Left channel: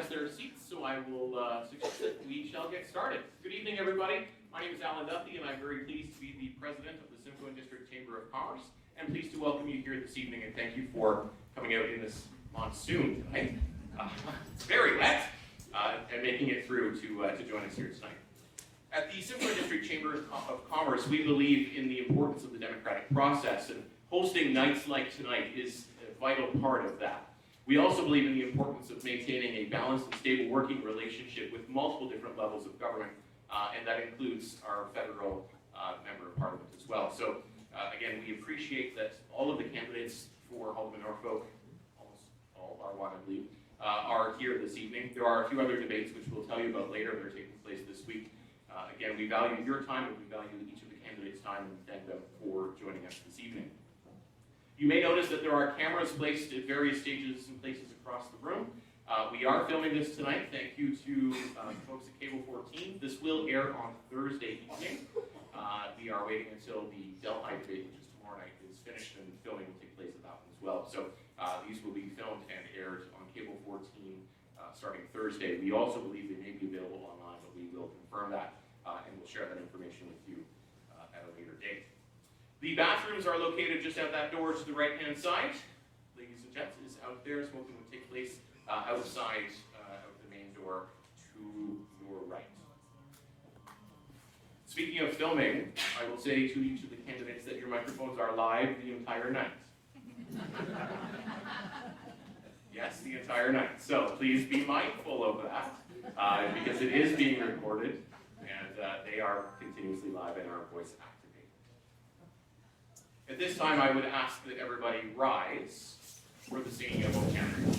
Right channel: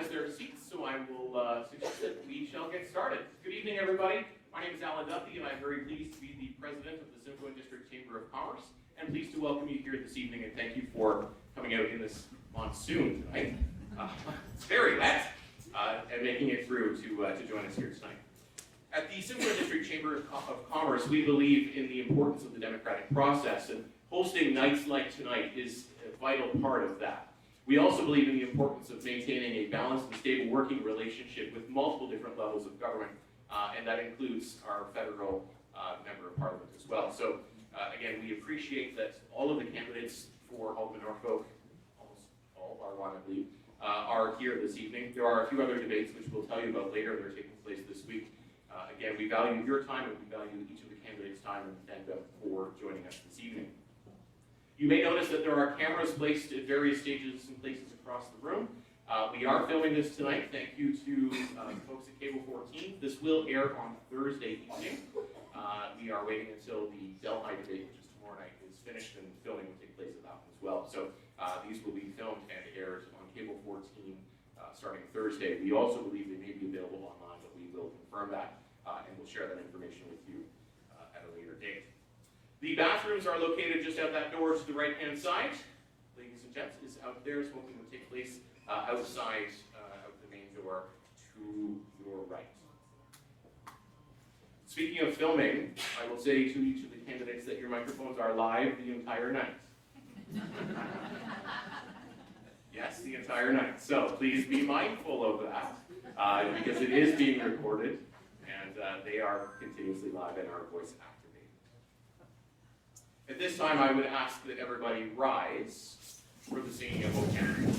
has their seats, so I will suggest that we shall get started. Good evening, everybody. My name is Alan Duffy, and I'm very pleased to be the president of the Simcoe District Chamber of Commerce, and pleased to welcome you here this evening, and thank you for coming out in this monsoon tonight. It's very wet, and making it through to join us here tonight. At the Simcoe District Chamber of Commerce, we believe in the importance of the democratic process, and hosting nights like tonight is a vital part of that. We also believe in the importance of maintaining a balanced and stable working relationship with multiple different levels of government, and that includes our federal member of parliament as well. So again, we appreciate that all of the candidates for Alderman Norfolk, almost all bar one I believe, are here this evening. There are a few other debates which we'll tell you about later that are taking place this week. Again, we value your time and we value each of the candidates' time, and thank them for joining us this evening. You may notice that there are cameras placed at various stages and places across the room. We are filming this tonight. Thank you to folks at Cable 14. This will air on Thursday evening. We are waiting until the Delhi debate, which is tomorrow night, is finished, and filming will take place at that one as well. So these will be filmed and aired on Cable 14 starting Thursday. We also believe they may be available online, but we will confirm that and we'll share that information with you at a later date. The bathrooms are located just out that door to the right-hand side. Ladies and gents, is out there. Smoking will take place outside of the main door to your right. Speaking of filming, I will say to each of the candidates that your microphones are live the entire night. Yes, the entire night. So please be mindful of that because it is being recorded, and they are continuously live and are voice activated. At this time, I would ask that everybody rise for the singing of O Canada.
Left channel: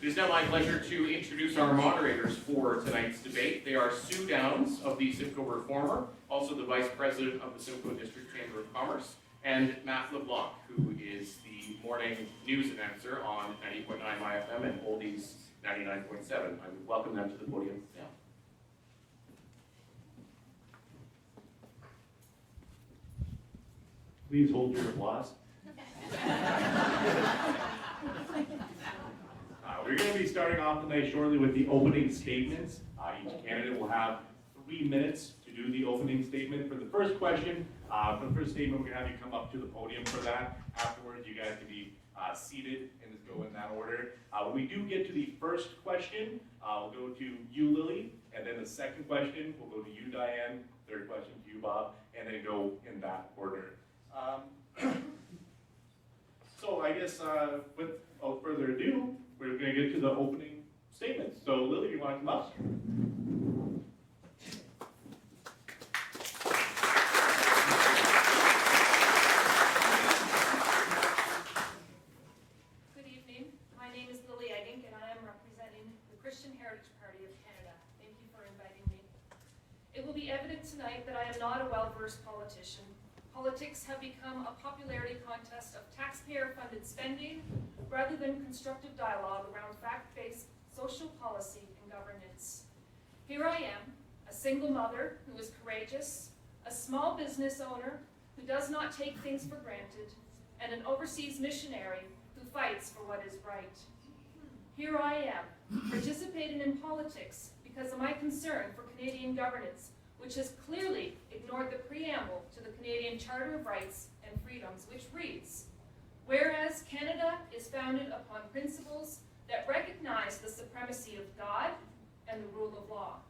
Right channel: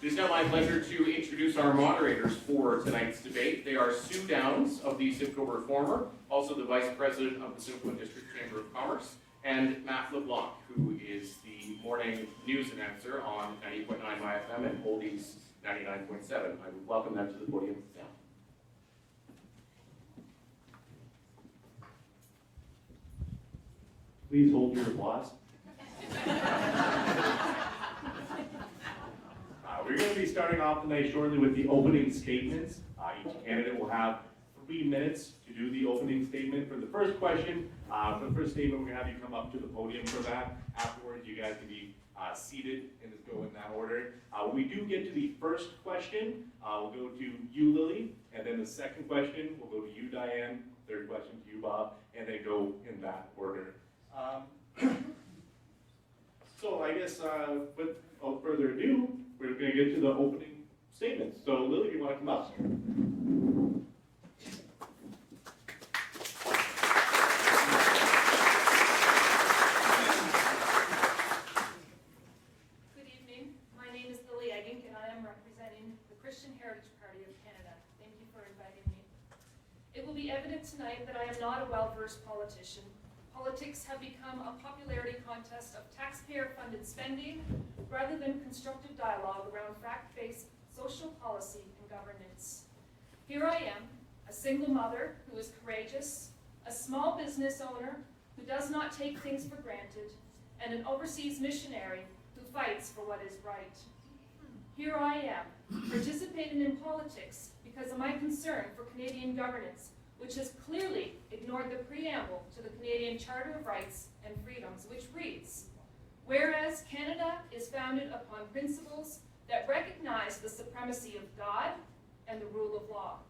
It is now my pleasure to introduce our moderators for tonight's debate. They are Sue Downs of the Simcoe Reformer, also the Vice President of the Simcoe District Chamber of Commerce, and Matt LeBlanc, who is the morning news announcer on 90.9 MyFM and Oldies 99.7. I would welcome them to the podium now. Please hold your applause. We're going to be starting off the night shortly with the opening statements. Each candidate will have 3 minutes to do the opening statement. For the first question, for the first statement, we're going to have you come up to the podium for that. Afterwards, you guys can be seated and just go in that order. When we do get to the first question, we'll go to you, Lily, and then the second question, we'll go to you, Diane, third question to you, Bob, and then go in that order. So I guess without further ado, we're going to get to the opening statements. So Lily, you want to come up? Good evening. My name is Lily Eggink, and I am representing the Christian Heritage Party of Canada. Thank you for inviting me. It will be evident tonight that I am not a well-versed politician. Politics have become a popularity contest of taxpayer-funded spending rather than constructive dialogue around fact-based social policy and governance. Here I am, a single mother who is courageous, a small business owner who does not take things for granted, and an overseas missionary who fights for what is right. Here I am, participating in politics because of my concern for Canadian governance, which has clearly ignored the preamble to the Canadian Charter of Rights and Freedoms, which reads, "Whereas Canada is founded upon principles that recognize the supremacy of God and the rule of law."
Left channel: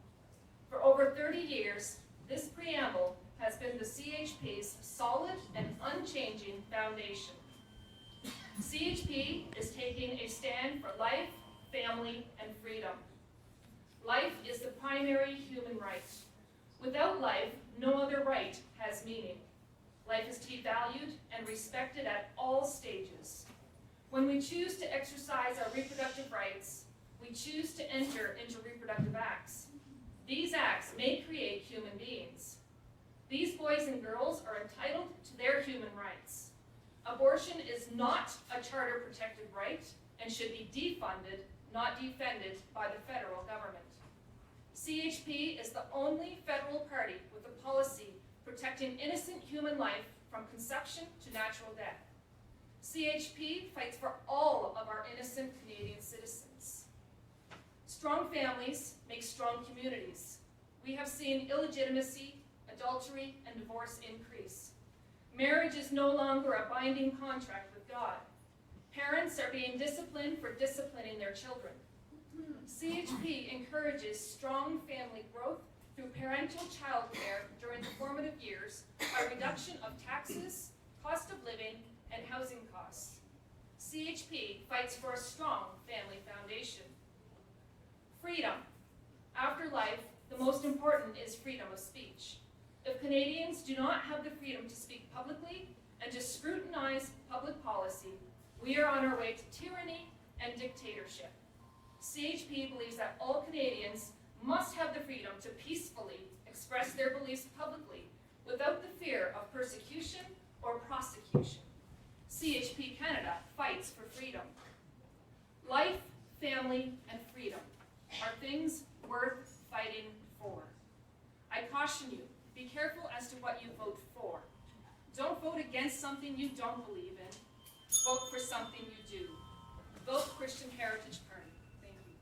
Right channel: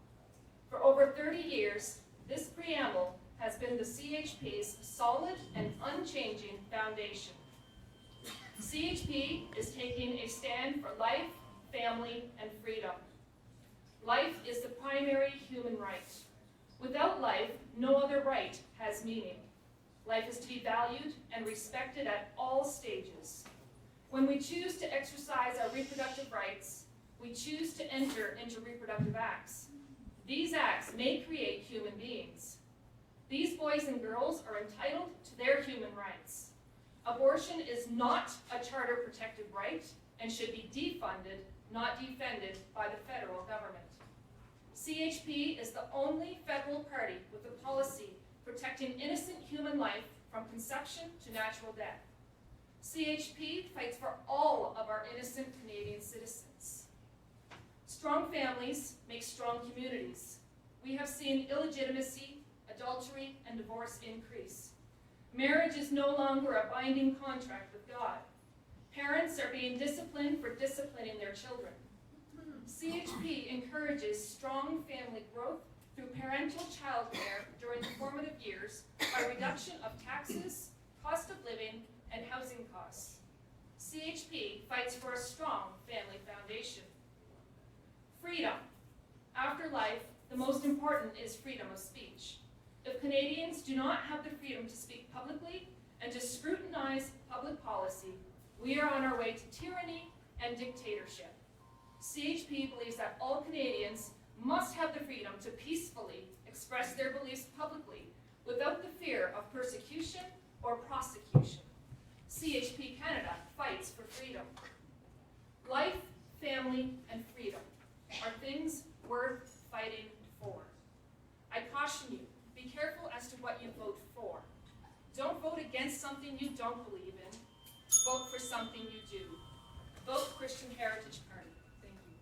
For over 30 years, this preamble has been the CHP's solid and unchanging foundation. CHP is taking a stand for life, family, and freedom. Life is the primary human right. Without life, no other right has meaning. Life is to be valued and respected at all stages. When we choose to exercise our reproductive rights, we choose to enter into reproductive acts. These acts may create human beings. These boys and girls are entitled to their human rights. Abortion is not a charter-protected right and should be defunded, not defended by the federal government. CHP is the only federal party with a policy protecting innocent human life from conception to natural death. CHP fights for all of our innocent Canadian citizens. Strong families make strong communities. We have seen illegitimacy, adultery, and divorce increase. Marriage is no longer a binding contract with God. Parents are being disciplined for disciplining their children. CHP encourages strong family growth through parental child care during the formative years by reduction of taxes, cost of living, and housing costs. CHP fights for a strong family foundation. Freedom. After life, the most important is freedom of speech. If Canadians do not have the freedom to speak publicly and to scrutinize public policy, we are on our way to tyranny and dictatorship. CHP believes that all Canadians must have the freedom to peacefully express their beliefs publicly without the fear of persecution or prosecution. CHP Canada fights for freedom. Life, family, and freedom are things worth fighting for. I caution you, be careful as to what you vote for. Don't vote against something you don't believe in. Vote for something you do. Vote Christian Heritage Party. Thank you.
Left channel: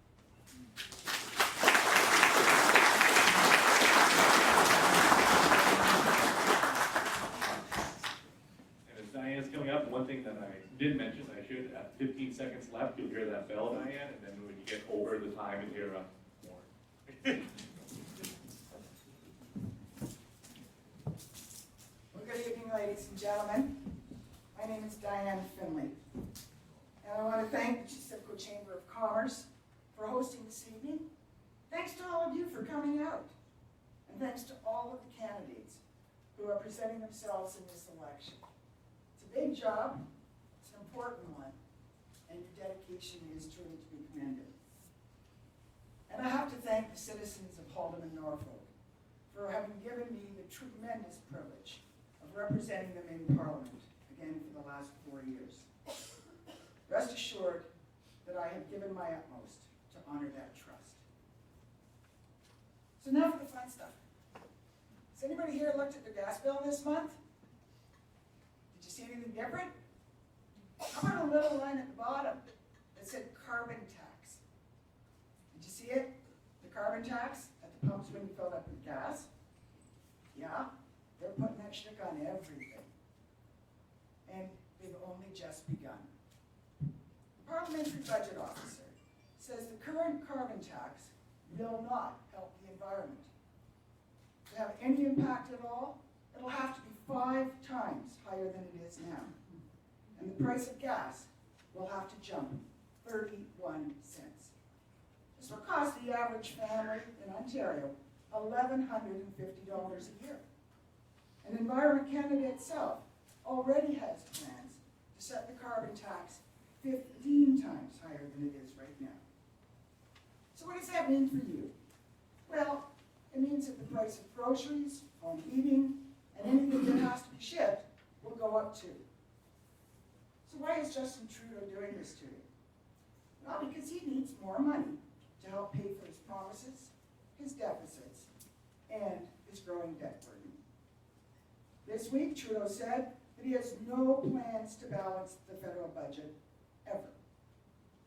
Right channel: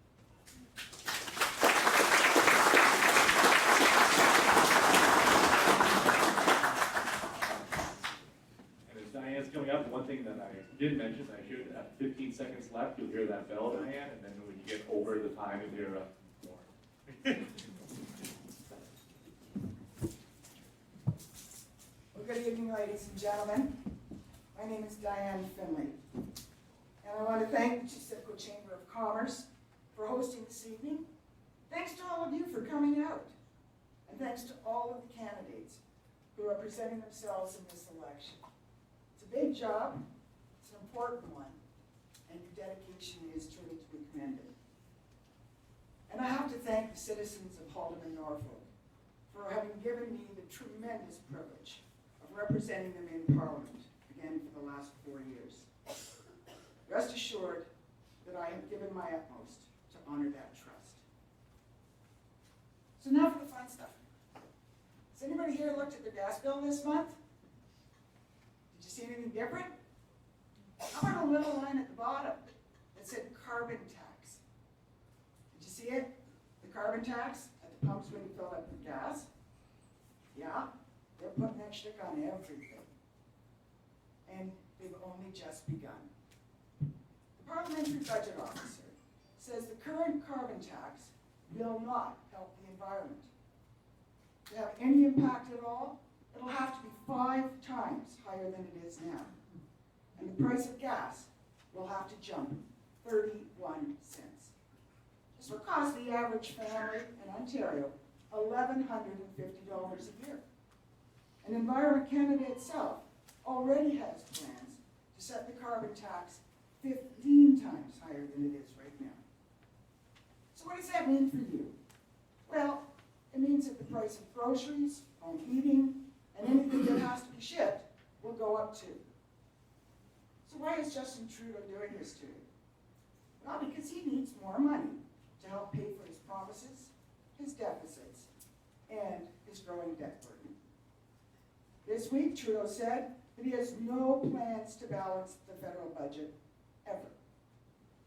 And as Diane's coming up, one thing that I did mention, I should have 15 seconds left, you'll hear that bell, Diane, and then when you get over the time, you'll hear more. Well, good evening, ladies and gentlemen. My name is Diane Finley, and I want to thank the Simcoe Chamber of Commerce for hosting this evening. Thanks to all of you for coming out, and thanks to all of the candidates who are presenting themselves in this election. It's a big job, it's an important one, and your dedication is truly to be commended. And I have to thank the citizens of Haldeman, Norfolk, for having given me the tremendous privilege of representing them in Parliament, again for the last 4 years. Rest assured that I have given my utmost to honor that trust. So now for the fun stuff. Has anybody here looked at their gas bill this month? Did you see anything different? How about a little line at the bottom that said carbon tax? Did you see it? The carbon tax at the pumps when you fill up with gas? Yeah, they're putting that shtick on everything. And they've only just begun. The Parliamentary Budget Officer says the current carbon tax will not help the environment. To have any impact at all, it'll have to be 5 times higher than it is now. And the price of gas will have to jump 31 cents. This will cost the average family in Ontario $1,150 a year. And Environment Canada itself already has plans to set the carbon tax 15 times higher than it is right now. So what does that mean for you? Well, it means that the price of groceries, home heating, and anything that has to be shipped will go up too. So why is Justin Trudeau doing this to you? Well, because he needs more money to help pay for his promises, his deficits, and his growing debt burden. This week, Trudeau said that he has no plans to balance the federal budget, ever.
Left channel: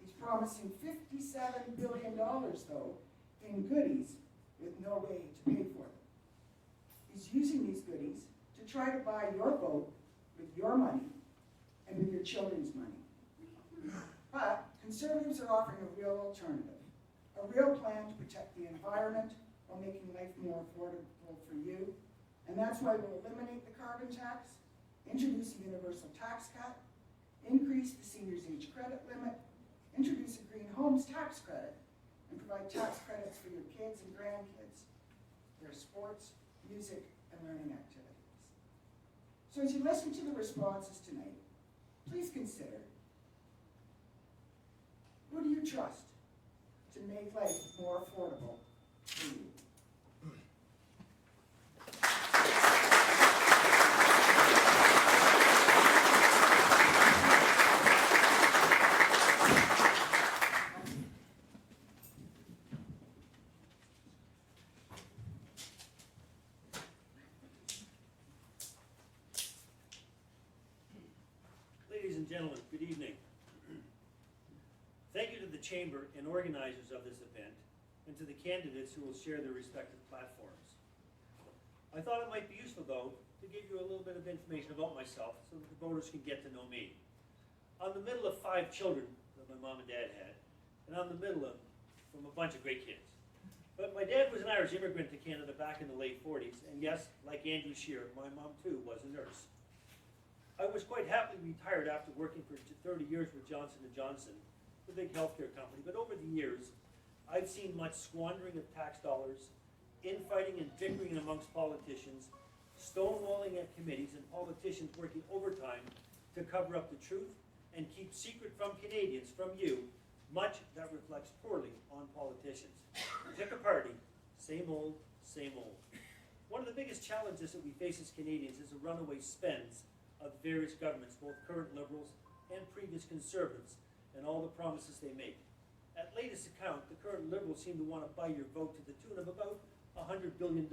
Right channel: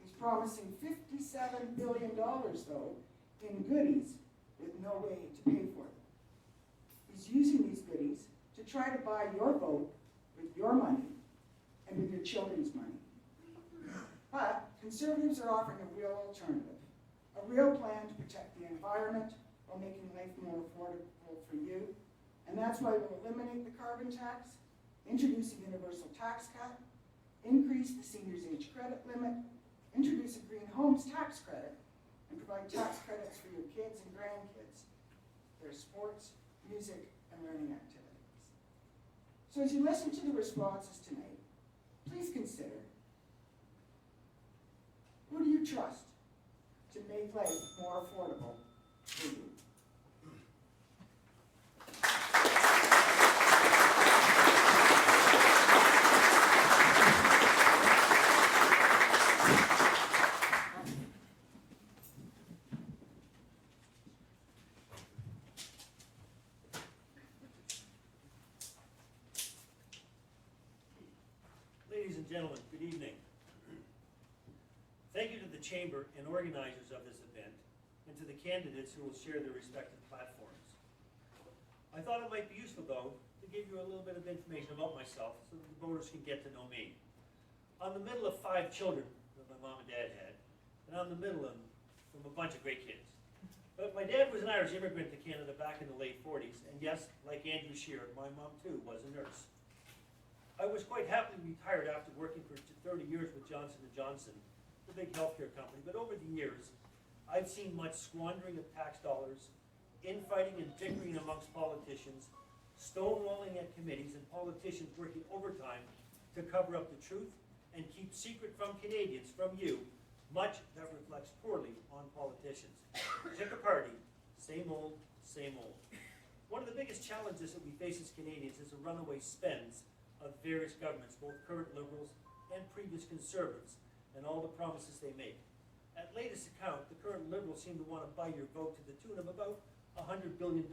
He's promising $57 billion, though, in goodies with no way to pay for them. He's using these goodies to try to buy your vote with your money and with your children's money. But Conservatives are offering a real alternative, a real plan to protect the environment while making life more affordable for you. And that's why we'll eliminate the carbon tax, introduce a universal tax cut, increase the seniors' age credit limit, introduce a green homes tax credit, and provide tax credits for your kids and grandkids, their sports, music, and learning activities. So as you listen to the responses tonight, please consider, who do you trust to make life more affordable for you? Ladies and gentlemen, good evening. Thank you to the Chamber and organizers of this event, and to the candidates who will share their respective platforms. I thought it might be useful, though, to give you a little bit of information about myself so that the voters can get to know me. I'm the middle of 5 children that my mom and dad had, and I'm the middle of from a bunch of great kids. But my dad was an Irish immigrant to Canada back in the late 40s, and yes, like Andrew Shearer, my mom too was a nurse. I was quite happily retired after working for 30 years with Johnson & Johnson, the big healthcare company, but over the years, I've seen much squandering of tax dollars, infighting and bickering amongst politicians, stonewalling at committees, and politicians working overtime to cover up the truth and keep secret from Canadians, from you, much that reflects poorly on politicians. Pick a party, same old, same old. One of the biggest challenges that we face as Canadians is the runaway spends of various governments, both current Liberals and previous Conservatives, and all the promises they make. At latest account, the current Liberals seem to want to buy your vote to the tune of about $100 billion.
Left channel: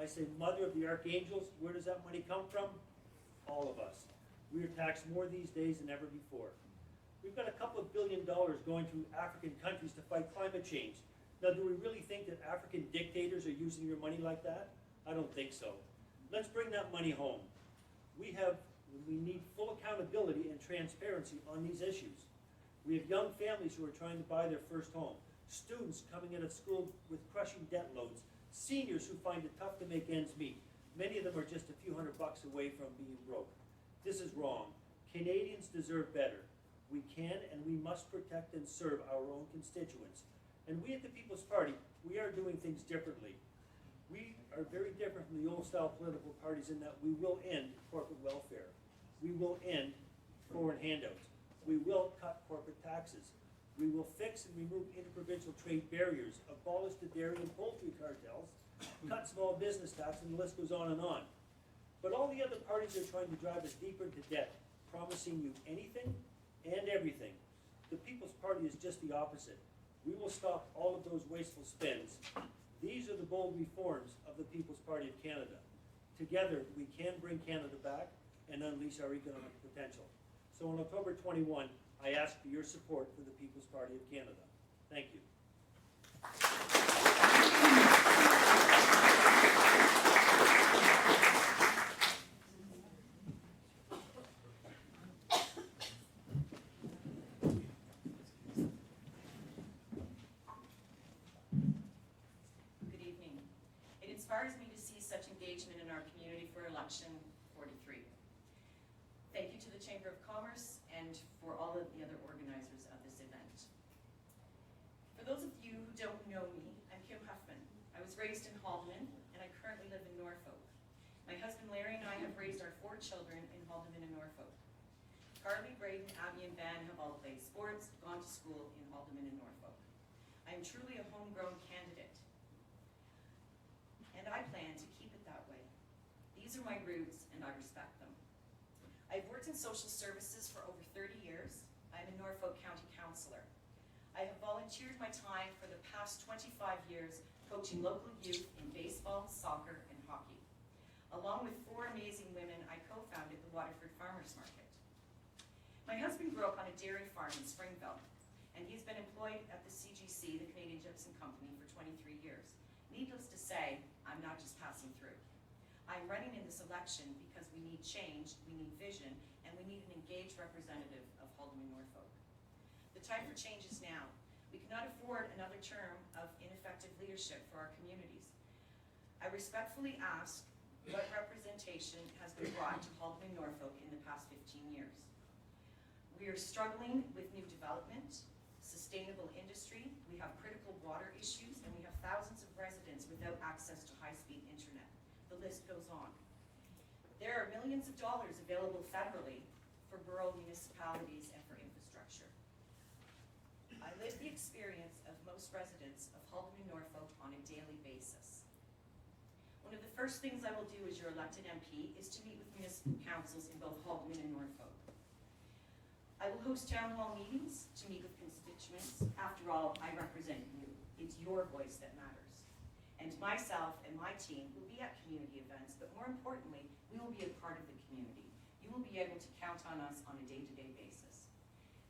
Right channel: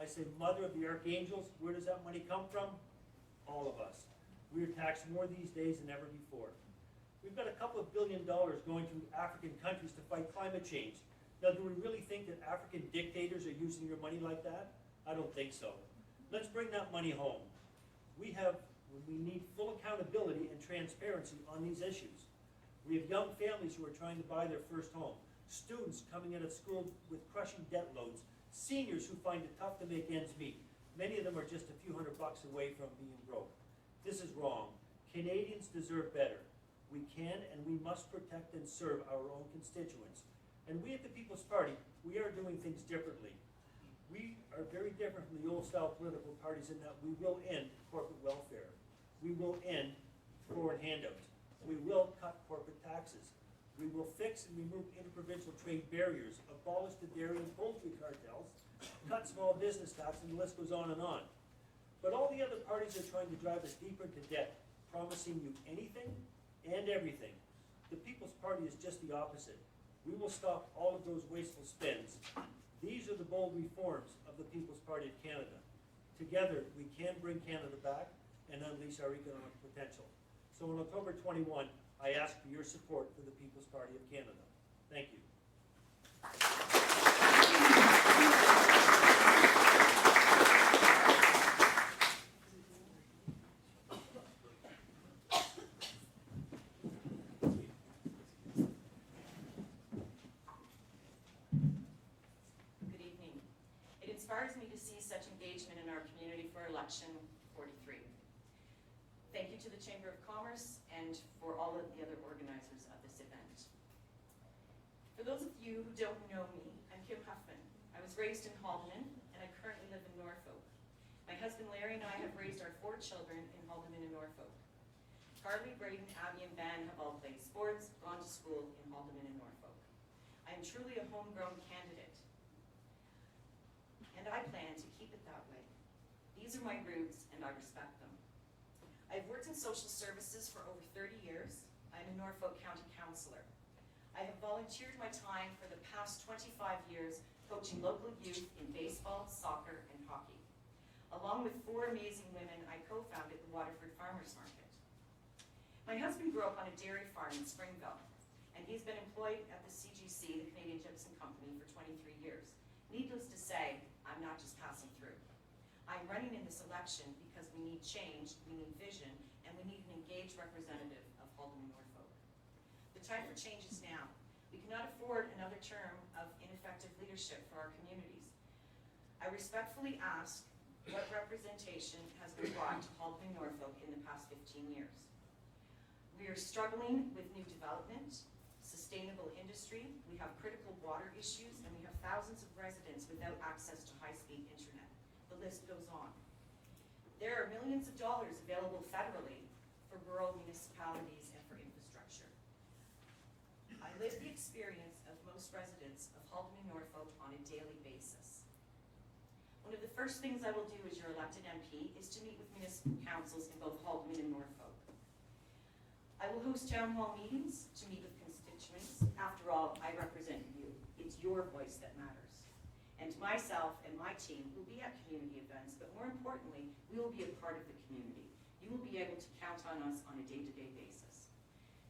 I say, mother of the archangels, where does that money come from? All of us. We are taxed more these days than ever before. We've got a couple of $1 billion going to African countries to fight climate change. Now, do we really think that African dictators are using your money like that? I don't think so. Let's bring that money home. We need full accountability and transparency on these issues. We have young families who are trying to buy their first home, students coming out of school with crushing debt loads, seniors who find it tough to make ends meet. Many of them are just a few $100 away from being broke. This is wrong. Canadians deserve better. We can and we must protect and serve our own constituents. And we at the People's Party, we are doing things differently. We are very different from the old-style political parties in that we will end corporate welfare. We will end foreign handouts. We will cut corporate taxes. We will fix and remove interprovincial trade barriers, abolish the dairy and poultry cartels, cut small business tax, and the list goes on and on. But all the other parties are trying to drive us deeper into debt, promising you anything and everything. The People's Party is just the opposite. We will stop all of those wasteful spends. These are the bold reforms of the People's Party of Canada. Together, we can bring Canada back and unleash our economic potential. So on October 21, I ask for your support for the People's Party of Canada. Thank you. Good evening. It inspires me to see such engagement in our community for election 43. Thank you to the Chamber of Commerce and for all of the other organizers of this event. For those of you who don't know me, I'm Kim Huffman. I was raised in Haldeman and I currently live in Norfolk. My husband Larry and I have raised our 4 children in Haldeman and Norfolk. Carly, Braden, Abby, and Van have all played sports, gone to school in Haldeman and Norfolk. I am truly a homegrown candidate, and I plan to keep it that way. These are my roots, and I respect them. I've worked in social services for over 30 years. I'm a Norfolk County Councillor. I have volunteered my time for the past 25 years coaching local youth in baseball, soccer, and hockey. Along with 4 amazing women, I co-founded the grew up on a dairy farm in Springville, and he's been employed at the CGC, the Canadian Gypsum Company, for 23 years. Needless to say, I'm not just passing through. I'm running in this election because we need change, we need vision, and we need an engaged representative of Haldimand Norfolk. The time for change is now. We cannot afford another term of ineffective leadership for our communities. I respectfully ask what representation has been brought to Haldimand Norfolk in the past 15 years. We are struggling with new development, sustainable industry, we have critical water issues, and we have thousands of residents without access to high-speed internet. The list goes on. There are millions of dollars available federally for rural municipalities and for infrastructure. I live the experience of most residents of Haldimand Norfolk on a daily basis. One of the first things I will do as your elected MP is to meet with municipal councils in both Haldimand and Norfolk. I will host town hall meetings to meet with constituents. After all, I represent you. It's your voice that matters. And myself and my team will be at community events, but more importantly, we will be a part of the community. You will be able to count on us on a day-to-day basis.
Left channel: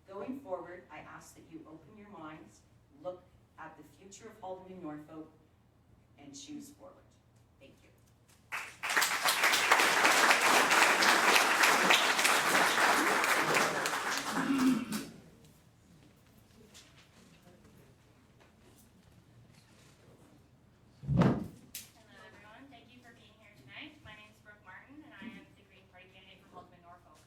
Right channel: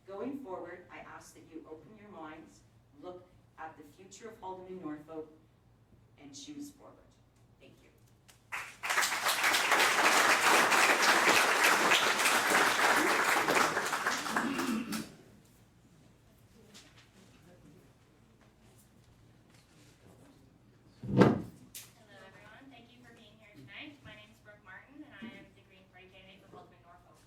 Going forward, I ask that you open your minds, look at the future of Haldimand Norfolk, and choose forward. Thank you. Hello everyone, thank you for being here tonight. My name is Brooke Martin and I am the Green Party candidate for Haldimand Norfolk.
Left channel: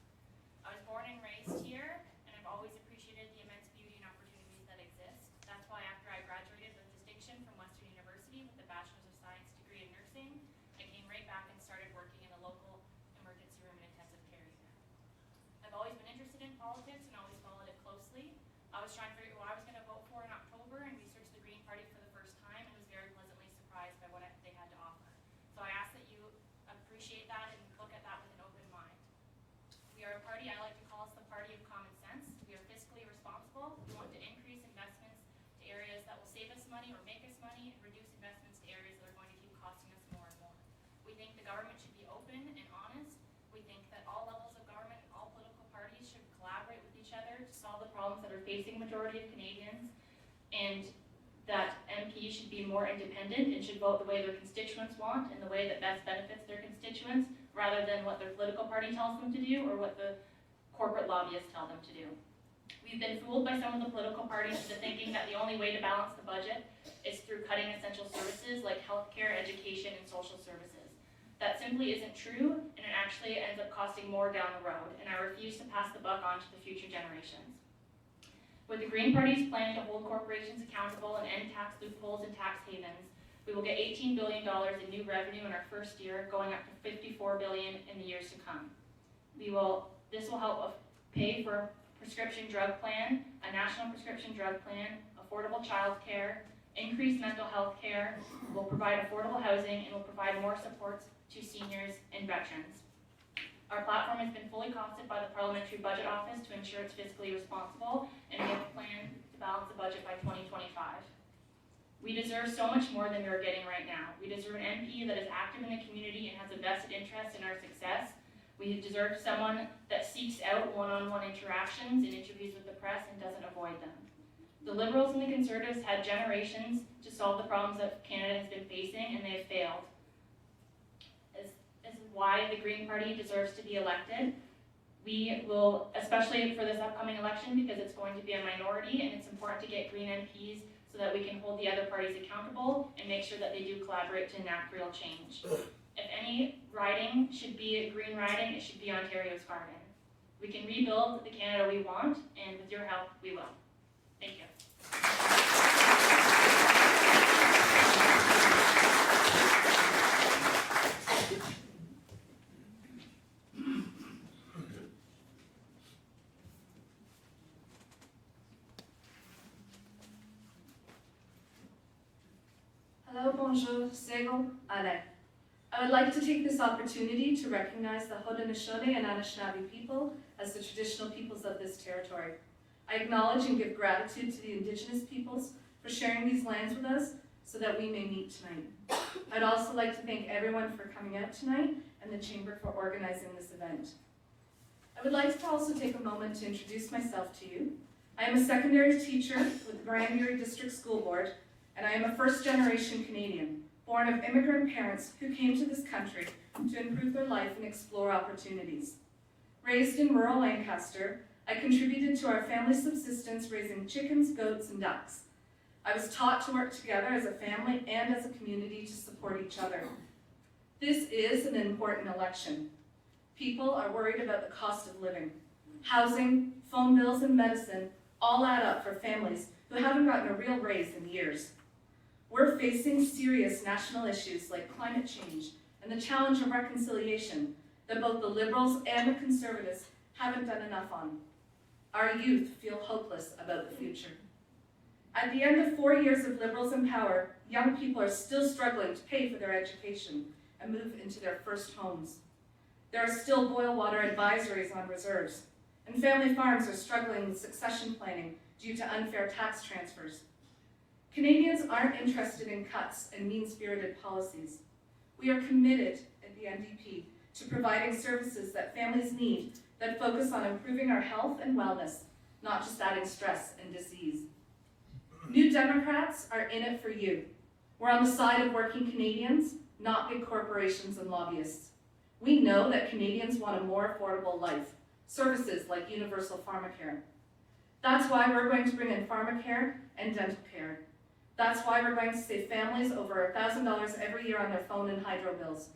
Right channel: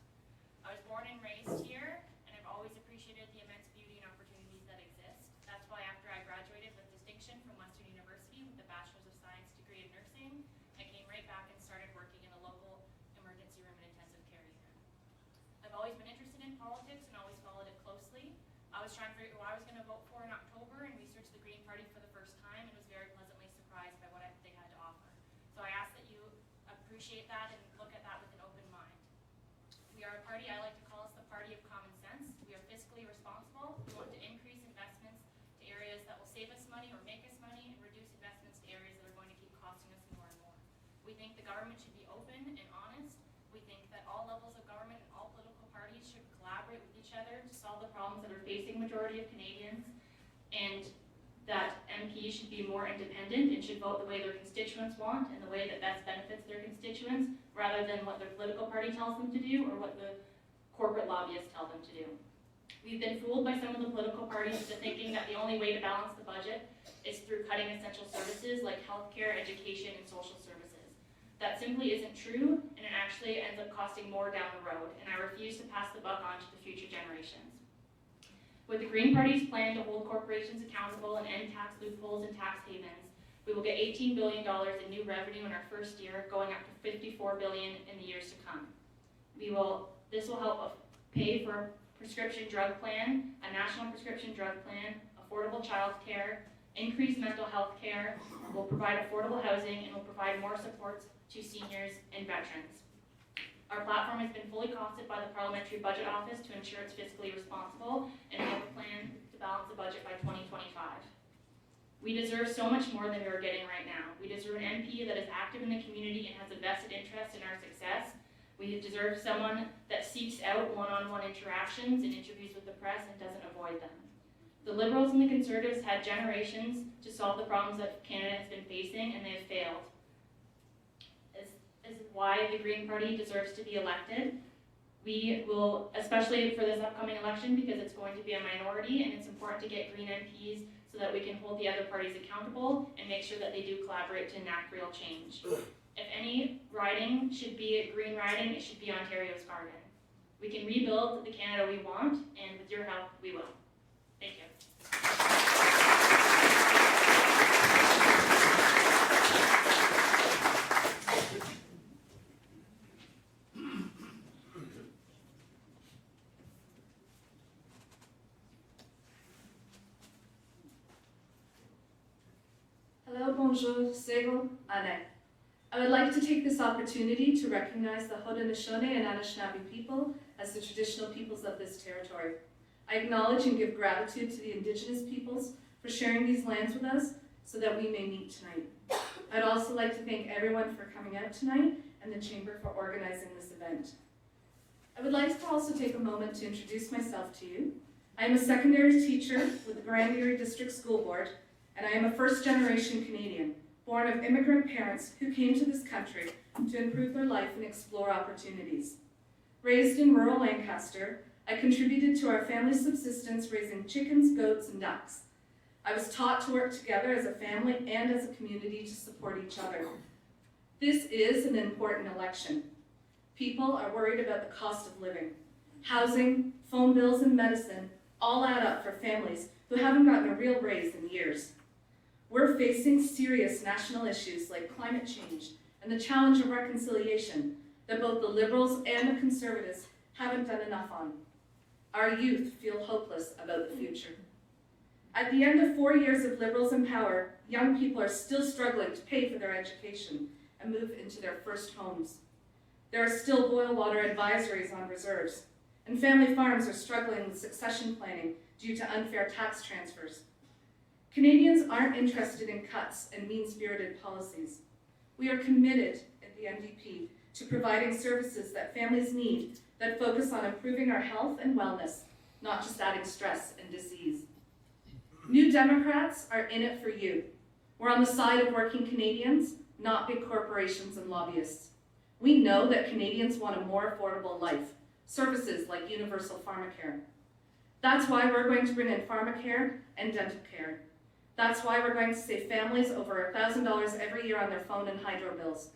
I was born and raised here and I've always appreciated the immense beauty and opportunities that exist. That's why after I graduated with distinction from Western University with a Bachelor's of Science degree in nursing, I came right back and started working in a local emergency room and intensive care unit. I've always been interested in politics and always followed it closely. I was trying to figure out what I was going to vote for in October and researched the Green Party for the first time and was very pleasantly surprised by what they had to offer. So I ask that you appreciate that and look at that with an open mind. We are a party, I like to call us the party of common sense. We are fiscally responsible. We want to increase investments to areas that will save us money or make us money and reduce investments to areas that are going to keep costing us more and more. We think the government should be open and honest. We think that all levels of government and all political parties should collaborate with each other to solve the problems that are facing majority of Canadians, and that MPs should be more independent and should vote the way their constituents want and the way that best benefits their constituents, rather than what their political party tells them to do or what the corporate lobbyists tell them to do. We've been fooled by some of the political parties into thinking that the only way to balance the budget is through cutting essential services like healthcare, education, and social services. That simply isn't true, and it actually ends up costing more down the road, and I refuse to pass the buck on to the future generations. With the Green Party's plan to hold corporations accountable and end tax loopholes and tax havens, we will get $18 billion in new revenue in our first year, going up to $54 billion in the years to come. This will help pay for a prescription drug plan, a national prescription drug plan, affordable child care, increased mental health care, will provide affordable housing, and will provide more supports to seniors and veterans. Our platform has been fully costed by the Parliamentary Budget Office to ensure it's fiscally responsible, and we have a plan to balance the budget by 2025. We deserve so much more than we are getting right now. We deserve an MP that is active in the community and has a vested interest in our success. We deserve someone that seeks out one-on-one interactions and interviews with the press and doesn't avoid them. The Liberals and the Conservatives had generations to solve the problems that Canada has been facing, and they have failed. This is why the Green Party deserves to be elected. We will, especially for this upcoming election, because it's going to be a minority, and it's important to get Green MPs so that we can hold the other parties accountable and make sure that they do collaborate to enact real change. If any riding should be a green riding, it should be Ontario's garden. We can rebuild the Canada we want, and with your help, we will. Thank you. Hello, bonjour, Segel, Ane. I would like to take this opportunity to recognize the Haudenosaunee and Anishinaabe people as the traditional peoples of this territory. I acknowledge and give gratitude to the Indigenous peoples for sharing these lands with us so that we may meet tonight. I'd also like to thank everyone for coming out tonight and the Chamber for organizing this event. I would like to also take a moment to introduce myself to you. I am a secondary teacher with the Grand Erie District School Board, and I am a first-generation Canadian, born of immigrant parents who came to this country to improve their life and explore opportunities. Raised in rural Lancaster, I contributed to our family subsistence raising chickens, goats, and ducks. I was taught to work together as a family and as a community to support each other. This is an important election. People are worried about the cost of living. Housing, phone bills, and medicine all add up for families who haven't gotten a real raise in years. We're facing serious national issues like climate change and the challenge of reconciliation that both the Liberals and the Conservatives haven't done enough on. Our youth feel hopeless about the future. At the end of 4 years of Liberals in power, young people are still struggling to pay for their education and move into their first homes. There are still boil water advisories on reserves, and family farms are struggling with succession planning due to unfair tax transfers. Canadians aren't interested in cuts and mean-spirited policies. We are committed at the NDP to providing services that families need that focus on improving our health and wellness, not just adding stress and disease. New Democrats are in it for you. We're on the side of working Canadians, not big corporations and lobbyists. We know that Canadians want a more affordable life, services like universal pharmacare. That's why we're going to bring in pharmacare and dental care. That's why we're going to save families over $1,000 every year on their phone and hydro bills.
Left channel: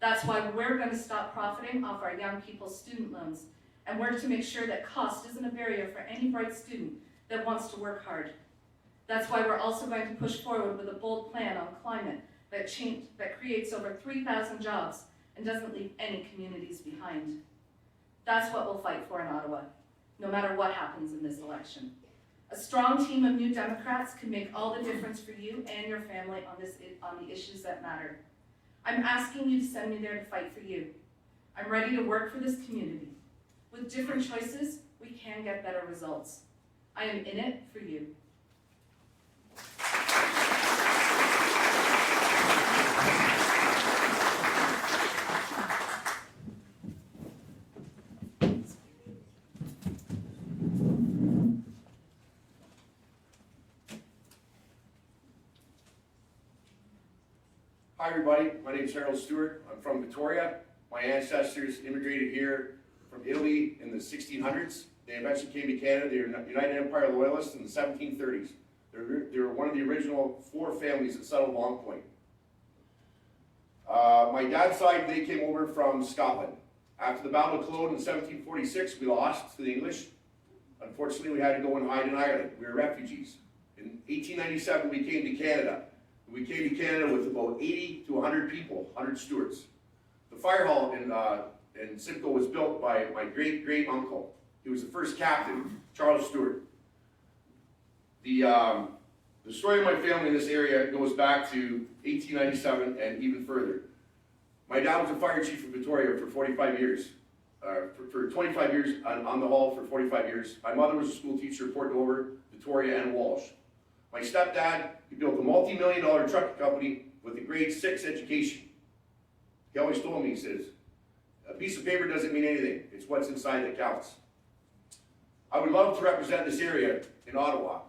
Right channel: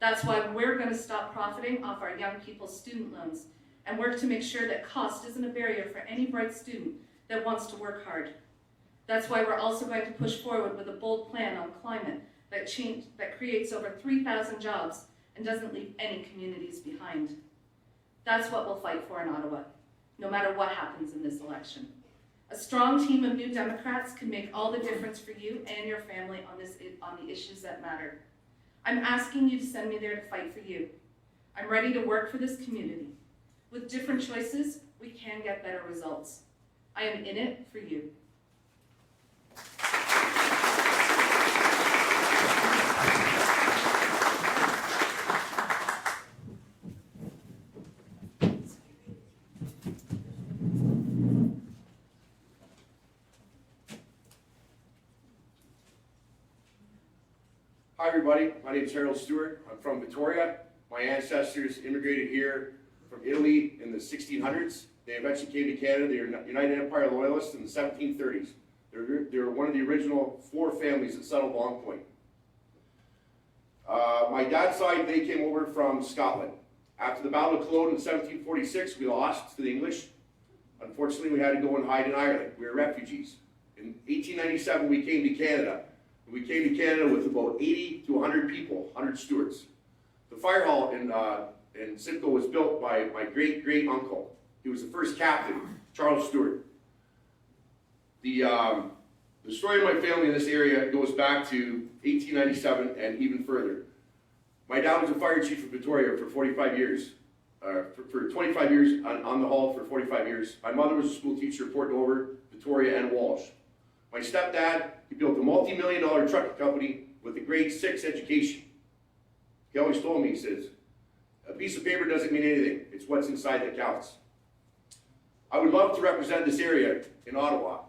That's why we're going to stop profiting off our young people's student loans and work to make sure that cost isn't a barrier for any bright student that wants to work hard. That's why we're also going to push forward with a bold plan on climate that creates over 3,000 jobs and doesn't leave any communities behind. That's what we'll fight for in Ottawa, no matter what happens in this election. A strong team of New Democrats can make all the difference for you and your family on the issues that matter. I'm asking you to send me there to fight for you. I'm ready to work for this community. With different choices, we can get better results. I am in it for you. Hi everybody, my name is Harold Stewart. I'm from Victoria. My ancestors immigrated here from Italy in the 1600s. They eventually came to Canada. They were United Empire Loyalists in the 1730s. They were one of the original 4 families that settled Long Point. My dad's side, they came over from Scotland. After the Battle of Culloden in 1746, we lost to the English. Unfortunately, we had to go and hide in Ireland. We were refugees. In 1897, we came to Canada. We came to Canada with about 80 to 100 people, 100 Stewarts. The fire hall in Simcoe was built by my great-great-uncle. He was the first captain, Charles Stewart. The story of my family in this area goes back to 1897 and even further. My dad was a fire chief in Victoria for 45 years. For 25 years on the hall for 45 years. My mother was a school teacher at Port Dover, Victoria, and Walsh. My stepdad, he built a multi-million-dollar trucking company with a grade 6 education. He always told me, he says, a piece of paper doesn't mean anything. It's what's inside that counts. I would love to represent this area in Ottawa.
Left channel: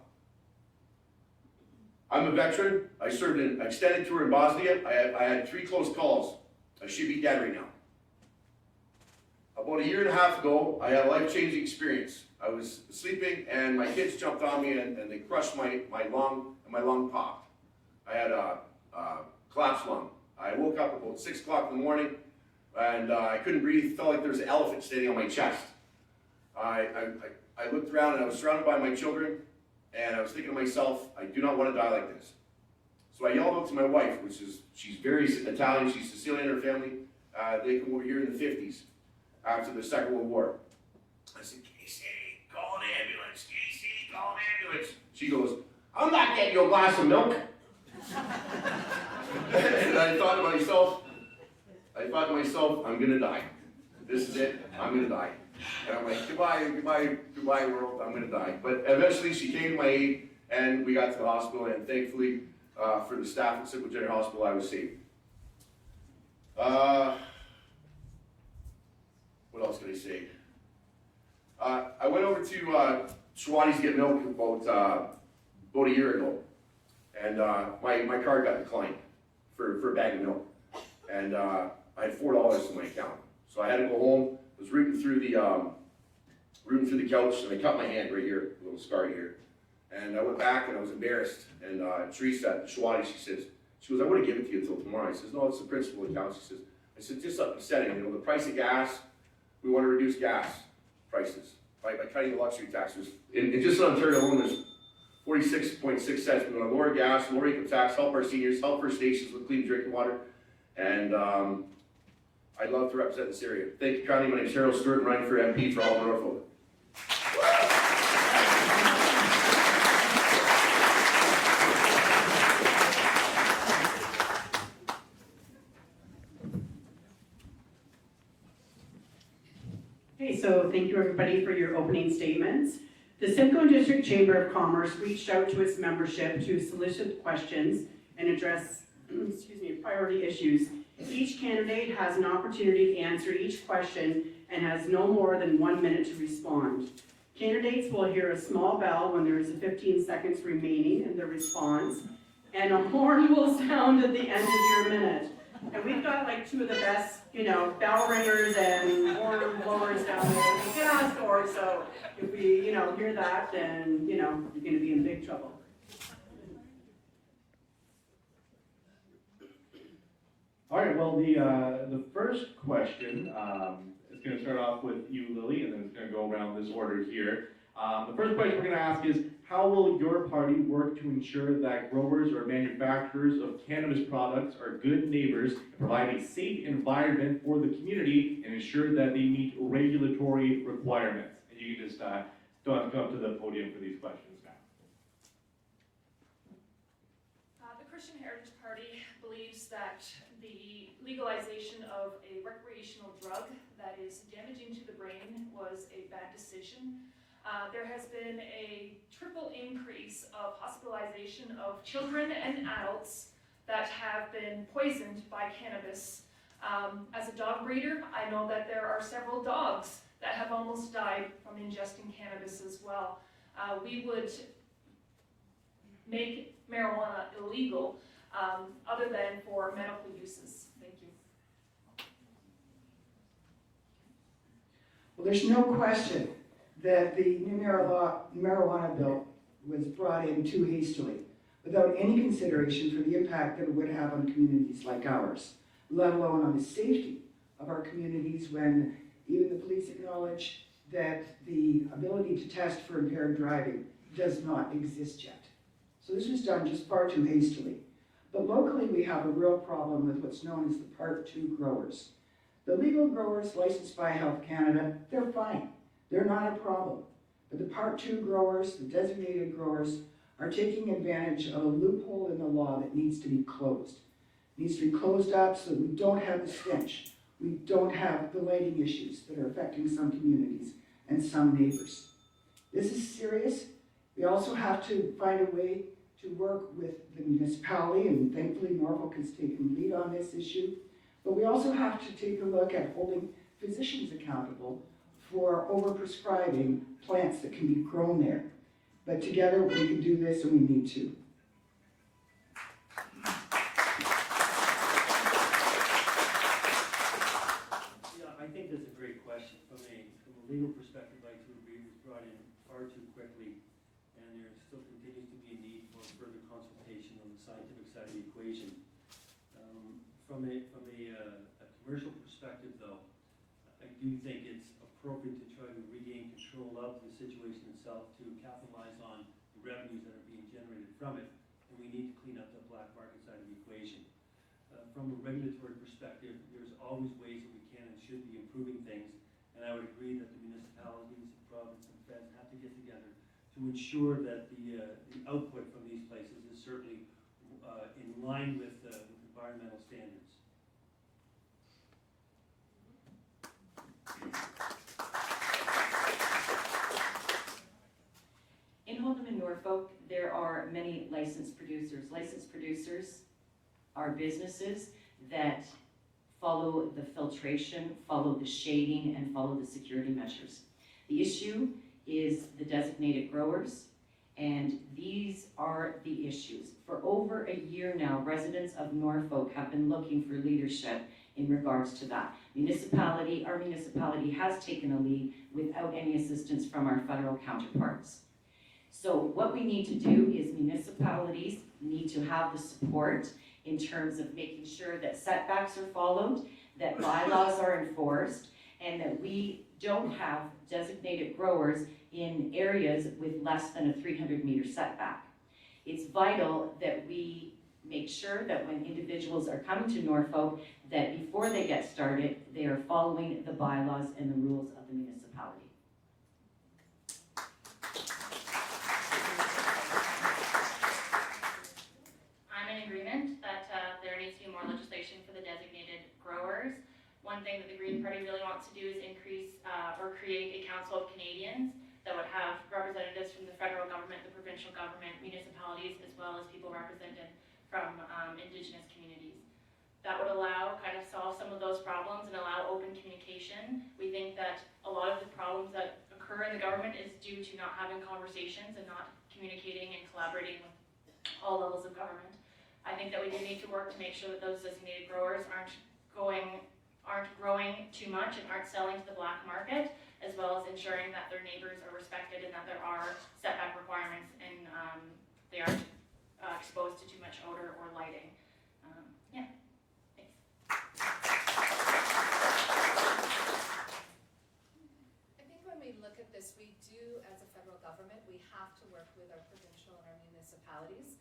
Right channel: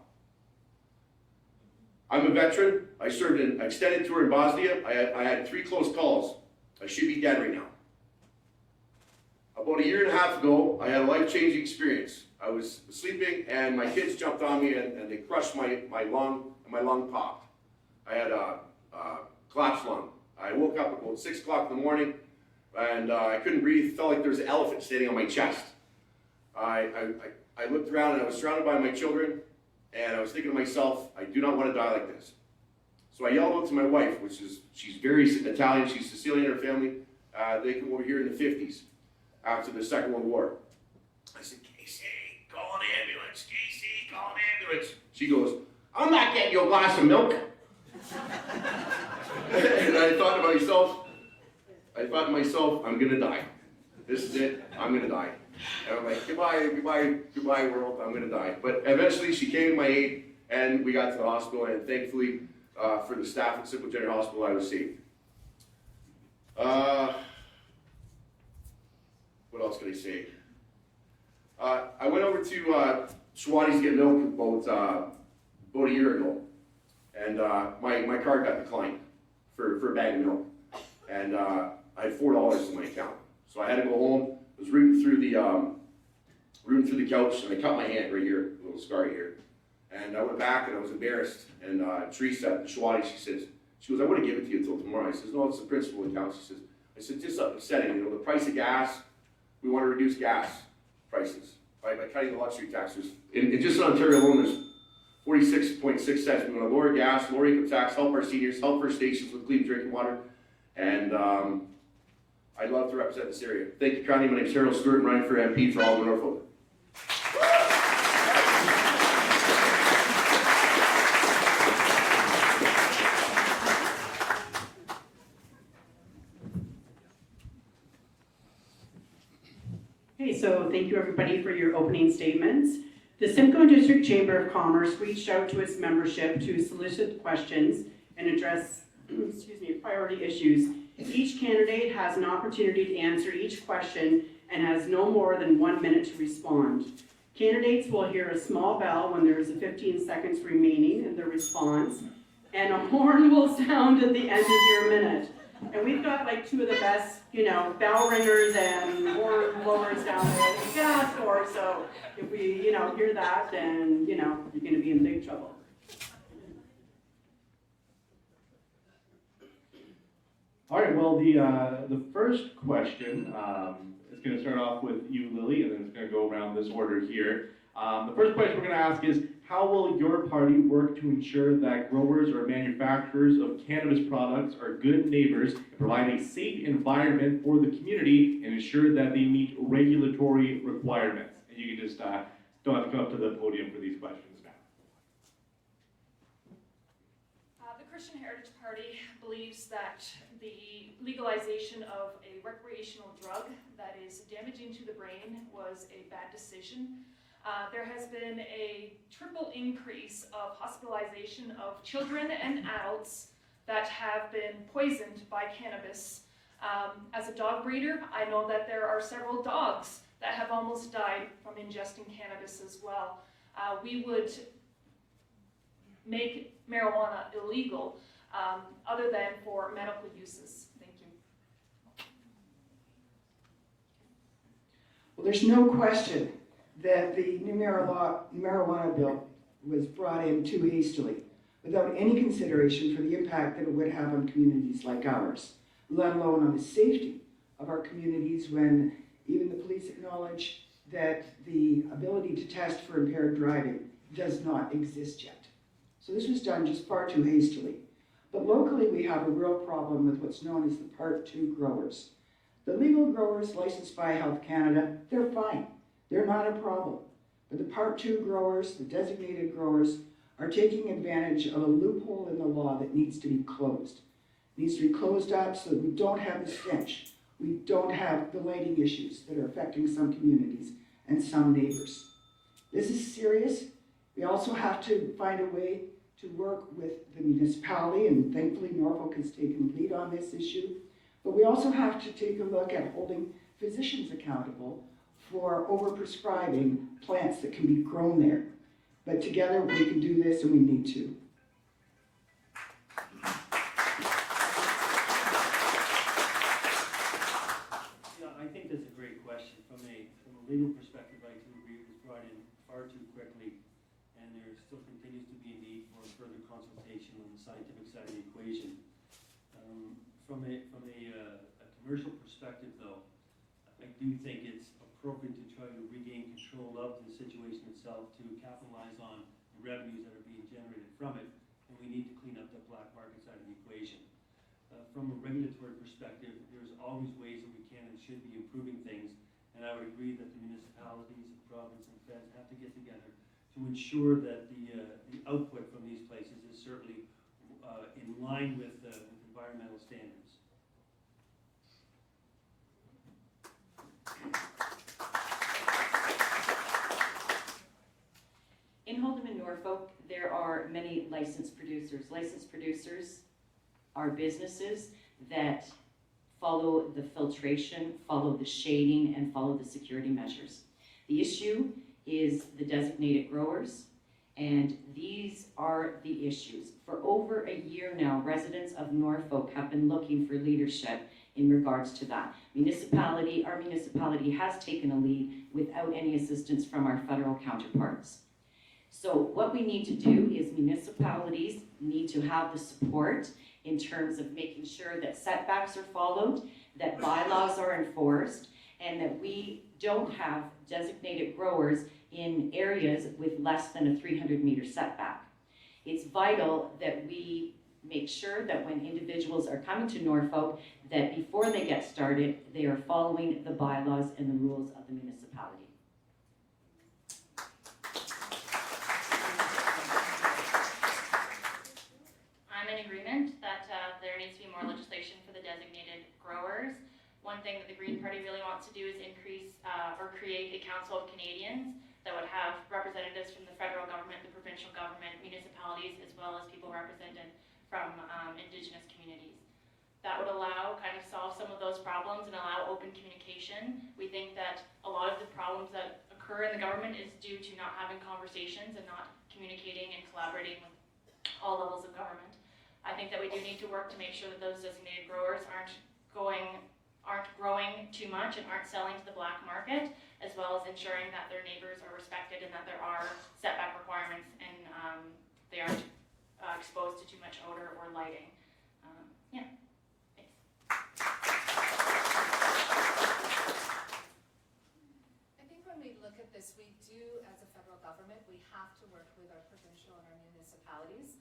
I'm a veteran. I served an extended tour in Bosnia. I had 3 close calls. I should be dead right now. About a year and a half ago, I had a life-changing experience. I was sleeping and my kids jumped on me and they crushed my lung and my lung popped. I had a collapsed lung. I woke up about 6 o'clock in the morning and I couldn't breathe. Felt like there was an elephant standing on my chest. I looked around and I was surrounded by my children and I was thinking to myself, I do not want to die like this. So I yelled out to my wife, she's very Italian, she's Sicilian, her family. They came over here in the 50s after the Second World War. I said, Casey, call an ambulance. Casey, call an ambulance. She goes, I'm not getting you a glass of milk. And I thought to myself, I'm gonna die. This is it, I'm gonna die. And I'm like, goodbye world, I'm gonna die. But eventually she came to my aid and we got to the hospital and thankfully for the staff at Simcoe General Hospital, I was saved. What else can I say? I went over to Schwatty's to get milk about a year ago, and my card got declined for a bag of milk, and I had $4 in my account, so I had to go home. I was rooting through the couch, and I cut my hand right here, a little scar here, and I went back and I was embarrassed. And Teresa at Schwatty, she goes, I would have given it to you until tomorrow. I says, no, it's the principal account. I said, just upsetting, you know, the price of gas. We want to reduce gas prices by cutting the luxury taxes. And just in Ontario alone, there's 46.6 cents. We want to lower gas, lower income tax, help our seniors, help First Nations with clean drinking water. And I'd love to represent this area. Thank you kindly. My name is Harold Stewart, and running for MP for Halton Norfolk. Okay, so thank you everybody for your opening statements. The Simcoe District Chamber of Commerce reached out to its membership to solicit questions and address priority issues. Each candidate has an opportunity to answer each question and has no more than 1 minute to respond. Candidates will hear a small bell when there is 15 seconds remaining in their response, and a horn will sound at the end of your minute. And we've got like two of the best, bell ringers and horn blowers down there that we can ask for. So if we, hear that, then, you're going to be in big trouble. All right, well, the first question is going to start off with you, Lily, and then it's going to go around this order here. The first question we're going to ask is, how will your party work to ensure that growers or manufacturers of cannabis products are good neighbors and provide a safe environment for the community and ensure that they meet regulatory requirements? And you can just don't have to come up to the podium for these questions now. The Christian Heritage Party believes that the legalization of a recreational drug that is damaging to the brain was a bad decision. There has been a triple increase of hospitalization of children and adults that have been poisoned by cannabis. As a dog breeder, I know that there are several dogs that have almost died from ingesting cannabis as well. We would make marijuana illegal other than for medical uses. Thank you. Well, there's no question that the new marijuana bill was brought in too hastily, without any consideration for the impact that it would have on communities like ours, let alone on the safety of our communities when even the police acknowledge that the ability to test for impaired driving does not exist yet. So this was done just far too hastily. But locally we have a real problem with what's known as the Part 2 growers. The legal growers licensed by Health Canada, they're fine. They're not a problem. But the Part 2 growers, the designated growers, are taking advantage of a loophole in the law that needs to be closed. It needs to be closed up so that we don't have the stench. We don't have the lighting issues that are affecting some communities and some neighbors. This is serious. We also have to find a way to work with the municipality, and thankfully Norfolk has taken the lead on this issue. But we also have to take a look at holding physicians accountable for overprescribing plants that can be grown there. But together we can do this, and we need to. Yeah, I think that's a great question. From a legal perspective, I do agree it was brought in far too quickly, and there still continues to be a need for further consultation on the scientific side of the equation. From a commercial perspective, though, I do think it's appropriate to try to regain control of the situation itself to capitalize on the revenues that are being generated from it, and we need to clean up the black market side of the equation. From a regulatory perspective, there's always ways that we can and should be improving things, and I would agree that the municipalities, the province, and feds have to get together to ensure that the output from these places is certainly in line with environmental standards. In Halton and Norfolk, there are many licensed producers. Licensed producers are businesses that follow the filtration, follow the shading, and follow the security measures. The issue is the designated growers, and these are the issues. For over a year now, residents of Norfolk have been looking for leadership in regards to that. Our municipality has taken a lead without any assistance from our federal counterparts. So what we need to do is municipalities need to have the support in terms of making sure that setbacks are followed, that bylaws are enforced, and that we don't have designated growers in areas with less than a 300-meter setback. It's vital that we make sure that when individuals are coming to Norfolk, that before they get started, they are following the bylaws and the rules of the municipality. I'm in agreement that there needs to be more legislation for the designated growers. One thing that the Green Party really wants to do is increase or create a Council of Canadians that would have representatives from the federal government, the provincial government, municipalities, as well as people represented from Indigenous communities. That would allow, kind of solve some of those problems and allow open communication. We think that a lot of the problems that occur in the government is due to not having conversations and not communicating and collaborating with all levels of government. I think that we do need to work to make sure that those designated growers aren't growing too much and aren't selling to the black market, as well as ensuring that their neighbors are respected and that there are setback requirements and they aren't exposed to too much odor or lighting. Yeah, thanks. I think when we look at this, we do, as a federal government, we have to work with our provincial and our municipalities.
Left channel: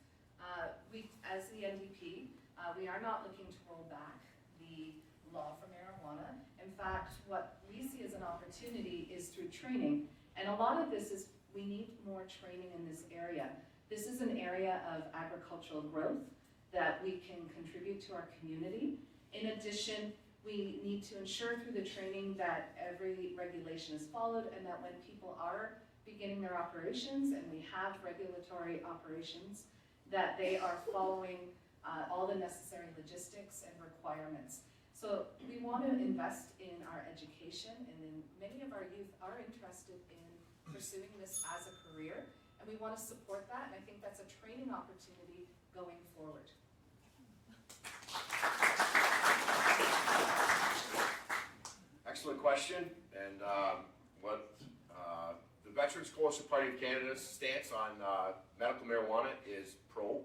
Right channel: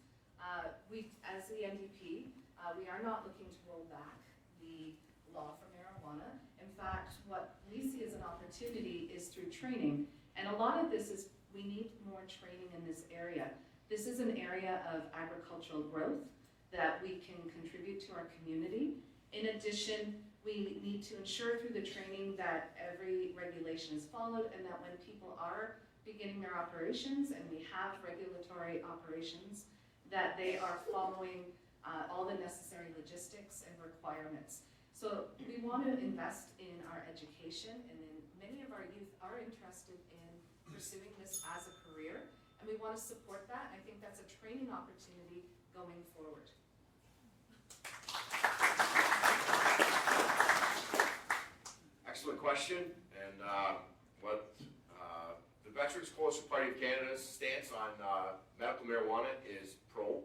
As the NDP, we are not looking to roll back the law for marijuana. In fact, what we see as an opportunity is through training. And a lot of this is, we need more training in this area. This is an area of agricultural growth that we can contribute to our community. In addition, we need to ensure through the training that every regulation is followed and that when people are beginning their operations and we have regulatory operations, that they are following all the necessary logistics and requirements. So we want to invest in our education, and then many of our youth are interested in pursuing this as a career, and we want to support that, and I think that's a training opportunity going forward. Excellent question, and what the Veterans Coalition Party of Canada's stance on medical marijuana is pro.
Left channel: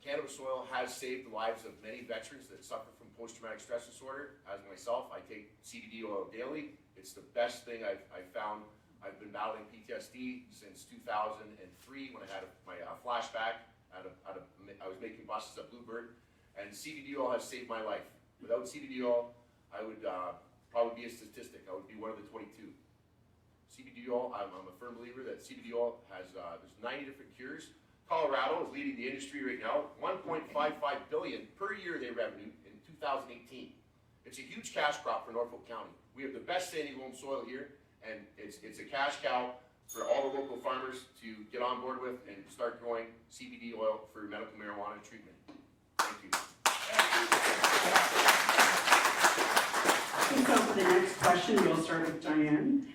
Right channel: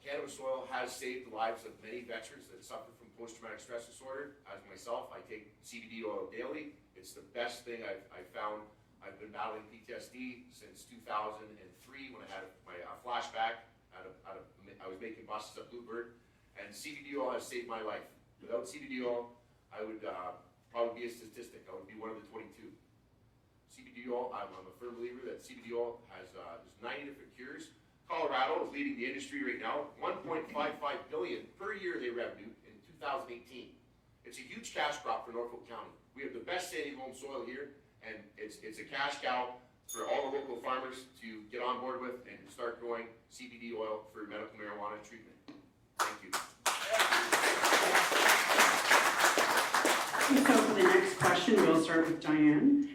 Cannabis oil has saved the lives of many veterans that suffer from post-traumatic stress disorder. As myself, I take CBD oil daily. It's the best thing I've found. I've been battling PTSD since 2003 when I had my flashback. I was making buses at Bluebird, and CBD oil has saved my life. Without CBD oil, I would probably be a statistic. I would be one of the 22. CBD oil, I'm a firm believer that CBD oil has, there's 90 different cures. Colorado is leading the industry right now. $1.55 billion per year they revenue in 2018. It's a huge cash crop for Norfolk County. We have the best sandy loam soil here, and it's a cash cow for all the local farmers to get on board with and start growing CBD oil for medical marijuana treatment. Thank you. So for the next question, we'll start with Diane.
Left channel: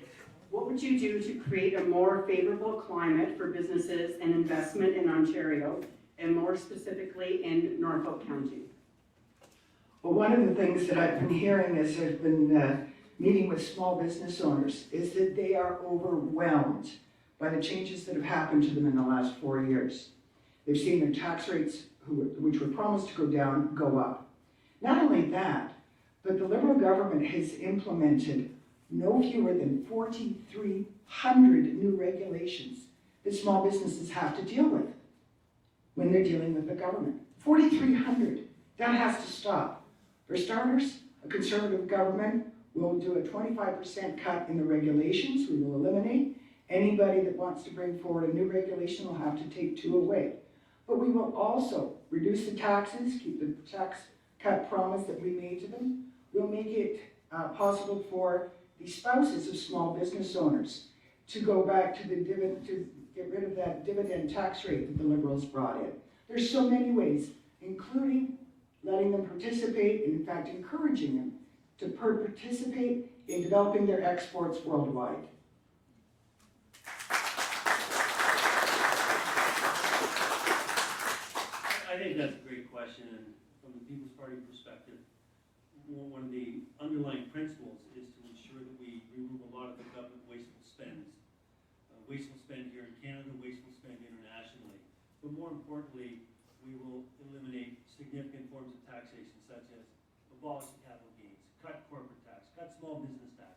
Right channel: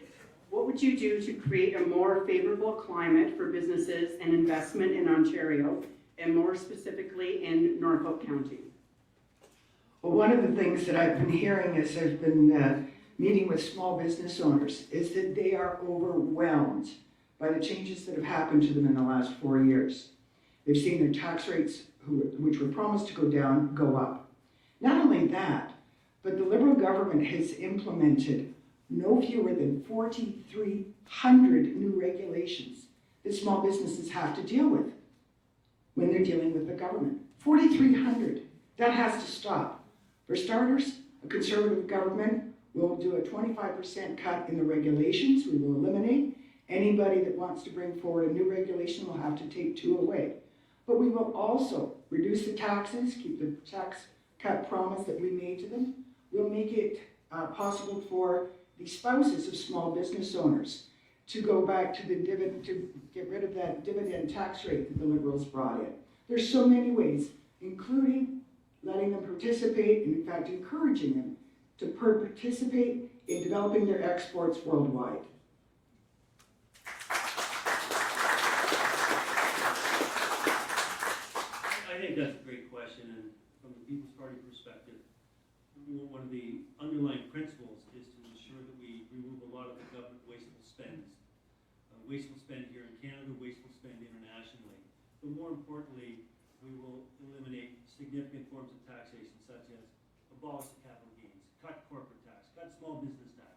What would you do to create a more favorable climate for businesses and investment in Ontario, and more specifically in Norfolk County? Well, one of the things that I've been hearing as I've been meeting with small business owners is that they are overwhelmed by the changes that have happened to them in the last 4 years. They've seen their tax rates, which were promised to go down, go up. Not only that, but the Liberal government has implemented no fewer than 4,300 new regulations that small businesses have to deal with when they're dealing with the government. 4,300. That has to stop. For starters, a Conservative government will do a 25% cut in the regulations. We will eliminate. Anybody that wants to bring forward a new regulation will have to take 2 away. But we will also reduce the taxes, keep the tax cut promise that we made to them. We'll make it possible for the spouses of small business owners to go back to the dividend, to get rid of that dividend tax rate that the Liberals brought in. There's so many ways, including letting them participate, and in fact encouraging them to participate in developing their exports worldwide. I think that's a great question, and from the People's Party perspective, one of the underlying principles is to ensure that we remove a lot of the government wasteful spends. Wasteful spend here in Canada, wasteful spend internationally. But more importantly, we will eliminate significant forms of taxation such as abolish the capital gains, cut corporate tax, cut small business tax.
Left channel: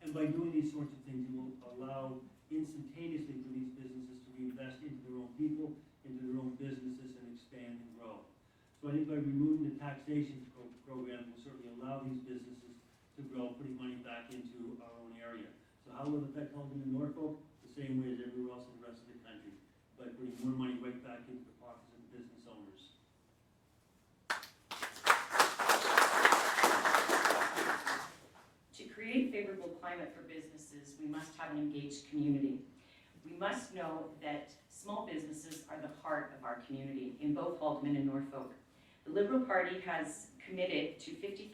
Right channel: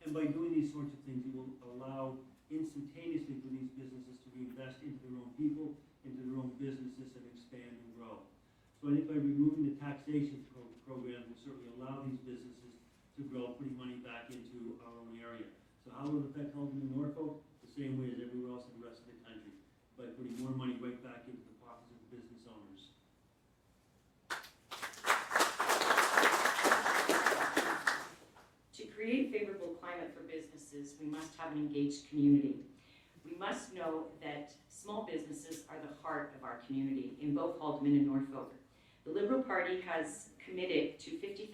And by doing these sorts of things, it will allow instantaneously for these businesses to reinvest into their own people, into their own businesses, and expand and grow. So I think by removing the taxation program, will certainly allow these businesses to grow, putting money back into our own area. So how will it affect Halton and Norfolk? The same way as everywhere else in the rest of the country, by putting more money right back into the pockets of the business owners. To create favorable climate for businesses, we must have an engaged community. We must know that small businesses are the heart of our community in both Haldeman and Norfolk. The Liberal Party has committed to $50,000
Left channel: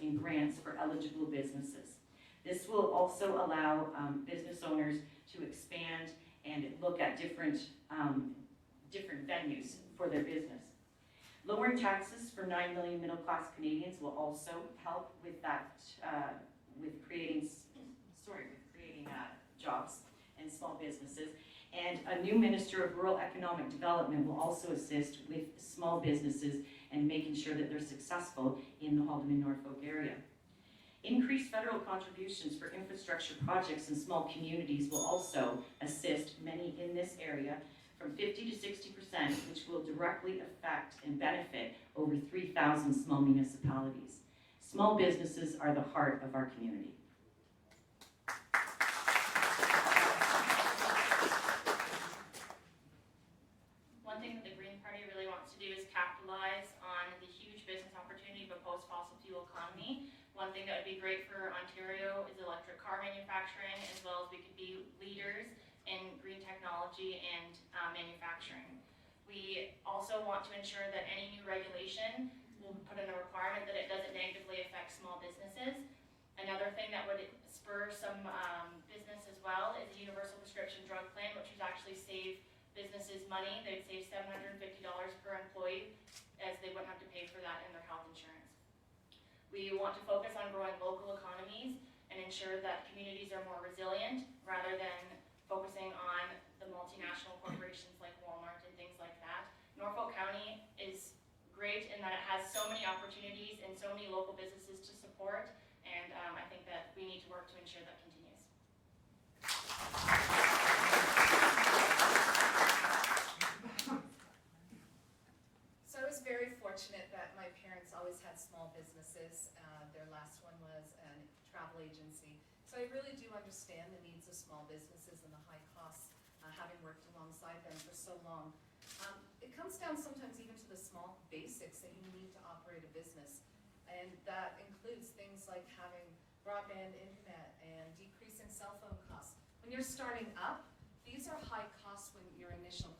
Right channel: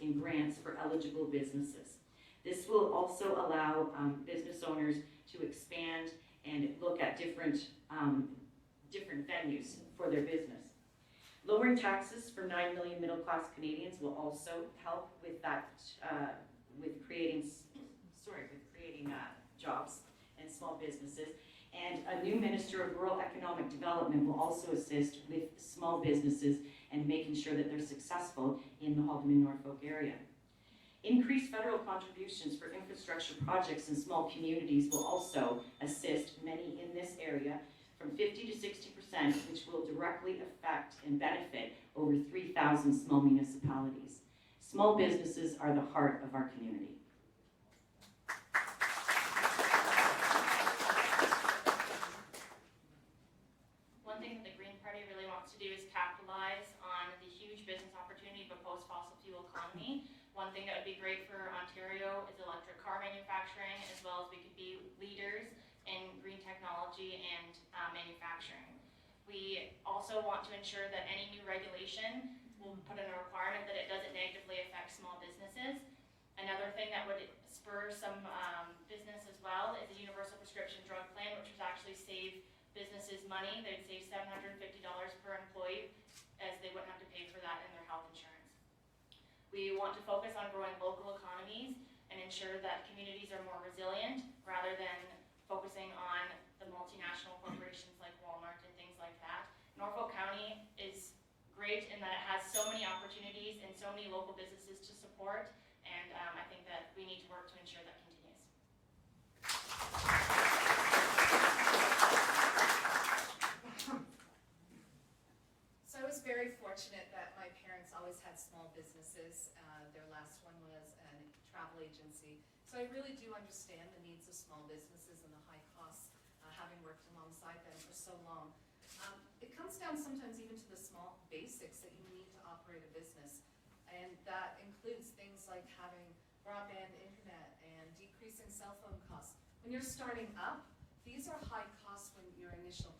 in grants for eligible businesses. This will also allow business owners to expand and look at different venues for their business. Lowering taxes for 9 million middle-class Canadians will also help with that, with creating jobs and small businesses. And a new Minister of Rural Economic Development will also assist with small businesses and making sure that they're successful in the Haldeman Norfolk area. Increased federal contributions for infrastructure projects in small communities will also assist many in this area from 50 to 60%, which will directly affect and benefit over 3,000 small municipalities. Small businesses are the heart of our community. One thing that the Green Party really wants to do is capitalize on the huge business opportunity of a post-fossil fuel economy. One thing that would be great for Ontario is electric car manufacturing, as well as we could be leaders in green technology and manufacturing. We also want to ensure that any new regulation will put in a requirement that it doesn't negatively affect small businesses. Another thing that would spur some business as well is a universal prescription drug plan, which would actually save businesses money. They'd save $750 per employee, as they wouldn't have to pay for that in their health insurance. We want to focus on growing local economies and ensure that communities are more resilient rather than focusing on the multinational corporations like Walmart and things like that. Norfolk County is great in that it has so many opportunities and so many local businesses to support, and I think that we need to work to ensure that continues. So I was very fortunate that my parents always had small businesses. Their last one was a travel agency. So I really do understand the needs of small businesses and the high costs, having worked alongside them for so long. It comes down sometimes even to the small basics that you need to operate a business. And that includes things like having broadband internet and decreasing cell phone costs. When you're starting up, these are high costs when your initial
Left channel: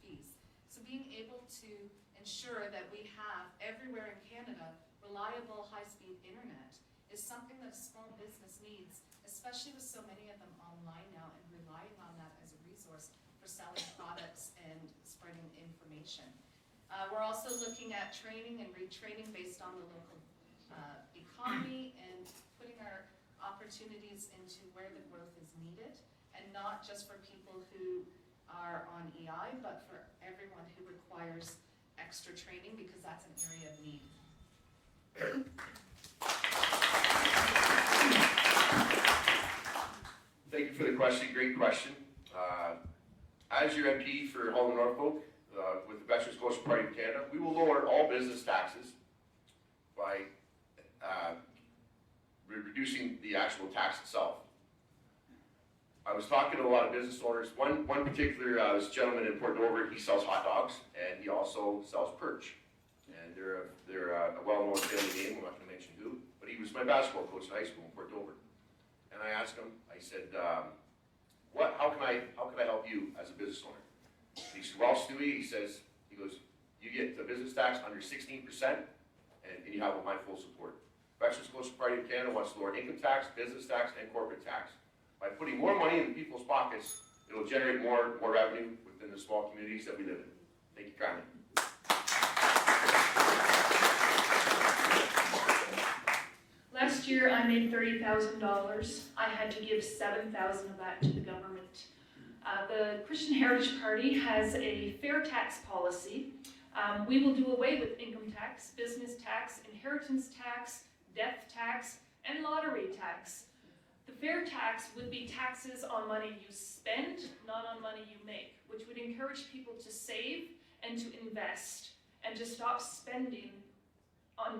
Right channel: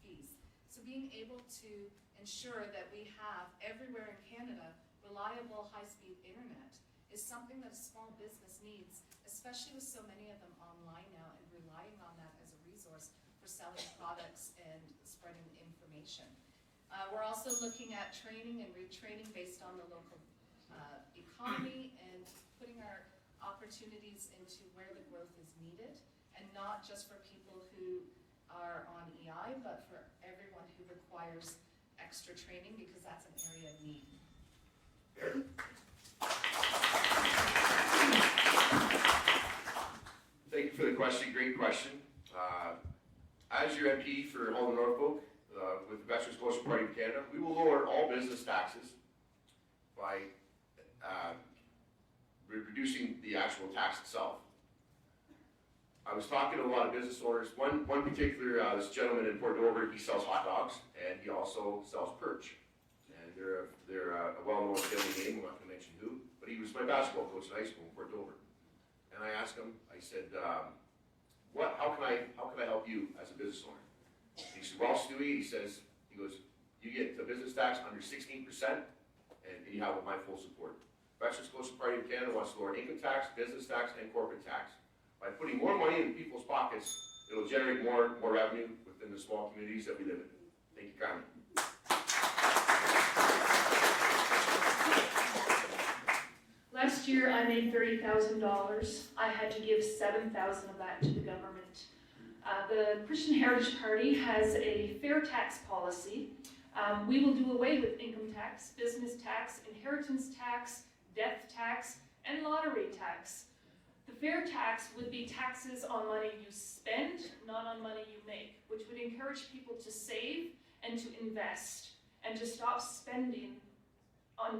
fees. So being able to ensure that we have everywhere in Canada reliable high-speed internet is something that a small business needs, especially with so many of them online now and relying on that as a resource for selling products and spreading information. We're also looking at training and retraining based on the local economy and putting our opportunities into where the growth is needed, and not just for people who are on EI, but for everyone who requires extra training, because that's an area of need. Thank you for the question, great question. As your MP for Halton Norfolk, with the Veterans Coalition Party of Canada, we will lower all business taxes by reducing the actual tax itself. I was talking to a lot of business owners. One particular, this gentleman in Port Dover, he sells hot dogs and he also sells perch. And they're a well-known family name, I'm not gonna mention who, but he was my basketball coach in high school in Port Dover. And I asked him, I said, how can I help you as a business owner? He said, well, Stewie, he goes, you get the business tax under 16% and you have my full support. Veterans Coalition Party of Canada wants to lower income tax, business tax, and corporate tax. By putting more money in people's pockets, it will generate more revenue within the small communities that we live in. Thank you kindly. Last year, I made $30,000. I had to give $7,000 of that to the government. The Christian Heritage Party has a fair tax policy. We will do away with income tax, business tax, inheritance tax, death tax, and lottery tax. The fair tax would be taxes on money you spend, not on money you make, which would encourage people to save and to invest and to stop spending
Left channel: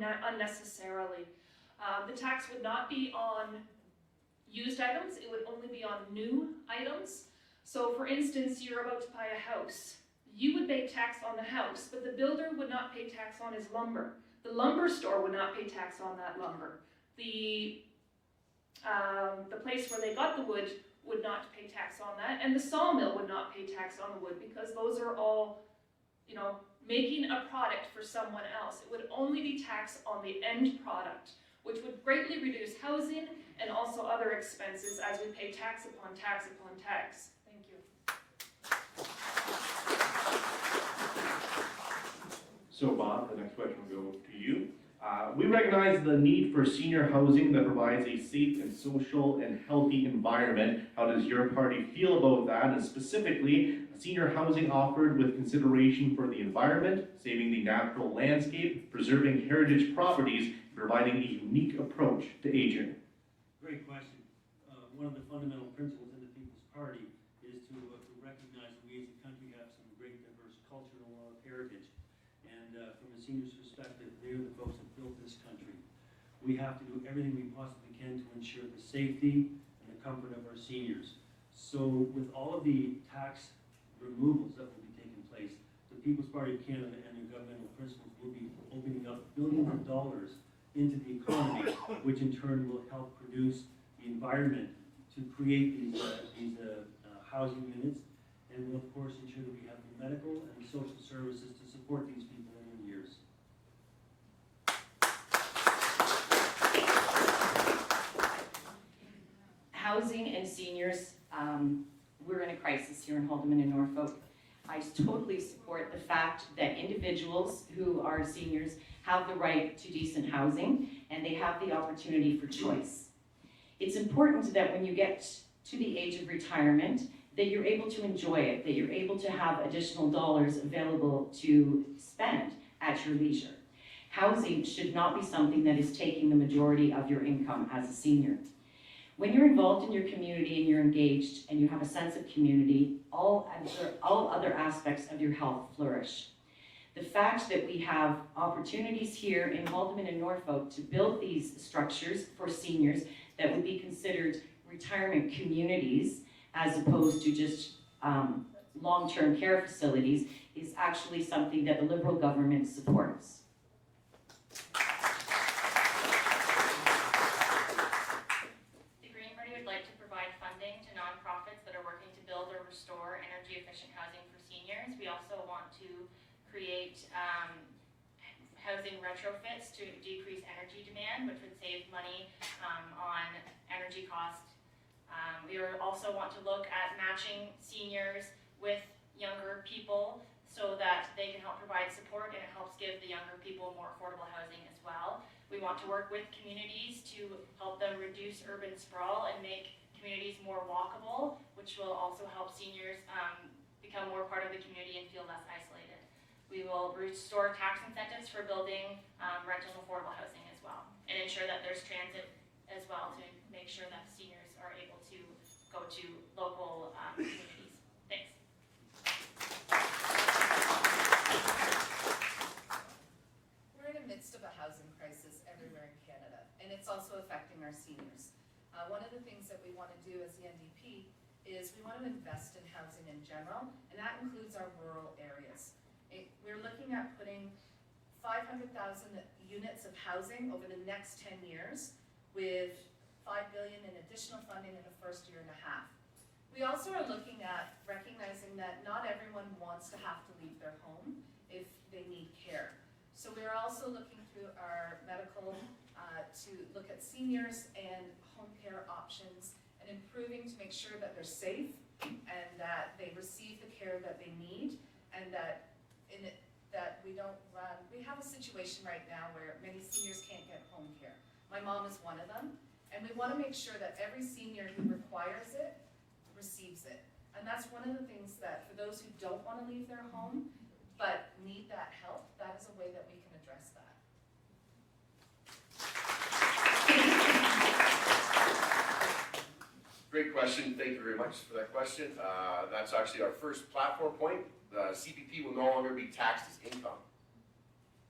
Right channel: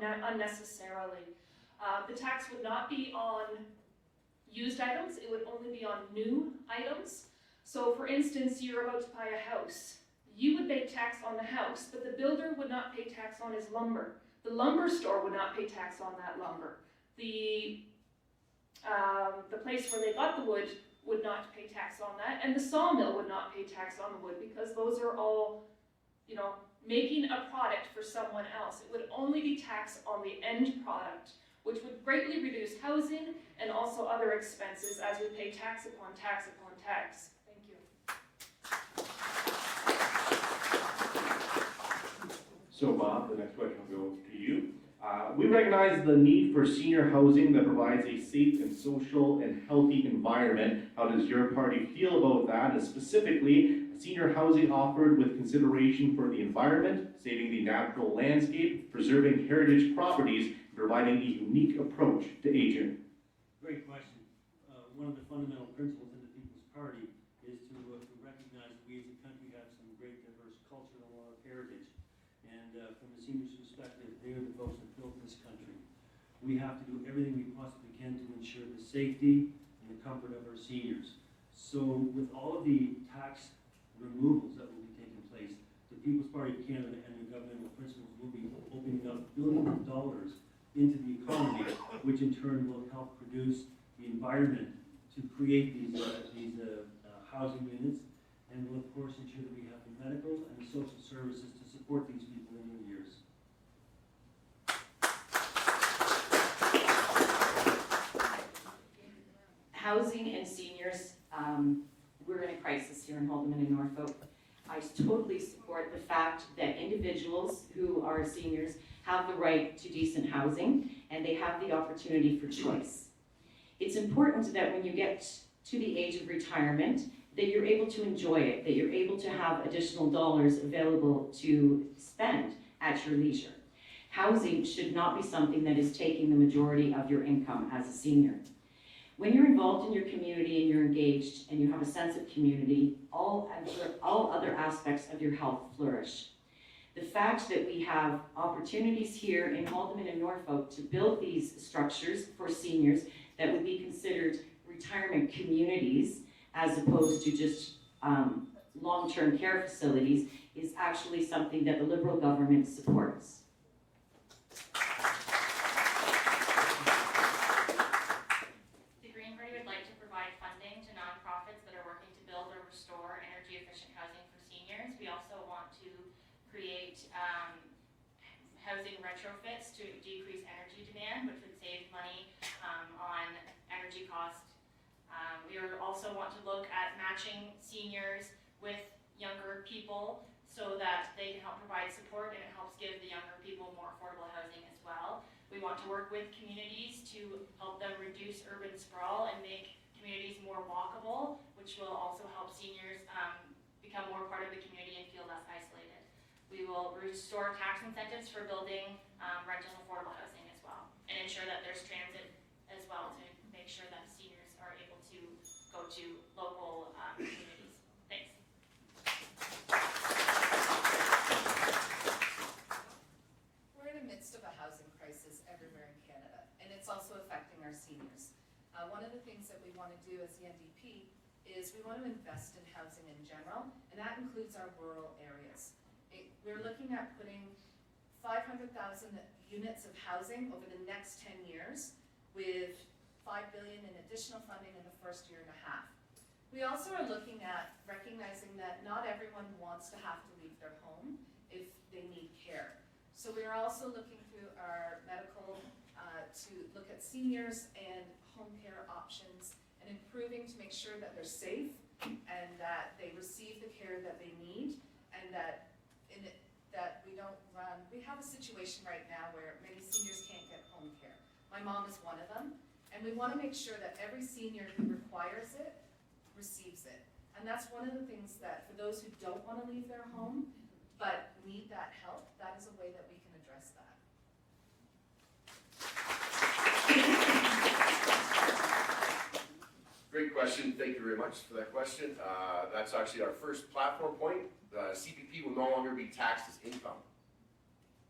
unnecessarily. The tax would not be on used items, it would only be on new items. So for instance, you're about to buy a house. You would pay tax on the house, but the builder would not pay tax on his lumber. The lumber store would not pay tax on that lumber. The place where they got the wood would not pay tax on that, and the sawmill would not pay tax on the wood, because those are all, you know, making a product for someone else. It would only be taxed on the end product, which would greatly reduce housing and also other expenses as we pay tax upon tax upon tax. Thank you. So Bob, the next question will go to you. We recognize the need for senior housing that provides a safe and social and healthy environment. How does your party feel about that? And specifically, senior housing offered with consideration for the environment, saving the natural landscape, preserving heritage properties, and providing a unique approach to aging. Great question. One of the fundamental principles in the People's Party is to recognize that we as a country have some great diverse culture and a lot of heritage. And from the seniors' perspective, they're the folks that built this country. We have to do everything we possibly can to ensure the safety and the comfort of our seniors. So with all of the tax removals that will be taking place, the People's Party of Canada and their governmental principles will be opening up billions of dollars into the economy, which in turn will help produce the environment to create these housing units, and will of course ensure that we have the medical and the social services to support these people in their years. Housing and seniors, we're in a crisis here in Haldimand and Norfolk. I totally support the fact that individuals who are seniors have the right to decent housing, and they have the opportunity for choice. It's important that when you get to the age of retirement, that you're able to enjoy it, that you're able to have additional dollars available to spend at your leisure. Housing should not be something that is taking the majority of your income as a senior. When you're involved in your community and you're engaged and you have a sense of community, all other aspects of your health flourish. The fact that we have opportunities here in Haldimand and Norfolk to build these structures for seniors that would be considered retirement communities as opposed to just long-term care facilities is actually something that the Liberal government supports. The Green Party would like to provide funding to nonprofits that are working to build or restore energy-efficient housing for seniors. We also want to create housing retrofits to decrease energy demand, which would save money on energy costs. We also want to look at matching seniors with younger people so that they can help provide support, and it helps give the younger people more affordable housing as well. We want to work with communities to help them reduce urban sprawl and make communities more walkable, which will also help seniors become more part of the community and feel less isolated. We will restore tax incentives for building rental and affordable housing as well, and ensure that there's transit as well to make sure that seniors are able to go to local communities. Thanks. We're in the midst of a housing crisis everywhere in Canada, and it's also affecting our seniors. One of the things that we want to do as the NDP is we want to invest in housing in general, and that includes our rural areas. We're looking at putting 500,000 units of housing over the next 10 years with $5 billion in additional funding in the first year and a half. We also are looking at recognizing that not everyone wants to have to leave their home if they need care. So we are also looking through our medical to look at seniors and home care options and improving to make sure that they're safe and that they receive the care that they need, and that we don't run. We have a situation right now where many seniors can't get home care. My mom is one of them, and we want to make sure that every senior who requires it receives it. And that's one of the things that, for those who don't want to leave their home, but need that help, that is a way that we can address that. Great question. Thank you very much for that question. That's actually our first platform point. The CPP will no longer be taxed as income.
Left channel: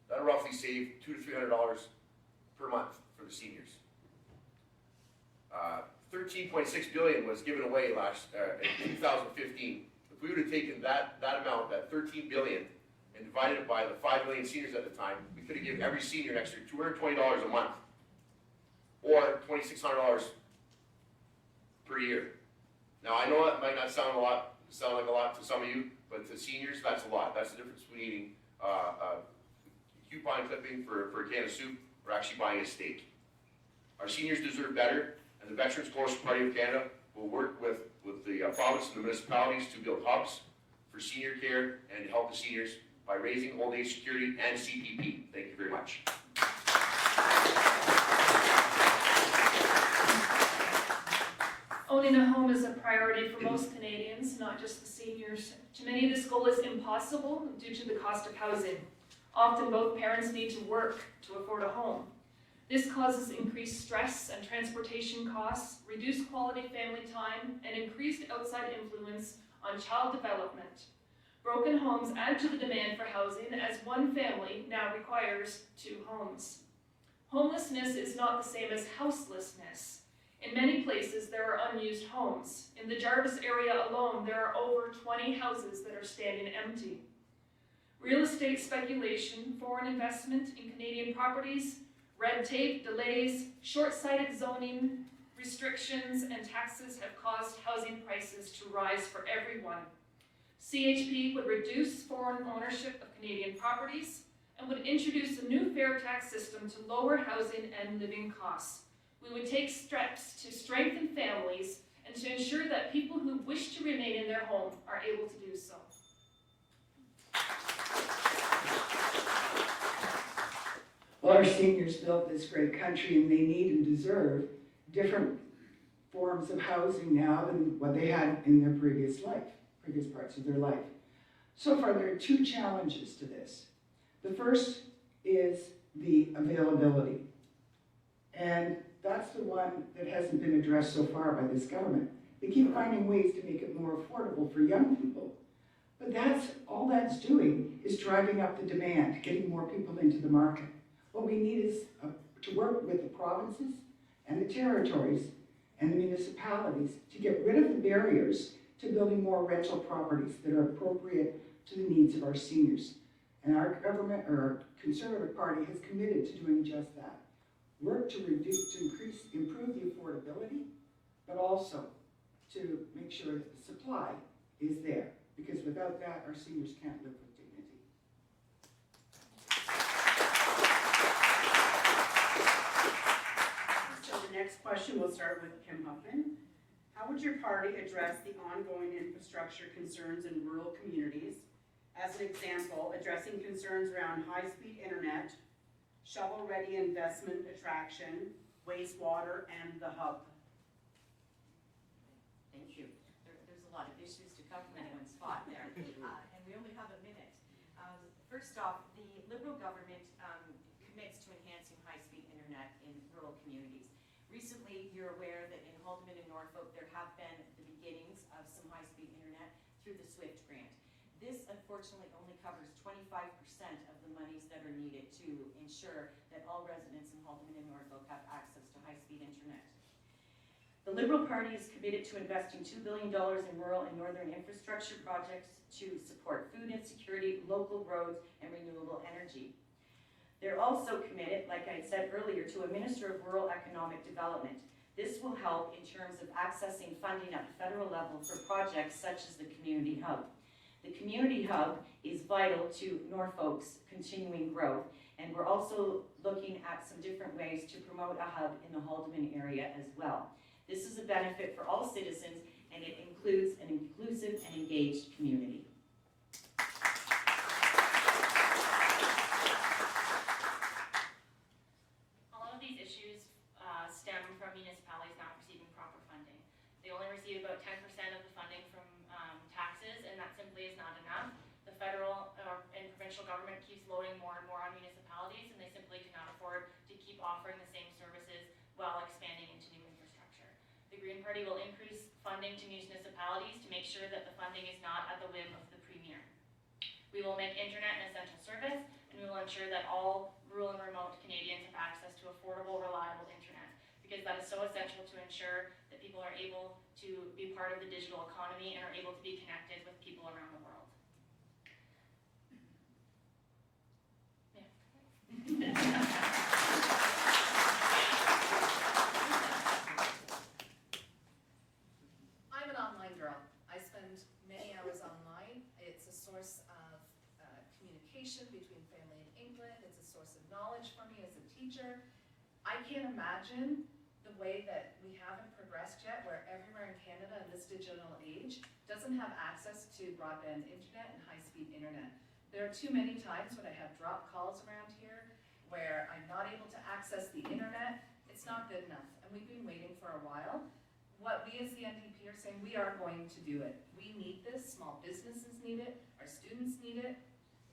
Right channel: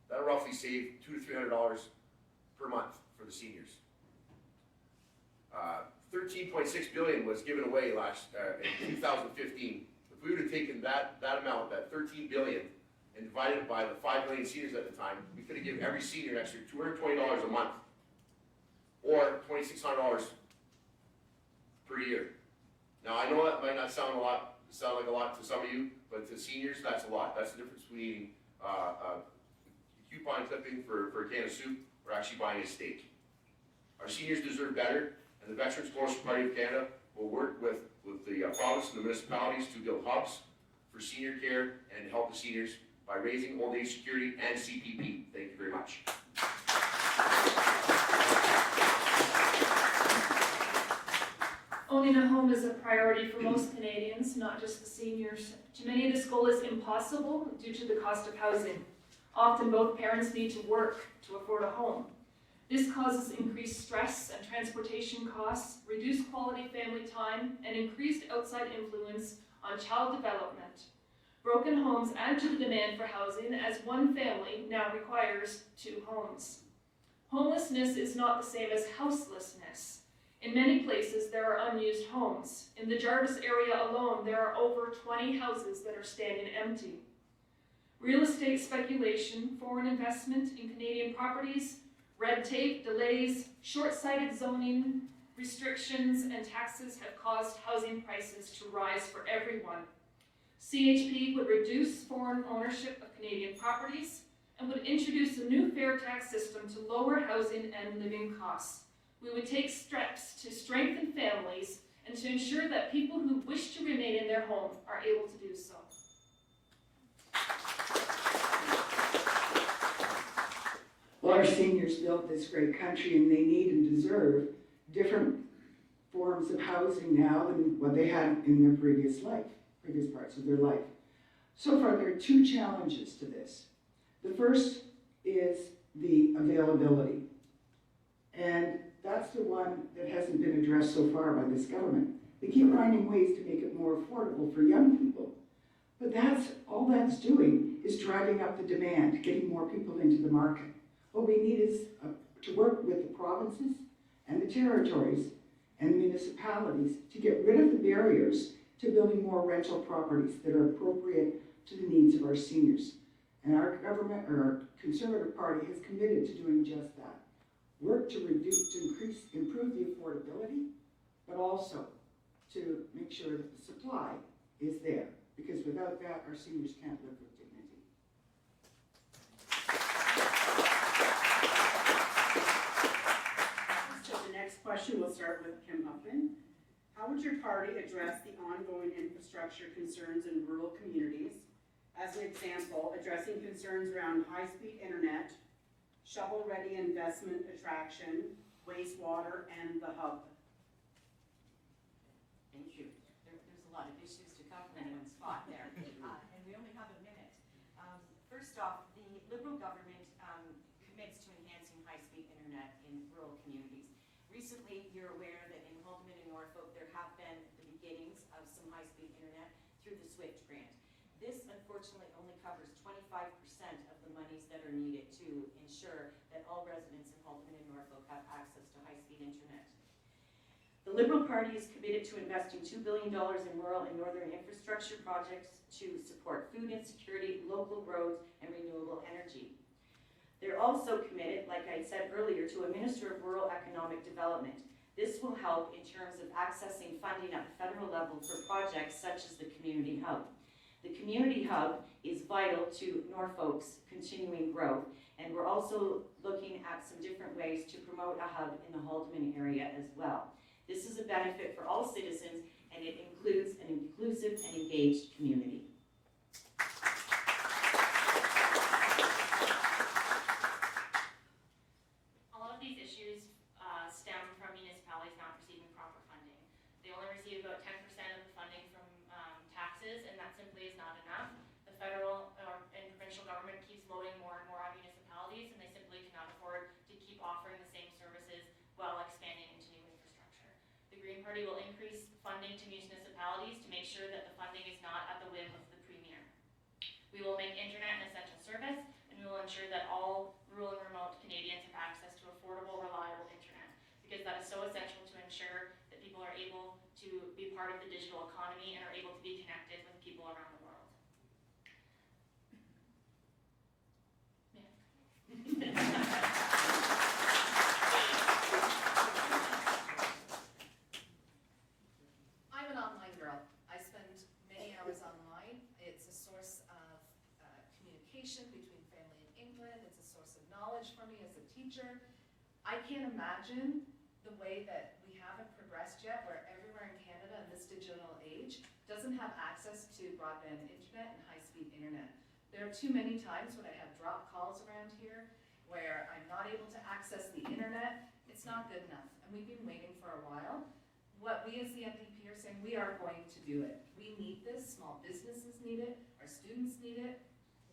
That'll roughly save $200 to $300 per month for the seniors. 13.6 billion was given away in 2015. If we would have taken that amount, that 13 billion, and divided it by the 5 million seniors at the time, we could have given every senior an extra $220 a month, or $2,600 per year. Now I know that might not sound like a lot to some of you, but to seniors, that's a lot. That's the difference between eating a coupon clipping for a can of soup or actually buying a steak. Our seniors deserve better, and the Veterans Coalition Party of Canada will work with the province and the municipalities to build hubs for senior care and to help the seniors by raising old age security and CPP. Thank you very much. Owning a home is a priority for most Canadians, not just the seniors. To many, this goal is impossible due to the cost of housing. Often both parents need to work to afford a home. This causes increased stress and transportation costs, reduced quality family time, and increased outside influence on child development. Broken homes add to the demand for housing, as one family now requires 2 homes. Homelessness is not the same as houselessness. In many places, there are unused homes. In the Jarvis area alone, there are over 20 houses that are standing empty. Real estate speculation, foreign investment in Canadian properties, red tape, delays, short-sighted zoning, restrictions, and taxes have caused housing prices to rise for everyone. CHP would reduce foreign ownership of Canadian properties and would introduce a new fair tax system to lower housing and living costs. We would take steps to strengthen families and to ensure that people who wish to remain in their home are able to do so. Well, our seniors built this great country, and they need and deserve different forms of housing now than what they had in their previous parts of their life. So far, there are 2 challenges to this. The first is the availability. And that's the one that hasn't been addressed so far by this government. They keep finding ways to make it more affordable for young people. But all that's doing is driving up the demand, getting more people into the market. What we need is to work with the provinces and the territories and the municipalities to get rid of the barriers to building more rental properties that are appropriate to the needs of our seniors. And our government, or our Conservative Party, has committed to doing just that. Work to improve the affordability, but also to make sure that the supply is there. Because without that, our seniors can't live with dignity. So the next question, we'll start with Kim Huffman. How would your party address the ongoing infrastructure concerns in rural communities? As an example, addressing concerns around high-speed internet, shovel-ready investment attraction, wastewater, and the hub. Thank you. There's a lot of issues to cover in one spot there, and we only have a minute. First off, the Liberal government commits to enhancing high-speed internet in rural communities. Recently, you're aware that in Haldimand and Norfolk, there have been the beginnings of some high-speed internet through the SWIFT grant. This, unfortunately, only covers 25% of the monies that are needed to ensure that all residents in Haldimand and Norfolk have access to high-speed internet. The Liberal Party is committed to investing $2 billion in rural and northern infrastructure projects to support food insecurity, local roads, and renewable energy. They're also committed, like I said earlier, to a Minister of Rural Economic Development. This will help in terms of accessing funding at the federal level for projects such as the Community Hub. The Community Hub is vital to Norfolk's continuing growth, and we're also looking at some different ways to promote a hub in the Haldimand area as well. This is a benefit for all citizens, and it includes an inclusive and engaged community. All of these issues receive about 10% of the funding from taxes, and that simply is not enough. The federal and provincial government keeps loading more and more on municipalities, and they simply cannot afford to keep offering the same services while expanding into new infrastructure. The Green Party will increase funding to municipalities to make sure that the funding is not at the whim of the Premier. We will make internet an essential service, and we will ensure that all rural and remote Canadians have access to affordable, reliable internet, because that is so essential to ensure that people are able to be part of the digital economy and are able to be connected with people around the world. I'm an online girl. I spend many hours online. It's a source of communication between family in England. It's a source of knowledge for me as a teacher. I can't imagine the way that we haven't progressed yet, where everywhere in Canada in this digital age doesn't have access to broadband internet and high-speed internet. There are too many times when I have drop calls around here where I'm not able to access the internet. It's not good enough, and we've been waiting for a while. What we as the NDP are saying, we are going to do it. We need this, small businesses need it, our students need it,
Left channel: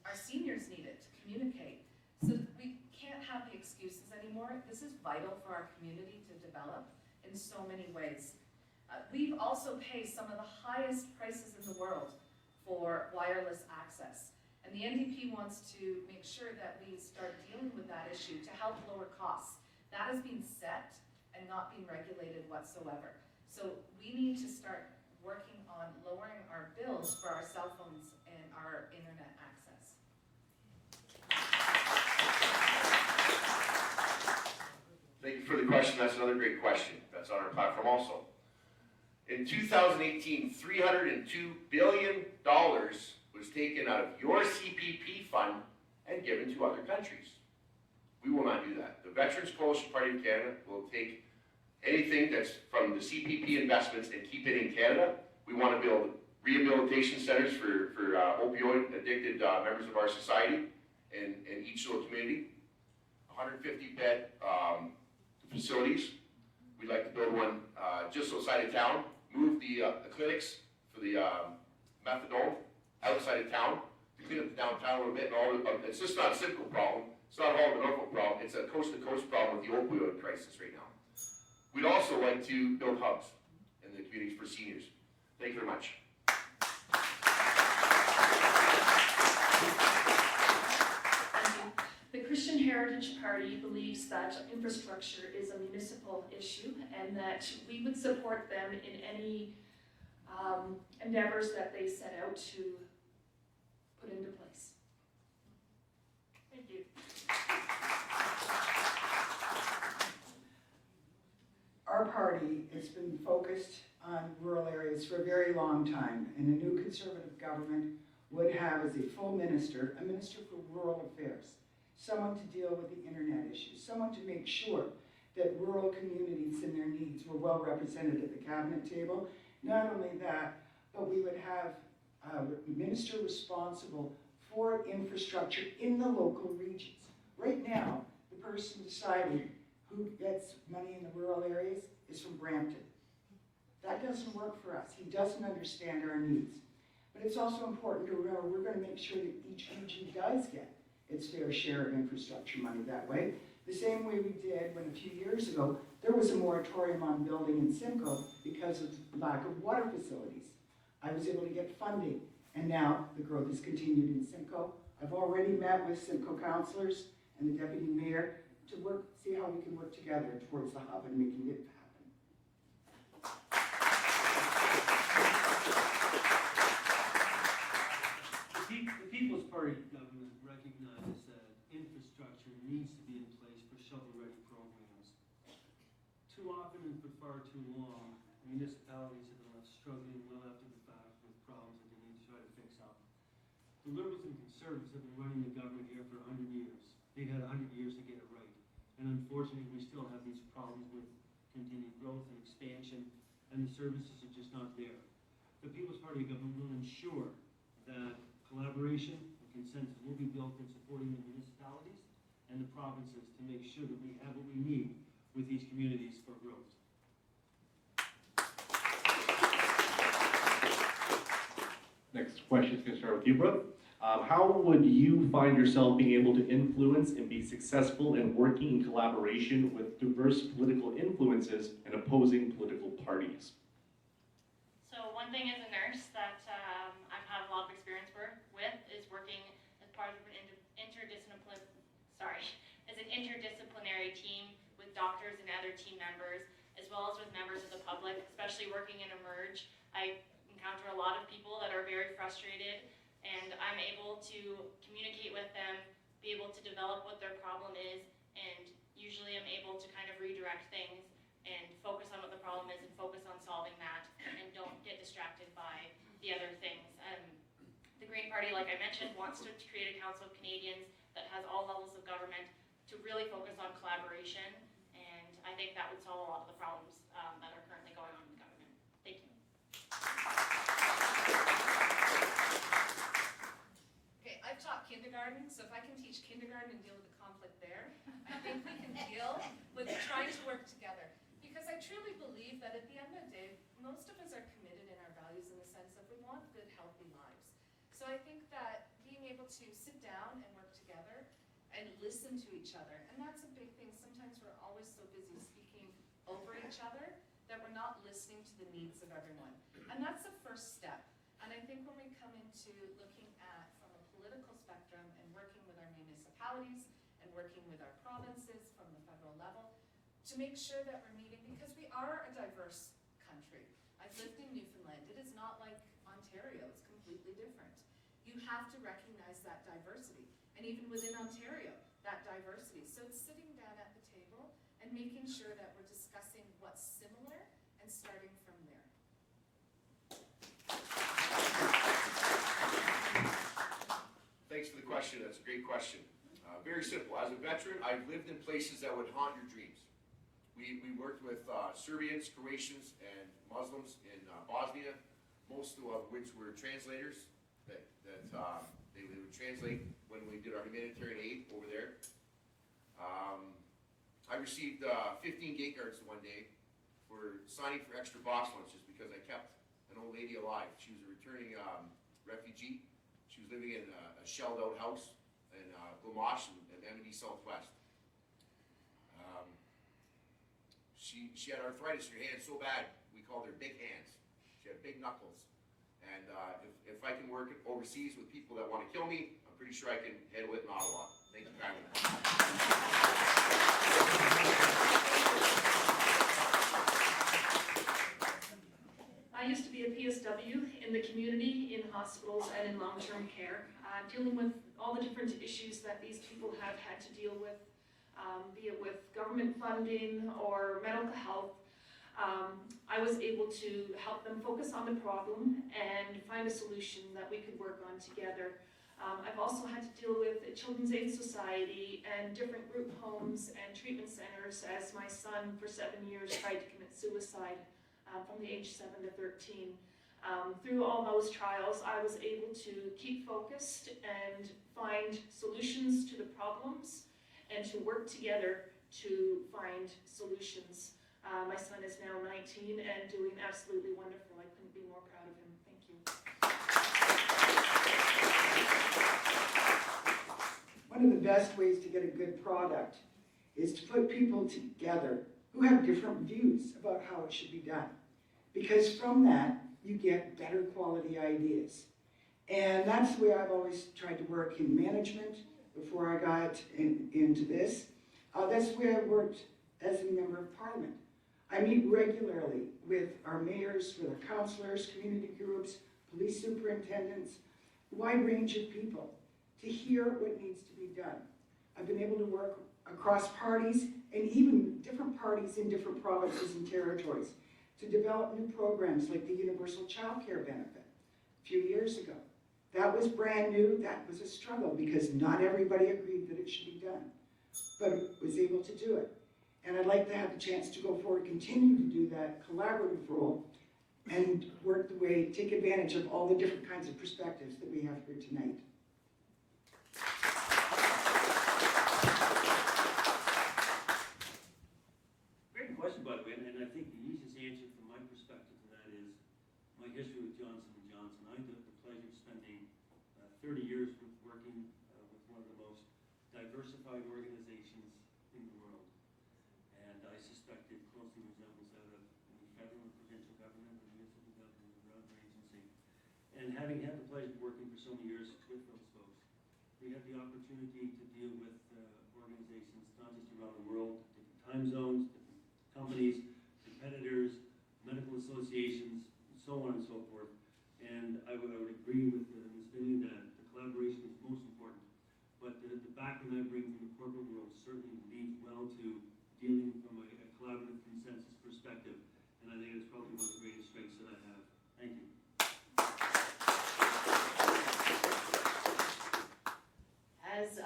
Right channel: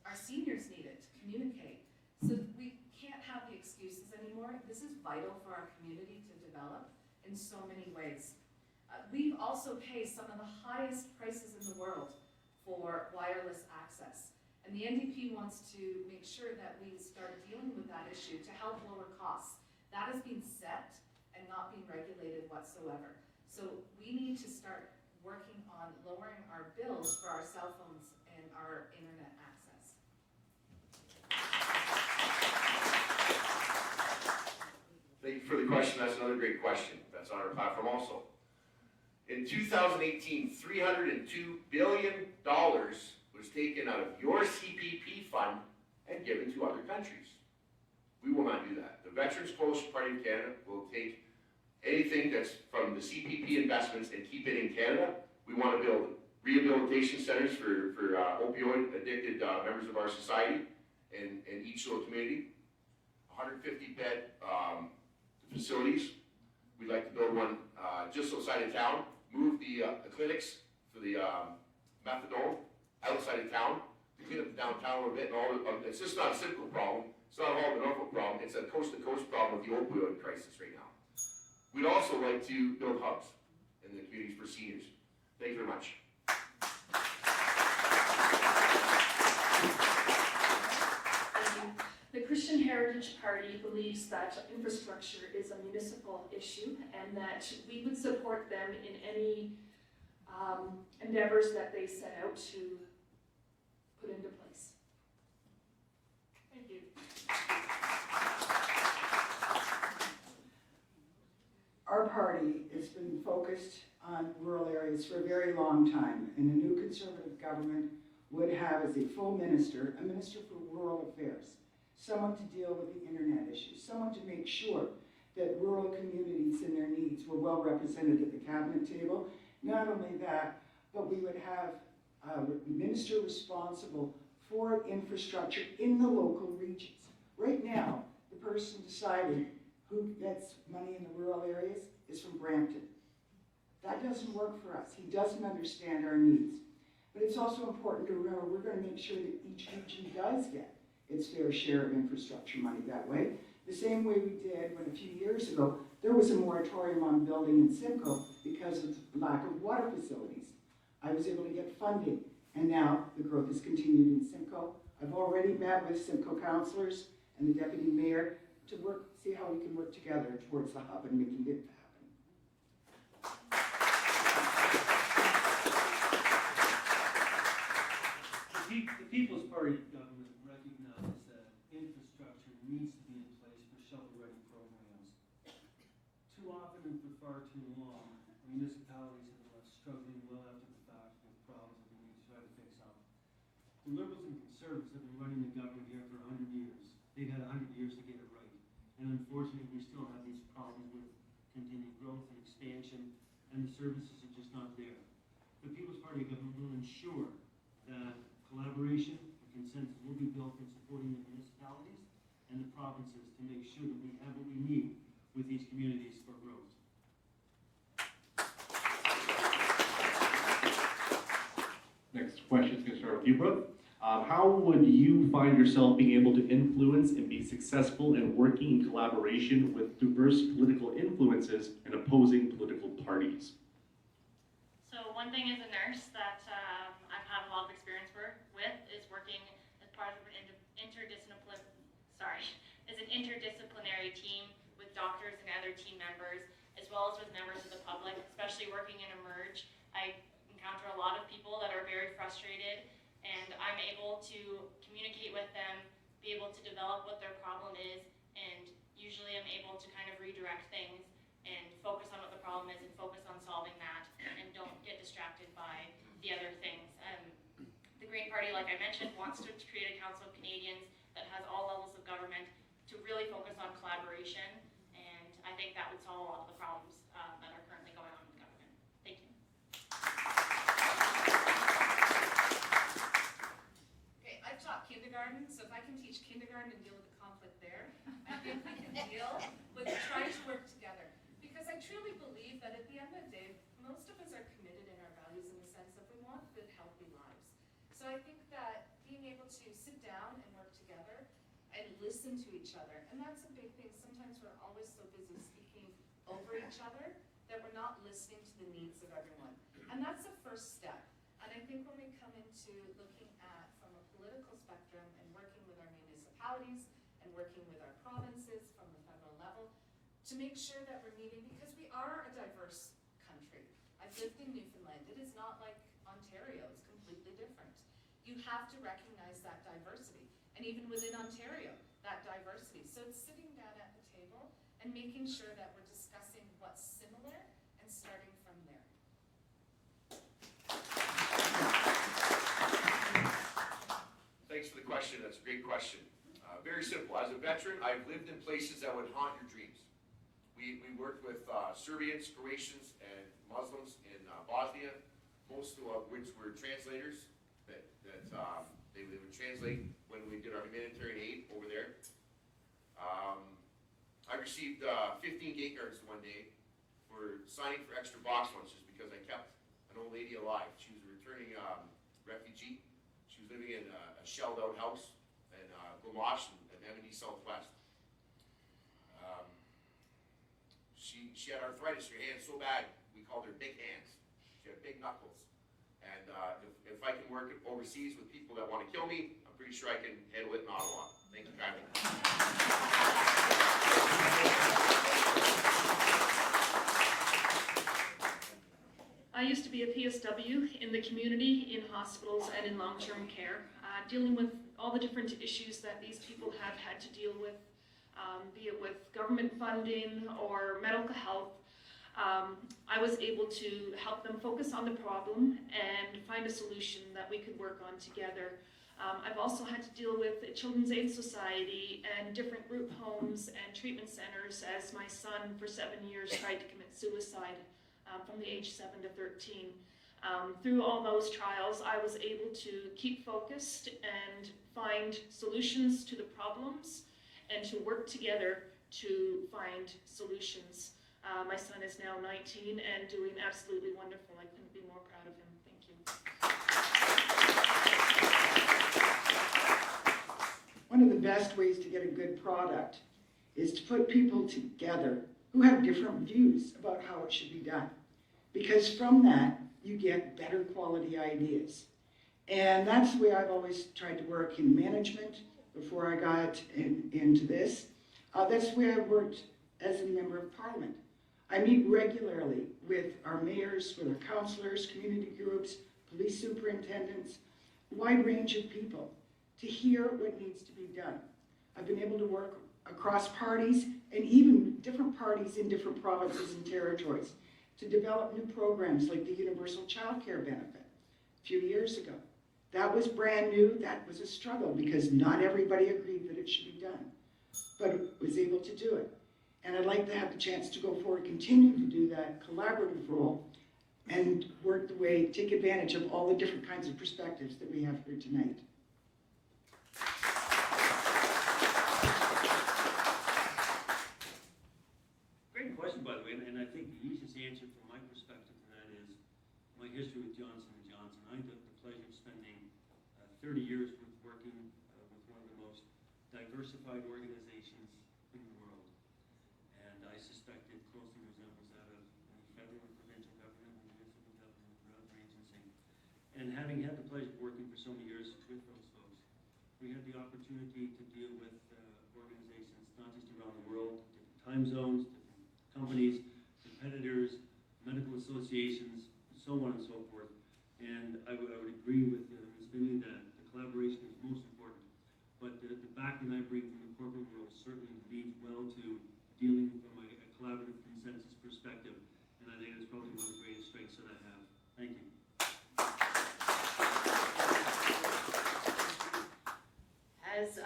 our seniors need it to communicate. So we can't have the excuses anymore. This is vital for our community to develop in so many ways. We've also paid some of the highest prices in the world for wireless access. And the NDP wants to make sure that we start dealing with that issue to help lower costs. That has been set and not being regulated whatsoever. So we need to start working on lowering our bills for our cell phones and our internet access. Thank you for the question. That's another great question. That's on our platform also. In 2018, $302 billion was taken out of your CPP fund and given to other countries. We will not do that. The Veterans Coalition Party of Canada will take anything that's from the CPP investments and keep it in Canada. We want to build rehabilitation centers for opioid-addicted members of our society in each little community. 150-bed facilities. We'd like to build one just outside of town. Move the clinics for the methadone outside of town to clean up the downtown a little bit. And it's just not a Simcoe problem. It's not all of the Norfolk problem. It's a coast-to-coast problem with the opioid crisis right now. We'd also like to build hubs in the communities for seniors. Thank you very much. Thank you. The Christian Heritage Party believes that infrastructure is a municipal issue and that we would support them in any endeavors that they set out to put into place. Thank you. Our party has been focused on rural areas for a very long time, and a new Conservative government would have as a full minister, a minister for rural affairs, someone to deal with the internet issues, someone to make sure that rural communities and their needs were well represented at the cabinet table. Not only that, but we would have a minister responsible for infrastructure in the local regions. Right now, the person deciding who gets money in the rural areas is from Brampton. That doesn't work for us. He doesn't understand our needs. But it's also important to remember we're going to make sure that each region does get its fair share of infrastructure money that way. The same way we did when a few years ago there was a moratorium on building in Simcoe because of lack of water facilities. I was able to get funding, and now the growth has continued in Simcoe. I've already met with Simcoe councillors and the deputy mayor to see how we can work together towards the hub and making it happen. The People's Party government recognizes that infrastructure needs to be in place for shovel-ready programs. Too often and for far too long, municipalities have been left struggling well after the fact with problems that they need to try to fix up. The Liberals and Conservatives have been running the government here for 100 years. They've had 100 years to get it right. And unfortunately, we still have these problems with continued growth and expansion, and the services are just not there. The People's Party government will ensure that collaboration and consensus will be built in supporting the municipalities and the provinces to make sure that we have what we need with these communities for growth. question is going to start with you, Brooke. How would you find yourself being able to influence and be successful in working in collaboration with diverse political influences and opposing political parties? So one thing as a nurse that I've had a lot of experience with is working as part of an interdisciplinary team with doctors and other team members, as well as with members of the public, especially working in Emerge. I encounter a lot of people that are very frustrated, and I'm able to communicate with them, be able to develop what their problem is, and usually I'm able to kind of redirect things and focus on what the problem is and focus on solving that, and don't get distracted by the other things. The Green Party, like I mentioned, wants to create a Council of Canadians that has all levels of government to really focus on collaboration, and I think that would solve a lot of the problems that are currently going on in government. Thank you. Okay, I've taught kindergarten, so if I can teach kindergarten and deal with the conflict there, I think we can deal with trying to work together. Because I truly believe that at the end of the day, most of us are committed in our values in the sense that we want good, healthy lives. So I think that being able to sit down and work together and listen to each other, and that's a big thing. Sometimes we're always so busy speaking over each other that we're not listening to the needs of everyone. And that's the first step. And I think when we come into looking at from a political spectrum and working with our municipalities and working with our provinces from the federal level, to make sure that we're meeting, because we are a diverse country. I've lived in Newfoundland. It is not like Ontario. It's completely different. You have to recognize that diversity. And even within Ontario, that diversity. So it's sitting down at the table and making sure that we're discussing what's similar and starting from there. Thanks for the question. That's a great question. Very simple. As a veteran, I've lived in places that would haunt your dreams. We worked with Serbians, Croatians, and Muslims in Bosnia, most of which were translators that they would translate when we did our humanitarian aid over there. I received 15 gate cards one day for signing for extra box lunches because I kept an old lady alive. She was a returning refugee. She was living in a shelled out house in Gamache and Emily Southwest. She had arthritis in her hands so bad, we called her Big Hands. She had big knuckles. And if I can work overseas with people that want to kill me, I'm pretty sure I can handle it in Ottawa. Thank you kindly. I used to be a PSW in the community, in hospitals, and in long-term care, dealing with all the different issues that these people have had to deal with, be it with government funding or medical health. I was able to help them focus on the problem and find a solution that we could work on together. I've also had to deal with a Children's Aid Society and different group homes and treatment centers as my son for 7 years tried to commit suicide from the age 7 to 13. Through all those trials, I was able to keep focused and find solutions to the problems and to work together to find solutions. My son is now 19 and doing absolutely wonderful. I couldn't be more proud of him. Thank you. One of the best ways to get a good product is to put people together who have different views about how it should be done. Because from that, you get better quality ideas. And that's the way I've always tried to work in management before I got into this. That's the way I worked as a member of parliament. I meet regularly with our mayors, with our councillors, community groups, police superintendents, a wide range of people to hear what needs to be done. I've been able to work across parties and even different parties in different provinces and territories to develop new programs like the Universal Child Care Benefit a few years ago. That was brand new. That was a struggle because not everybody agreed that it should be done, but was able to do it. And I'd like to have the chance to go forward, continue to do that collaborative role and work the way, take advantage of all the different kinds of perspectives that we have here tonight. Great question, by the way, and I think the easiest answer from my perspective to that is my history with Johnson & Johnson. I had the pleasure of spending 30 years with working with one of the most diversified organizations in the world. And I suspect it closely resembles that of any federal or provincial government, or municipal government, or other agency. And having had the pleasure of working for so many years with those folks, we had the opportunity to deal with organizations not just around the world, different time zones, different companies, competitors, medical associations, so on and so forth. And I would agree with Ms. Binney that the collaboration is most important. But the background I bring from the corporate world certainly leads well to dealing from a collaborative consensus perspective. And I think it's probably one of the greatest strengths that I have. Thank you. As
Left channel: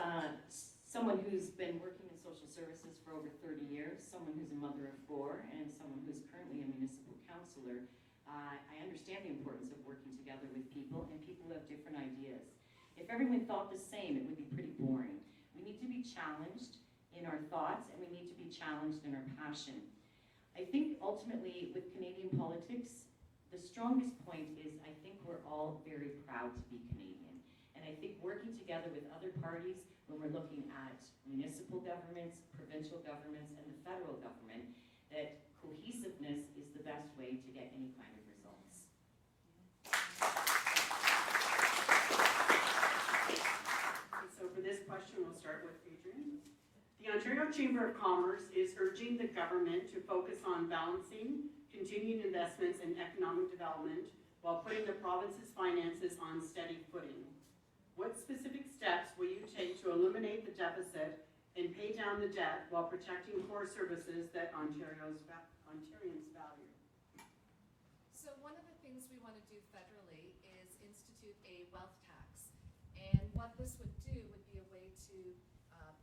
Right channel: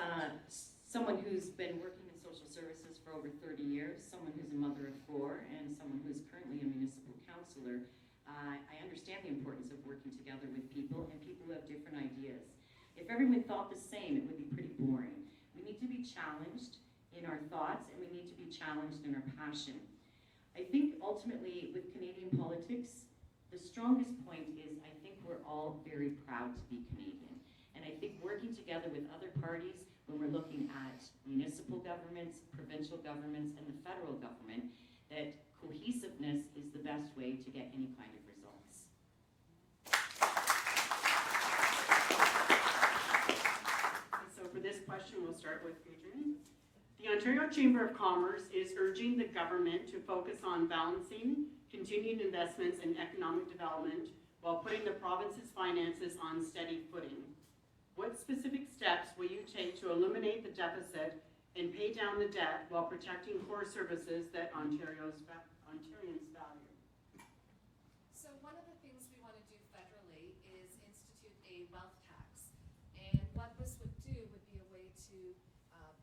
someone who's been working in social services for over 30 years, someone who's a mother of 4, and someone who's currently a municipal councillor, I understand the importance of working together with people and people who have different ideas. If everyone thought the same, it would be pretty boring. We need to be challenged in our thoughts, and we need to be challenged in our passion. I think ultimately with Canadian politics, the strongest point is I think we're all very proud to be Canadian. And I think working together with other parties, when we're looking at municipal governments, provincial governments, and the federal government, that cohesiveness is the best way to get any kind of results. So for this question, we'll start with Adrian. The Ontario Chamber of Commerce is urging the government to focus on balancing continued investments in economic development while putting the province's finances on steady footing. What specific steps will you take to eliminate the deficit and pay down the debt while protecting core services that Ontarians value? So one of the things we want to do federally is institute a wealth tax. And what this would do would be a way to,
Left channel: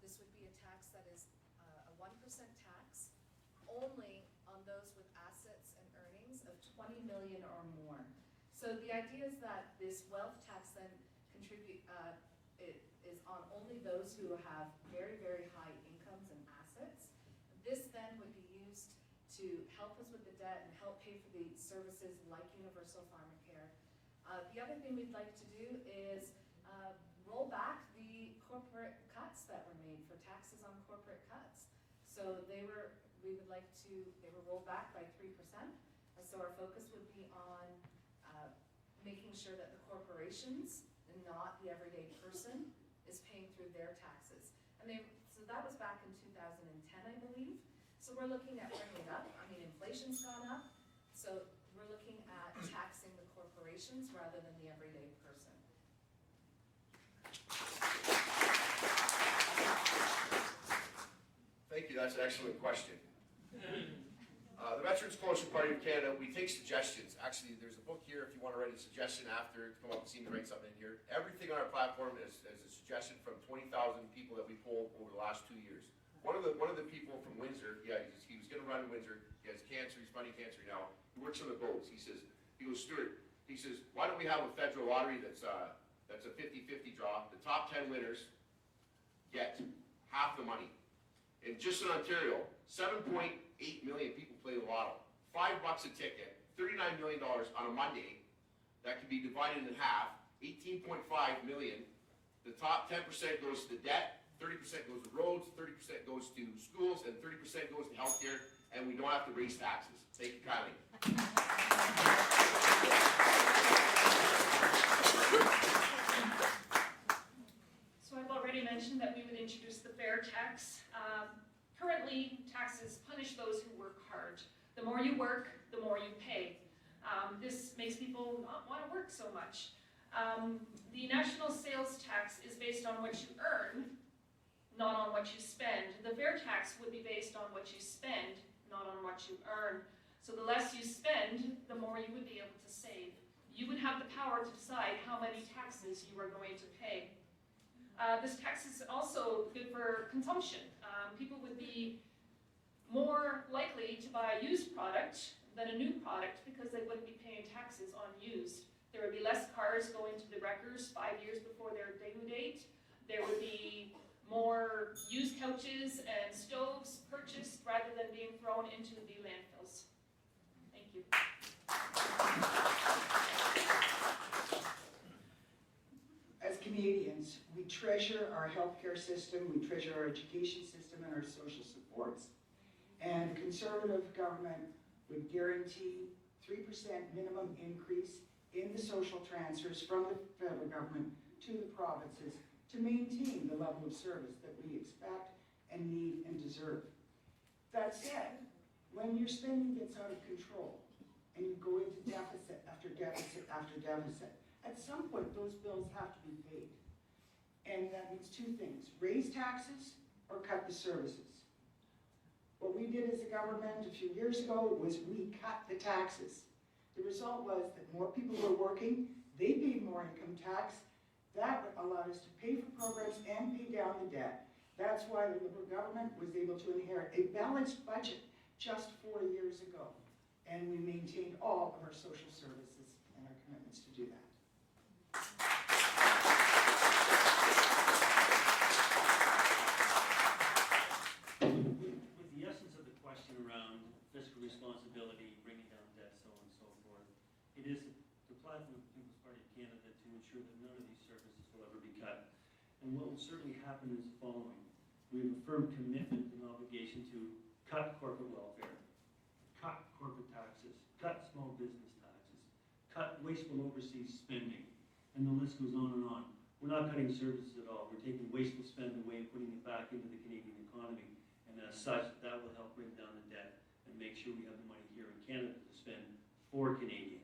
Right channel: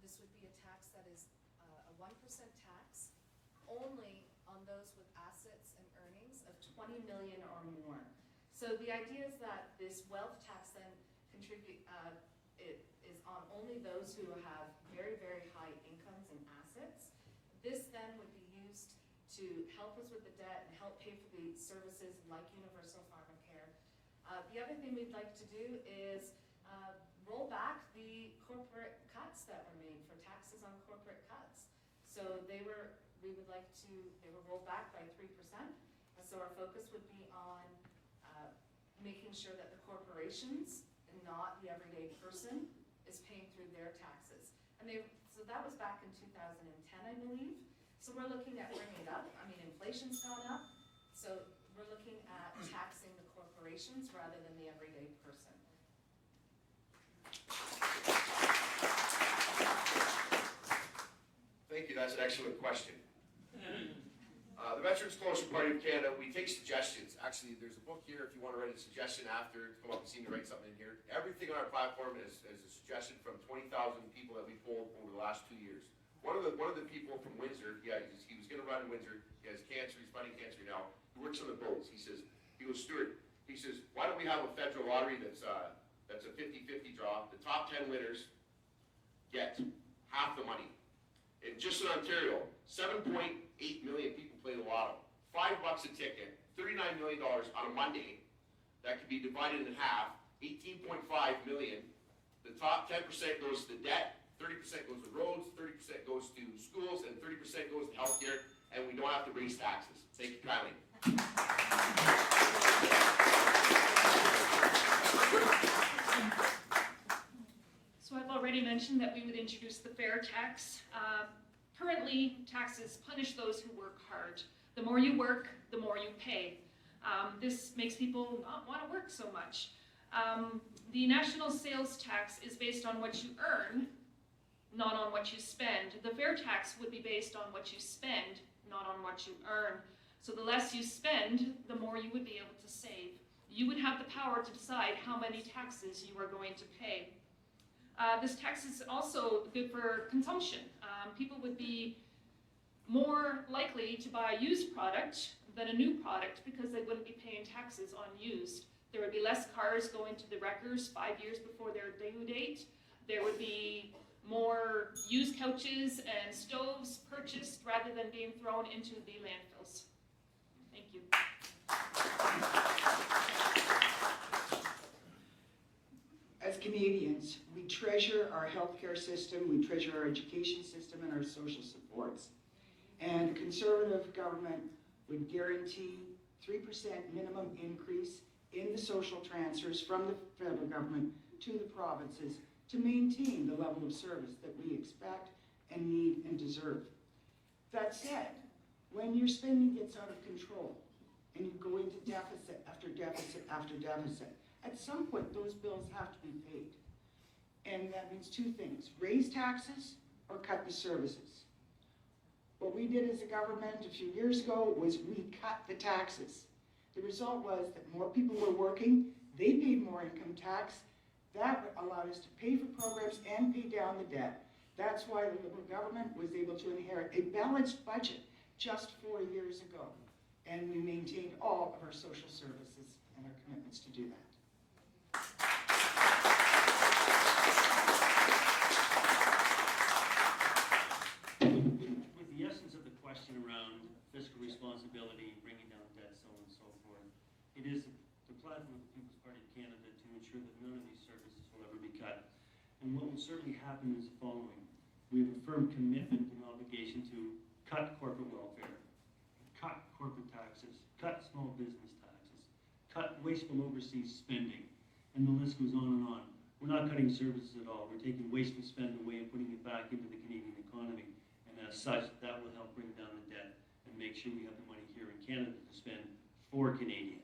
this would be a tax that is a 1% tax only on those with assets and earnings of 20 million or more. So the idea is that this wealth tax then it is on only those who have very, very high incomes and assets. This then would be used to help us with the debt and help pay for the services like universal pharmacare. The other thing we'd like to do is roll back the corporate cuts that were made for taxes on corporate cuts. So they were rolled back by 3%. And so our focus would be on making sure that the corporations and not the everyday person is paying through their taxes. And so that was back in 2010, I believe. So we're looking at bringing it up. I mean, inflation's gone up. So we're looking at taxing the corporations rather than the everyday person. Thank you, that's an excellent question. The Veterans Coalition Party of Canada, we take suggestions. Actually, there's a book here if you want to write a suggestion after, come up and see me write something in here. Everything on our platform is a suggestion from 20,000 people that we polled over the last 2 years. One of the people from Windsor, he was going to run in Windsor. He has cancer, he's fighting cancer now. He works on the boats. He goes, Stuart, he says, why don't we have a federal lottery that's a 50-50 draw? The top 10 winners get half the money. And just in Ontario, 7.8 million people play the lotto. $5 a ticket, $39 million on a Monday. That could be divided in half, 18.5 million. The top 10% goes to the debt, 30% goes to roads, 30% goes to schools, and 30% goes to healthcare, and we don't have to raise taxes. Thank you kindly. So I've already mentioned that we would introduce the fair tax. Currently, taxes punish those who work hard. The more you work, the more you pay. This makes people not want to work so much. The national sales tax is based on what you earn, not on what you spend. The fair tax would be based on what you spend, not on what you earn. So the less you spend, the more you would be able to save. You would have the power to decide how many taxes you are going to pay. This tax is also good for consumption. People would be more likely to buy a used product than a new product because they wouldn't be paying taxes on used. There would be less cars going to the wreckers 5 years before their due date. There would be more used couches and stoves purchased rather than being thrown into the landfills. Thank you. As Canadians, healthcare system, we treasure our education system and our social supports. And a conservative government would guarantee 3% minimum increase in the social transfers from the federal government to the provinces to maintain the level of service that we expect and need and deserve. That said, when your spending gets out of control and you go into deficit after deficit after deficit, at some point those bills have to be paid. And that means two things: raise taxes or cut the services. What we did as a government a few years ago was we cut the taxes. The result was that more people were working, they paid more income tax. That allowed us to pay for programs and pay down the debt. That's why the Liberal government was able to inherit a balanced budget just 4 years ago. And we maintained all of our social services and our commitments to do that. With the essence of the question around fiscal responsibility, bringing down debt, so on and so forth, it is the platform of the People's Party of Canada to ensure that none of these services will ever be cut. And what will certainly happen is the following. We have a firm commitment and obligation to cut corporate welfare, cut corporate taxes, cut small business taxes, cut wasteful overseas spending, and the list goes on and on. We're not cutting services at all. We're taking wasteful spend away and putting it back into the Canadian economy. And as such, that will help bring down the debt and make sure we have the money here in Canada to spend for Canadians.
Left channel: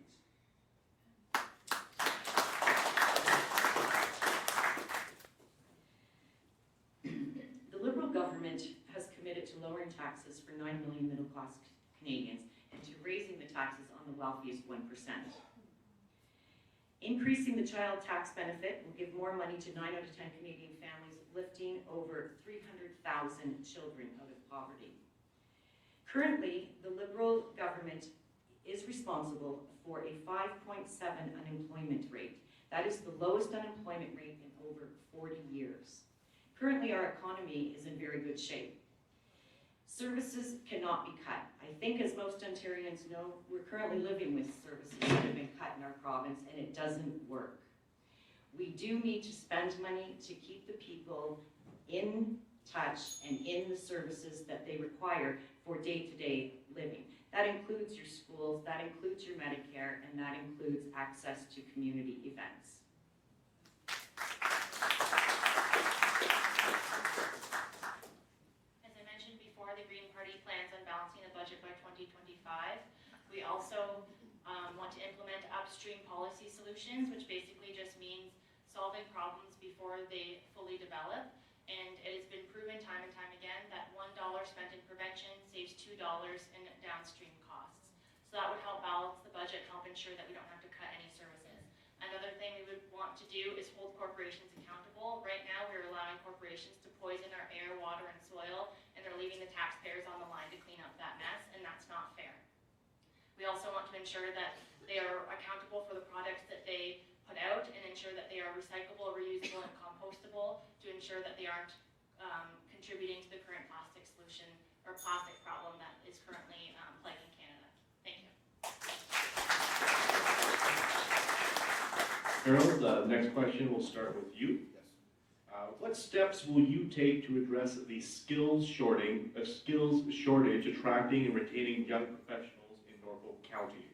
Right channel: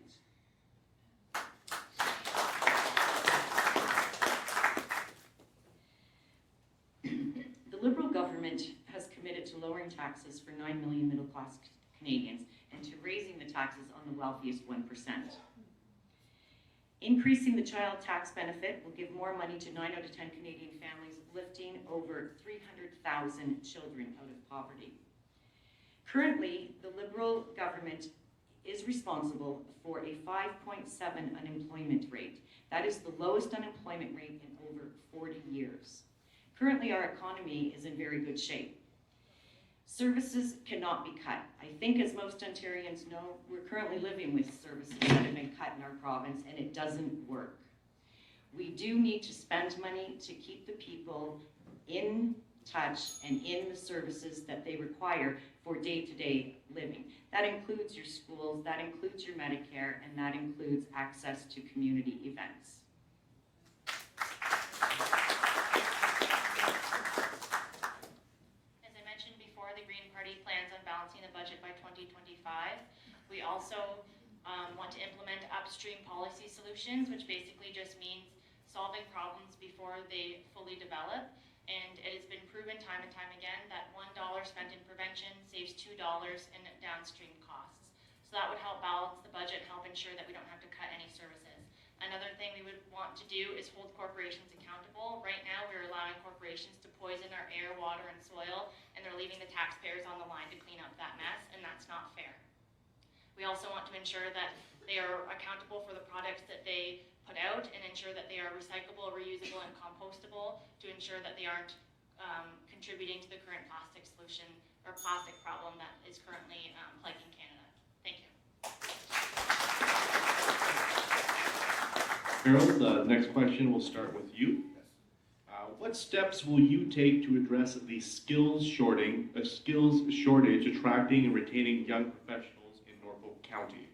The Liberal government has committed to lowering taxes for 9 million middle-class Canadians and to raising the taxes on the wealthiest 1%. Increasing the child tax benefit will give more money to 9 out of 10 Canadian families, lifting over 300,000 children out of poverty. Currently, the Liberal government is responsible for a 5.7 unemployment rate. That is the lowest unemployment rate in over 40 years. Currently, our economy is in very good shape. Services cannot be cut. I think, as most Ontarians know, we're currently living with services that have been cut in our province, and it doesn't work. We do need to spend money to keep the people in touch and in the services that they require for day-to-day living. That includes your schools, that includes your Medicare, and that includes access to community events. As I mentioned before, the Green Party plans on balancing the budget by 2025. We also want to implement upstream policy solutions, which basically just means solving problems before they fully develop. And it has been proven time and time again that $1 spent in prevention saves $2 in downstream costs. So that would help balance the budget, help ensure that we don't have to cut any services. Another thing we would want to do is hold corporations accountable. Right now, we're allowing corporations to poison our air, water, and soil, and they're leaving the taxpayers on the line to clean up that mess, and that's not fair. We also want to ensure that they are accountable for the products that they put out and ensure that they are recyclable, reusable, and compostable to ensure that they aren't contributing to the current plastic solution or plastic problem that is currently plaguing Canada. Thank you. Harold, the next question will start with you. What steps will you take to address the skills shortage attracting and retaining young professionals in Norfolk County?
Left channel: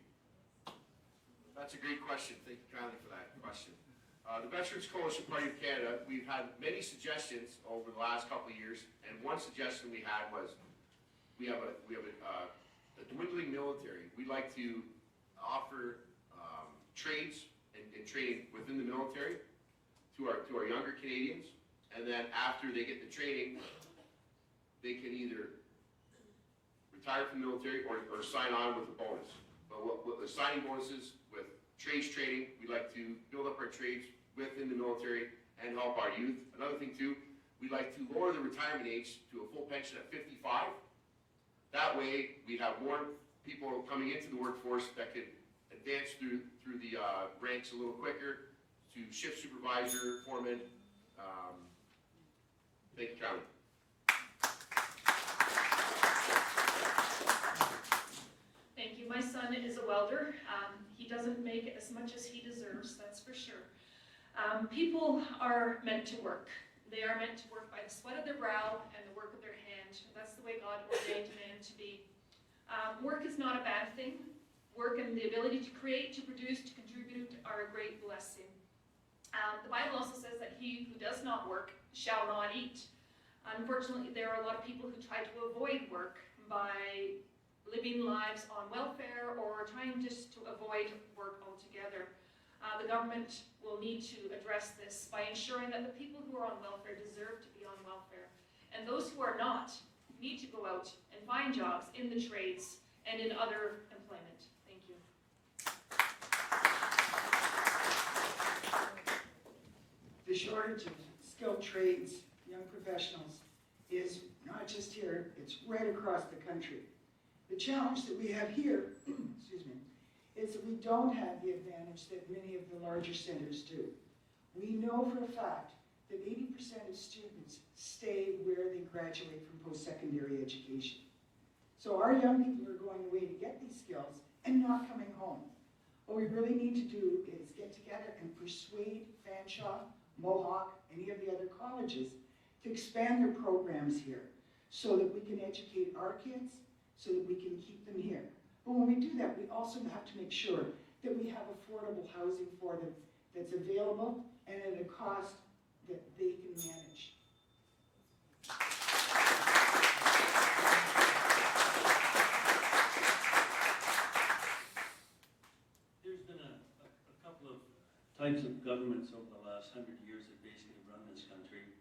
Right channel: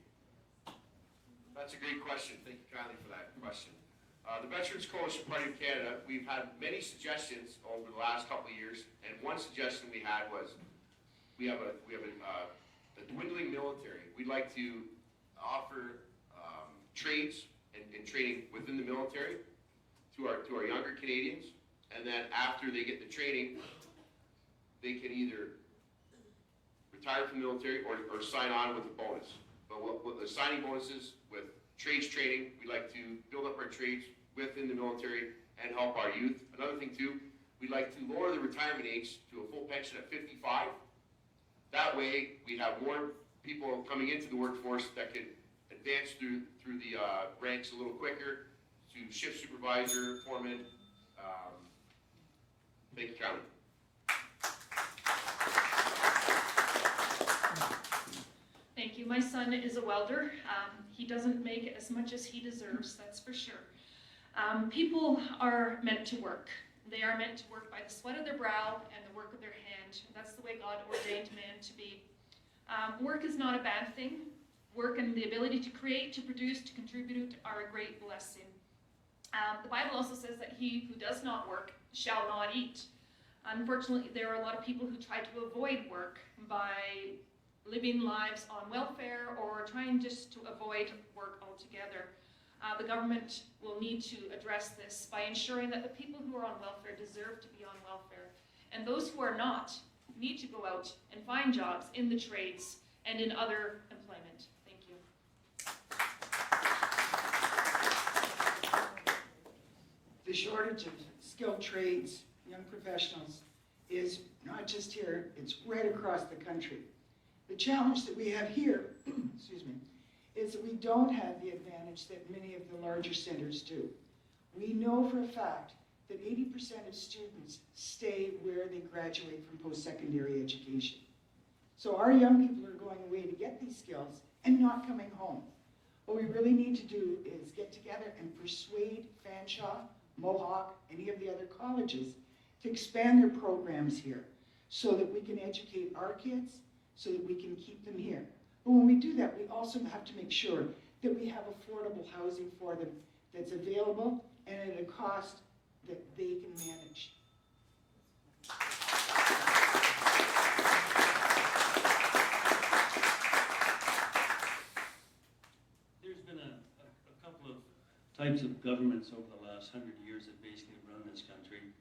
That's a great question. Thank you kindly for that question. The Veterans Coalition Party of Canada, we've had many suggestions over the last couple of years, and one suggestion we had was we have a dwindling military. We'd like to offer trades and training within the military to our younger Canadians, and then after they get the training, they can either retire from the military or sign on with a bonus. But what the signing bonuses with trades training, we like to build up our trades within the military and help our youth. Another thing too, we'd like to lower the retirement age to a full pension at 55. That way, we have more people coming into the workforce that could advance through the ranks a little quicker to shift supervisor, foreman. Thank you, County. Thank you. My son is a welder. He doesn't make as much as he deserves, that's for sure. People are meant to work. They are meant to work by the sweat of their brow and the work of their hand. That's the way God ordained man to be. Work is not a bad thing. Work and the ability to create, to produce, to contribute are a great blessing. The Bible also says that he who does not work shall not eat. Unfortunately, there are a lot of people who try to avoid work by living lives on welfare or trying just to avoid work altogether. The government will need to address this by ensuring that the people who are on welfare deserve to be on welfare. And those who are not need to go out and find jobs in the trades and in other employment. Thank you. The shortage of skilled trades, young professionals, is not just here, it's right across the country. The challenge that we have here, excuse me, is that we don't have the advantage that many of the larger centers do. We know for a fact that 80% of students stay where they graduate from post-secondary education. So our young people are going away to get these skills and not coming home. What we really need to do is get together and persuade Fanshawe, Mohawk, any of the other colleges to expand their programs here so that we can educate our kids, so that we can keep them here. But when we do that, we also have to make sure that we have affordable housing for them that's available and at a cost that they can manage. There's been a couple of types of governments over the last 100 years that basically run this country,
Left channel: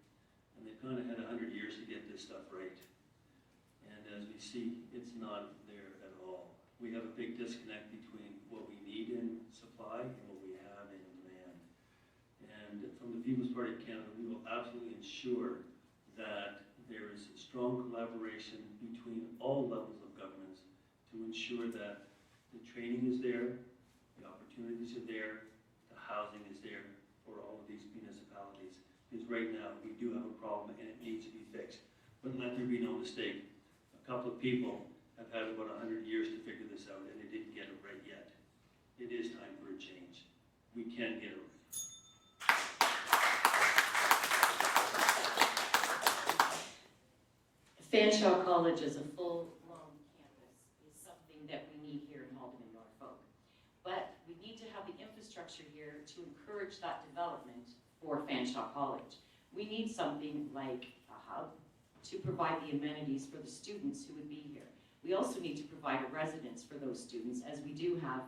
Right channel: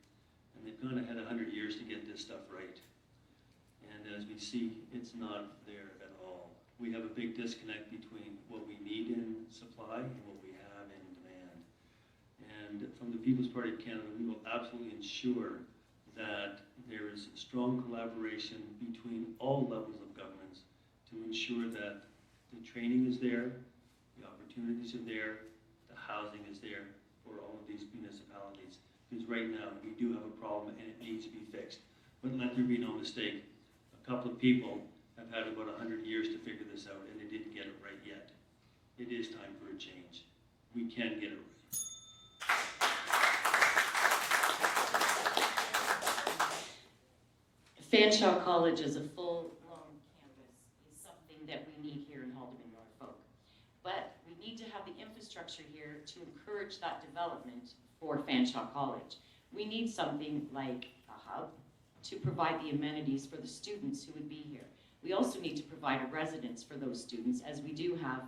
and they've kind of had 100 years to get this stuff right. And as we see, it's not there at all. We have a big disconnect between what we need in supply and what we have in demand. And from the People's Party of Canada, we will absolutely ensure that there is strong collaboration between all levels of governments to ensure that the training is there, the opportunities are there, the housing is there for all of these municipalities. Because right now, we do have a problem and it needs to be fixed. But let there be no mistake, a couple of people have had about 100 years to figure this out and they didn't get it right yet. It is time for a change. We can get it right. Fanshawe College as a full-blown campus is something that we need here in Haldimand, Norfolk. But we need to have the infrastructure here to encourage that development for Fanshawe College. We need something like a hub to provide the amenities for the students who would be here. We also need to provide a residence for those students, as we do have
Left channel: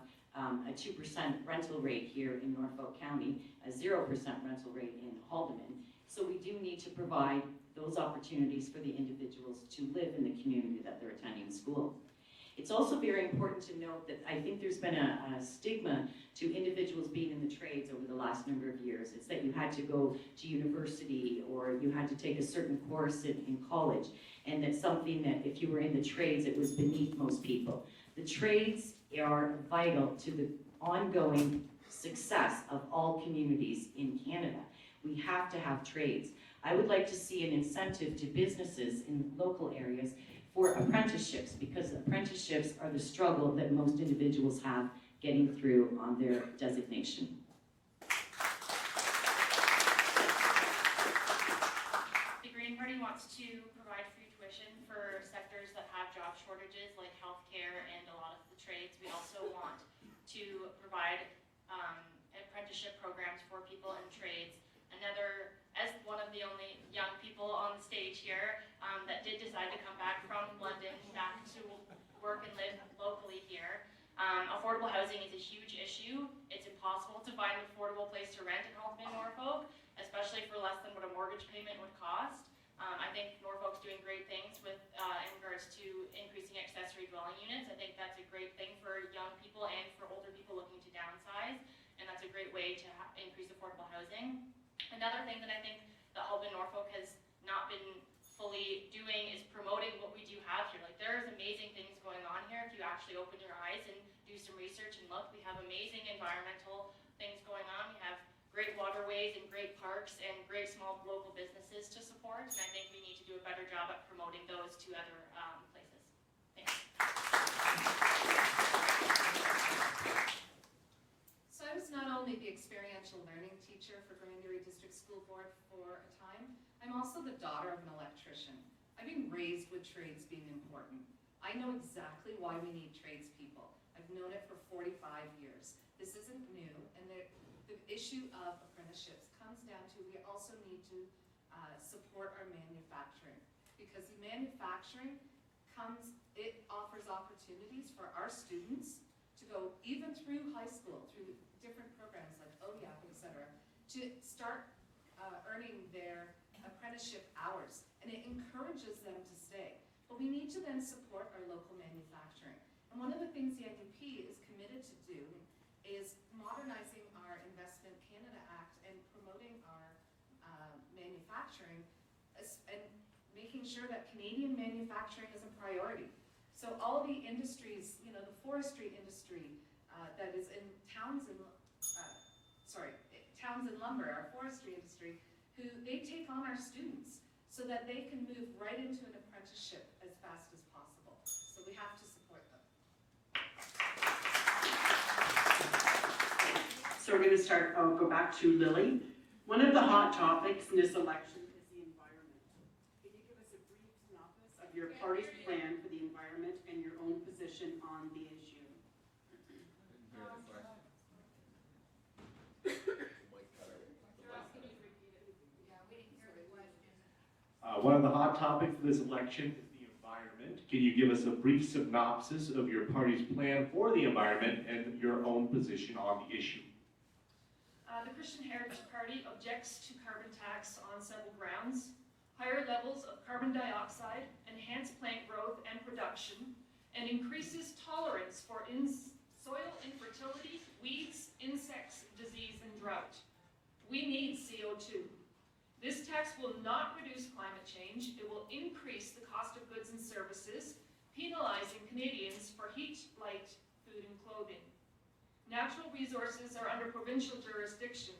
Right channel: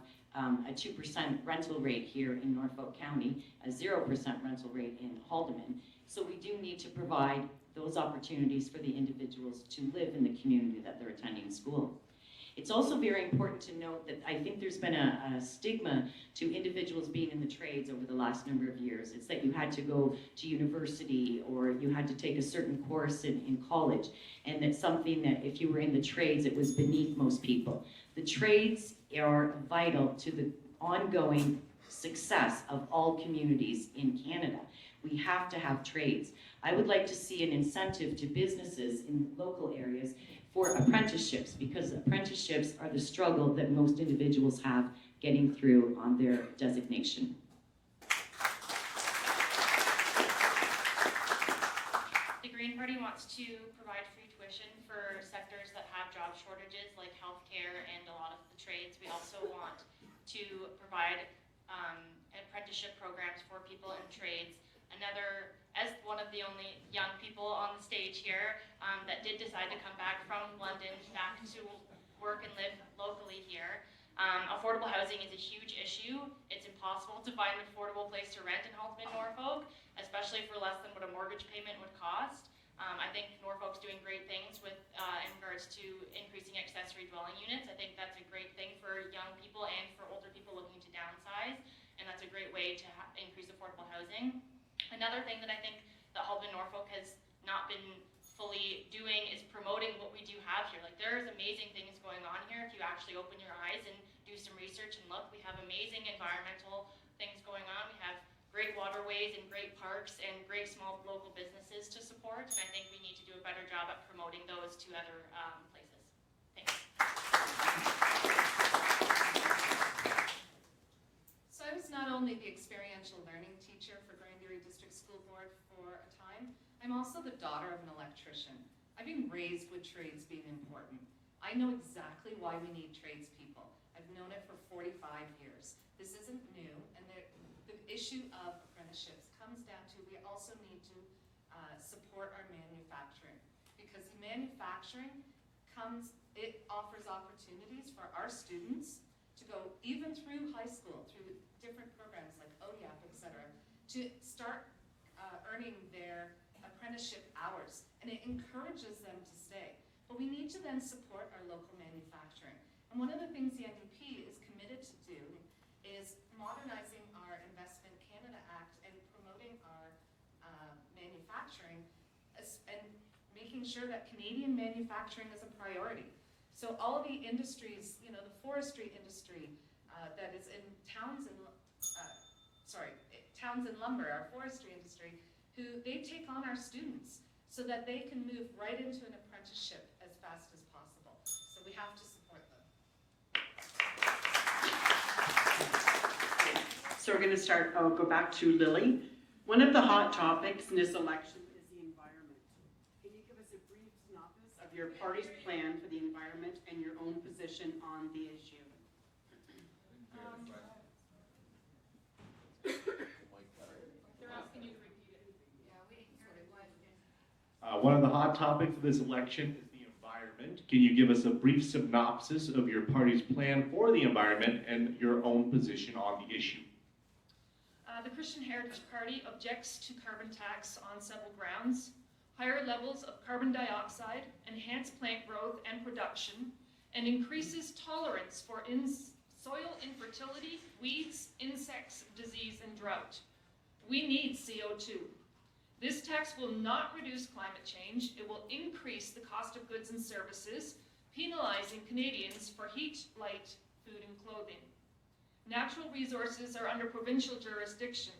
a 2% rental rate here in Norfolk County, a 0% rental rate in Haldimand. So we do need to provide those opportunities for the individuals to live in the community that they're attending school. It's also very important to note that I think there's been a stigma to individuals being in the trades over the last number of years. It's that you had to go to university or you had to take a certain course in college, and that's something that if you were in the trades, it was beneath most people. The trades are vital to the ongoing success of all communities in Canada. We have to have trades. I would like to see an incentive to businesses in local areas for apprenticeships, because apprenticeships are the struggle that most individuals have getting through on their designation. The Green Party wants to provide free tuition for sectors that have job shortages like healthcare and a lot of the trades. We also want to provide apprenticeship programs for people in trades. As one of the only young people on the stage here that did decide to come back from London back to work and live locally here, affordable housing is a huge issue. It's impossible to find an affordable place to rent in Haldimand, Norfolk, especially for less than what a mortgage payment would cost. I think Norfolk's doing great things with in regards to increasing accessory dwelling units. I think that's a great thing for young people and for older people looking to downsize, and that's a great way to increase affordable housing. Another thing that I think that Haldimand, Norfolk has not been fully doing is promoting what we do have here. Like, there's amazing things going on here if you actually open your eyes and do some research and look. We have amazing environmental things going on. We have great waterways and great parks and great small local businesses to support, and I think we need to do a better job at promoting those to other places. Thanks. So I was not only the experiential learning teacher for Grand Erie District School Board for a time, I'm also the daughter of an electrician. I've been raised with trades being important. I know exactly why we need tradespeople. I've known it for 45 years. This isn't new, and the issue of apprenticeships comes down to we also need to support our manufacturing, because the manufacturing it offers opportunities for our students to go even through high school, through different programs like ODAP, etc., to start earning their apprenticeship hours, and it encourages them to stay. But we need to then support our local manufacturing. And one of the things the NDP is committed to do is modernizing our Investment Canada Act and promoting our manufacturing and making sure that Canadian manufacturing is a priority. So all the industries, you know, the forestry industry that is in Townsend Lumber, our forestry industry, who they take on our students so that they can move right into an apprenticeship as fast as possible. So we have to support them. So we're going to start, I'll go back to Lily. One of the hot topics in this election is the environment. Can you give us a brief synopsis of your party's plan for the environment and your own position on the issue? One of the hot topics of this election is the environment. Can you give us a brief synopsis of your party's plan for the environment and your own position on the issue? The Christian Heritage Party objects to carbon tax on several grounds: higher levels of carbon dioxide, enhanced plant growth and production, and increases tolerance for soil infertility, weeds, insects, disease, and drought. We need CO2. This tax will not reduce climate change. It will increase the cost of goods and services, penalizing Canadians for heat, light, food, and clothing. Natural resources are under provincial jurisdiction.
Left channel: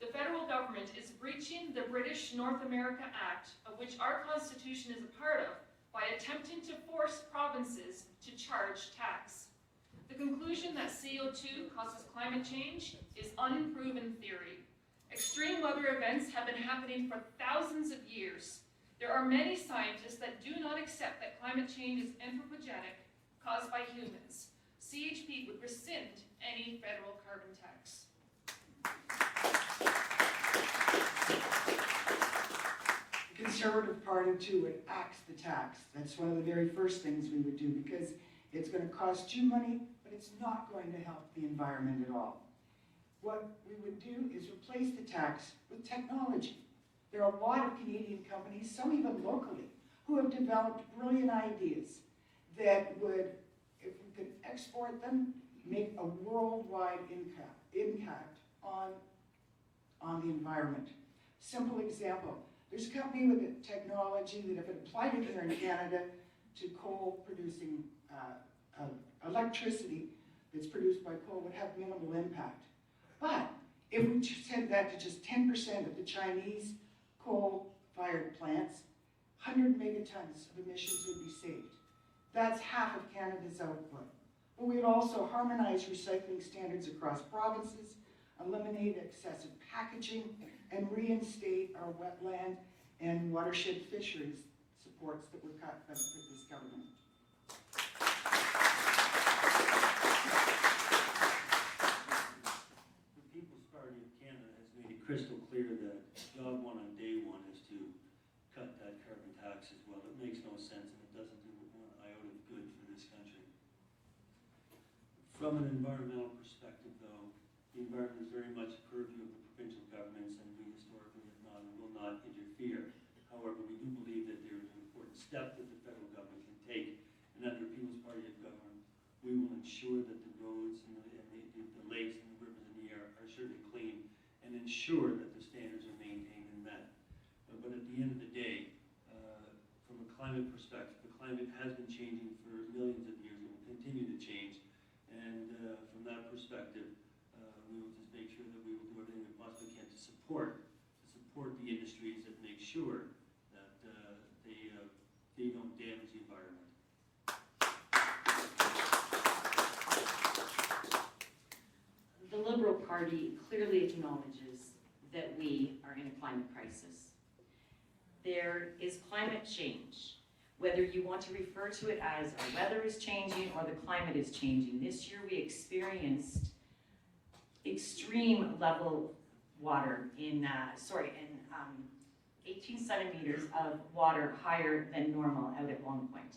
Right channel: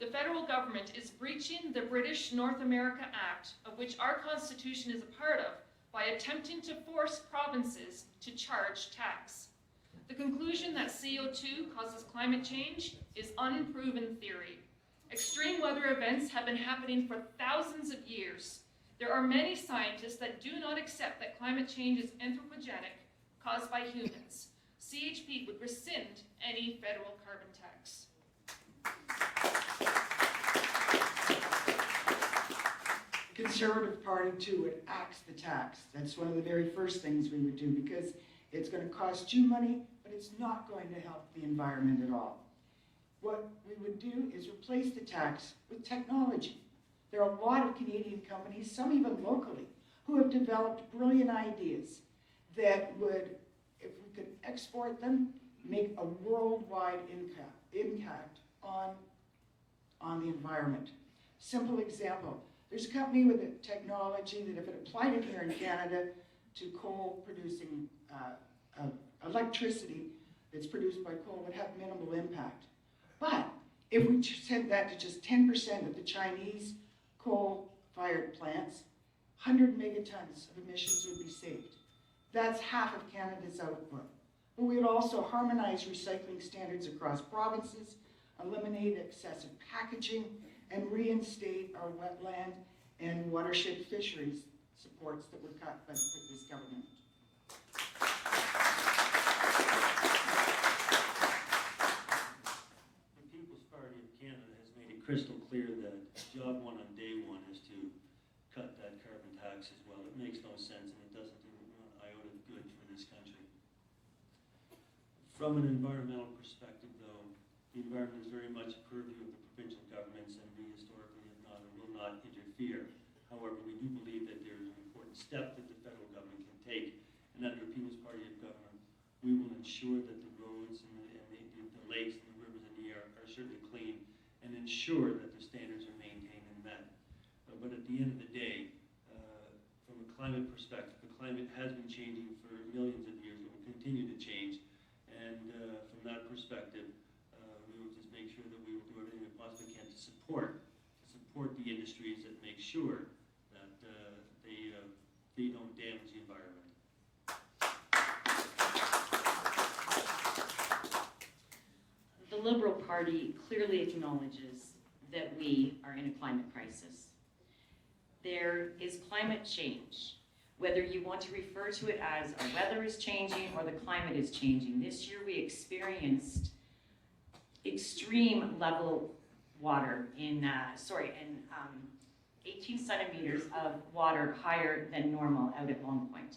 The federal government is breaching the British North America Act, of which our Constitution is a part of, by attempting to force provinces to charge tax. The conclusion that CO2 causes climate change is unproven theory. Extreme weather events have been happening for thousands of years. There are many scientists that do not accept that climate change is anthropogenic, caused by humans. CHP would rescind any federal carbon tax. The Conservative Party too would axe the tax. That's one of the very first things we would do, because it's going to cost you money, but it's not going to help the environment at all. What we would do is replace the tax with technology. There are a lot of Canadian companies, some even locally, who have developed brilliant ideas that would, if we could export them, make a worldwide impact on the environment. Simple example, there's a company with a technology that if it applied it here in Canada to coal producing electricity that's produced by coal would have minimal impact. But if we sent that to just 10% of the Chinese coal-fired plants, 100 megatons of emissions would be saved. That's half of Canada's output. But we would also harmonize recycling standards across provinces, eliminate excessive packaging, and reinstate our wetland and watershed fisheries supports that were cut by this government. Crystal clear that job one on day one is to cut that carbon tax as well. It makes no sense, and it doesn't do one iota of good for this country. From an environmental perspective, though, the environment is very much a purview of the provincial governments, and we historically have not and will not interfere. However, we do believe that there is an important step that the federal government can take, and under People's Party of Government, we will ensure that the roads and the lakes and the rivers and the air are certainly clean, and ensure that the standards are maintained and met. But at the end of the day, from a climate perspective, the climate has been changing for millions of years and will continue to change. And from that perspective, we will just make sure that we will do everything we possibly can to support the industries that make sure that they don't damage the environment. The Liberal Party clearly acknowledges that we are in a climate crisis. there is climate change. Whether you want to refer to it as our weather is changing or the climate is changing. This year we experienced extreme level water in 18 centimeters of water higher than normal out at Long Point.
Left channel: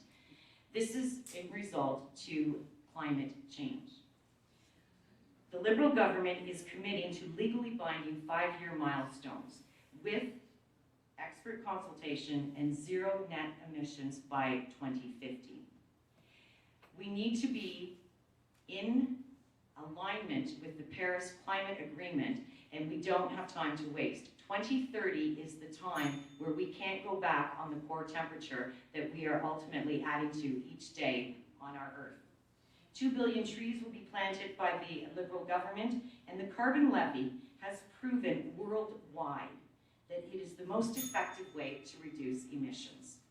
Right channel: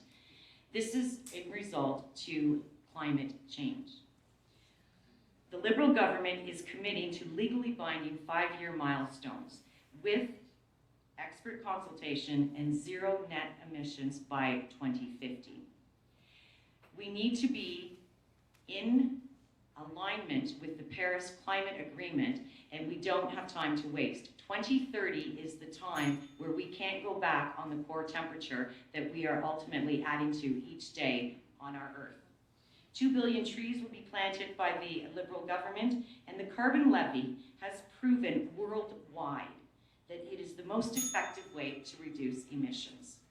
This is in result to climate change. The Liberal government is committing to legally binding 5-year milestones with expert consultation and zero net emissions by 2050. We need to be in alignment with the Paris Climate Agreement, and we don't have time to waste. 2030 is the time where we can't go back on the core temperature that we are ultimately adding to each day on our Earth. 2 billion trees will be planted by the Liberal government, and the carbon levy has proven worldwide that it is the most effective way to reduce emissions.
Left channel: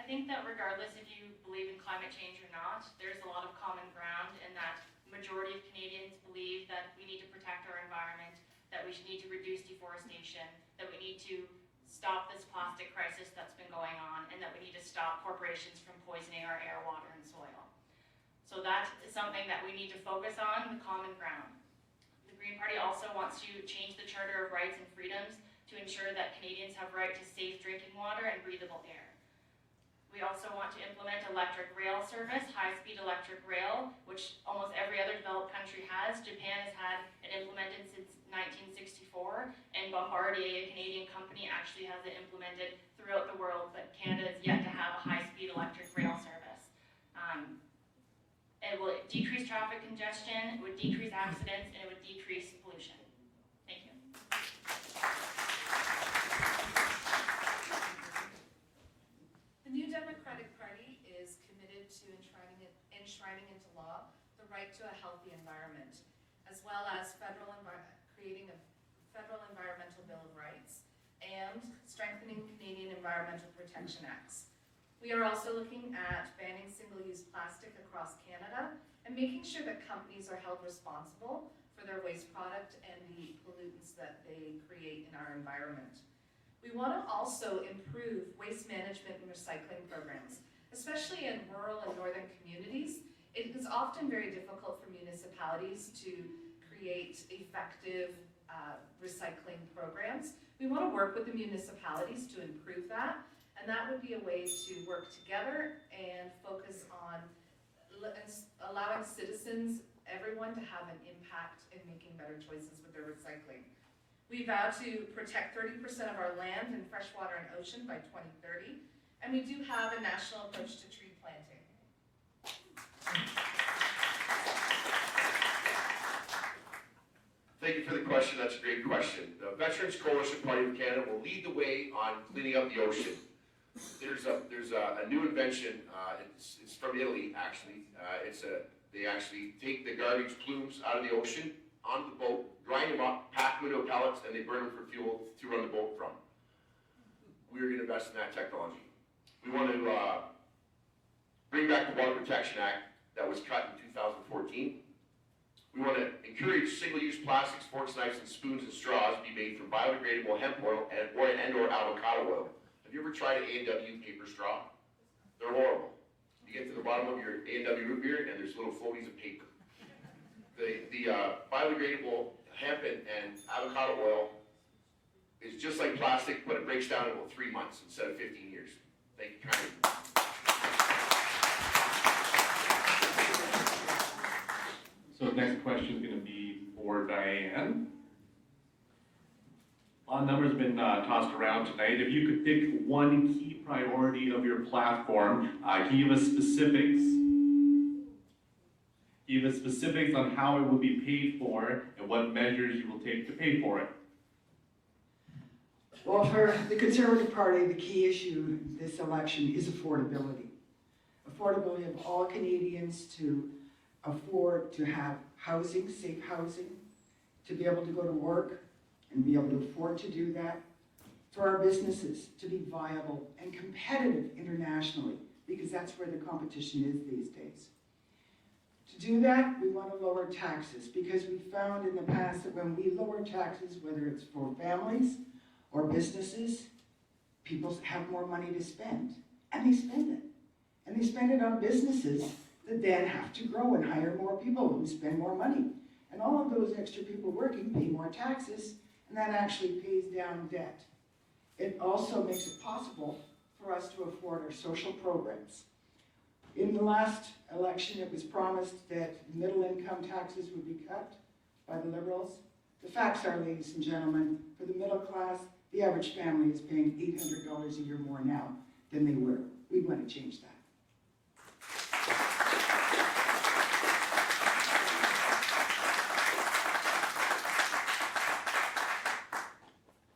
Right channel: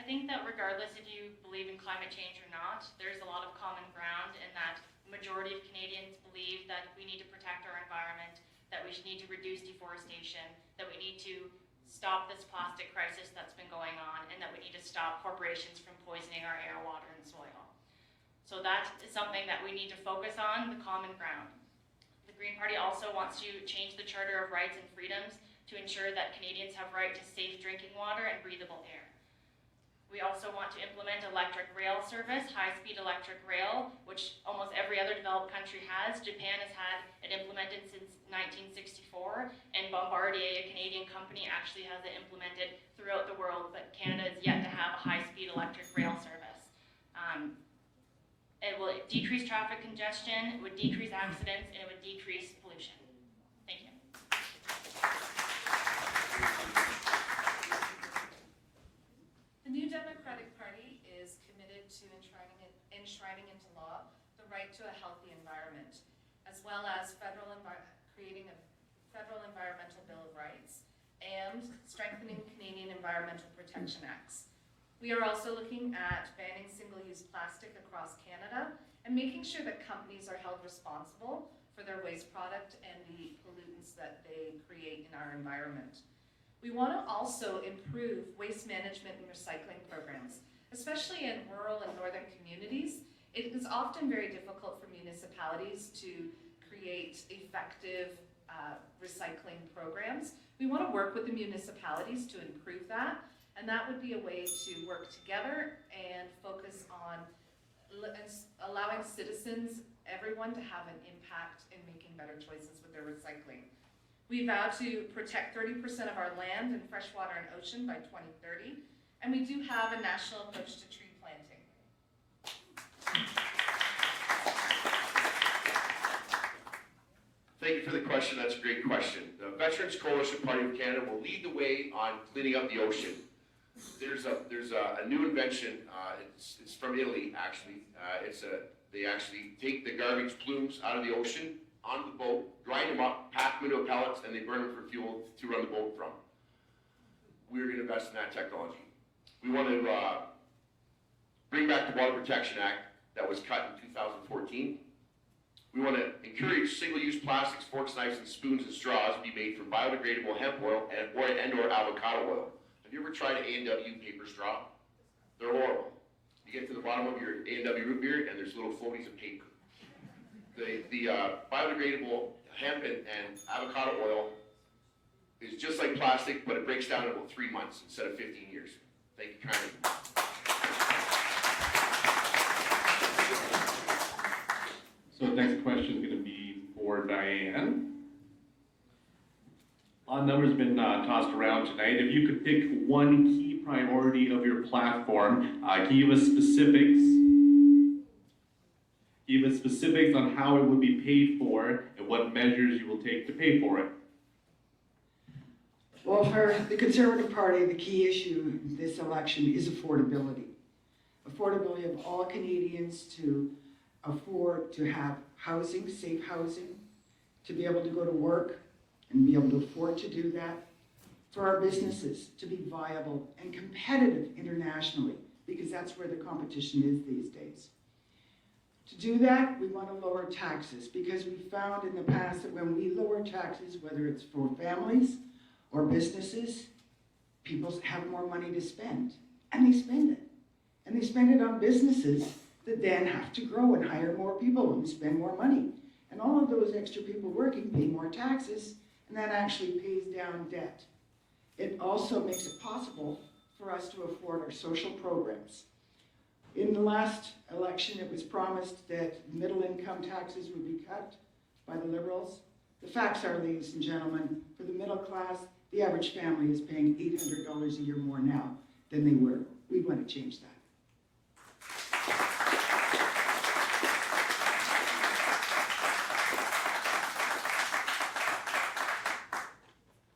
I think that regardless if you believe in climate change or not, there's a lot of common ground in that the majority of Canadians believe that we need to protect our environment, that we need to reduce deforestation, that we need to stop this plastic crisis that's been going on, and that we need to stop corporations from poisoning our air, water, and soil. So that is something that we need to focus on, the common ground. The Green Party also wants to change the Charter of Rights and Freedoms to ensure that Canadians have right to safe drinking water and breathable air. We also want to implement electric rail service, high-speed electric rail, which almost every other developed country has. Japan has had it implemented since 1964, and Bombardier, a Canadian company, actually has it implemented throughout the world, but Canada is yet to have a high-speed electric rail service. It will decrease traffic congestion, it would decrease accidents, and it would decrease pollution. Thank you. The New Democratic Party is committed to enshrining into law the right to a healthy environment, as well as creating a federal environmental bill of rights and strengthening Canadian environmental protection acts. We are also looking at banning single-use plastic across Canada and making sure that companies are held responsible for their waste product and the pollutants that they create in our environment. We want to also improve waste management and recycling programs, especially in rural and northern communities. It is often very difficult for municipalities to create effective recycling programs. We want to work with the municipalities to improve that, and that would be a way to work together and focus on allowing citizens, everyone, to have an impact in making better choices with their recycling. We vow to protect 30% of our land and freshwater and ocean by 2030, and we do have a national approach to tree planting. Thank you for the question. That's a great question. The Veterans Coalition Party of Canada will lead the way on cleaning up the ocean. There's a new invention. It's from Italy, actually. They actually take the garbage plumes out of the ocean onto the boat, grind them up, pack them into pellets, and they burn them for fuel to run the boat from. We're going to invest in that technology. We want to bring back the Water Protection Act that was cut in 2014. We want to encourage single-use plastics, forks, knives, and spoons and straws be made from biodegradable hemp oil and/or avocado oil. Have you ever tried an A&W paper straw? They're horrible. You get to the bottom of your A&W root beer, and there's little floaties of paper. The biodegradable hemp and avocado oil is just like plastic, but it breaks down in about 3 months instead of 15 years. Thank you kindly. So the next question is going to be for Diane. A lot of numbers have been tossed around tonight. If you could pick one key priority of your platform, can you give us specifics? Give us specifics on how it will be paid for and what measures you will take to pay for it. Well, for the Conservative Party, the key issue in this election is affordability. Affordability of all Canadians to afford to have housing, safe housing, to be able to go to work and be able to afford to do that, for our businesses to be viable and competitive internationally, because that's where the competition is these days. To do that, we want to lower taxes because we found in the past that when we lower taxes, whether it's for families or businesses, people have more money to spend, and they spend it. And they spend it on businesses that then have to grow and hire more people and spend more money. And all of those extra people working pay more taxes, and that actually pays down debt. It also makes it possible for us to afford our social programs. In the last election, it was promised that middle-income taxes would be cut by the Liberals. The facts are, ladies and gentlemen, for the middle class, the average family is paying $800 a year more now than they were. We want to change that.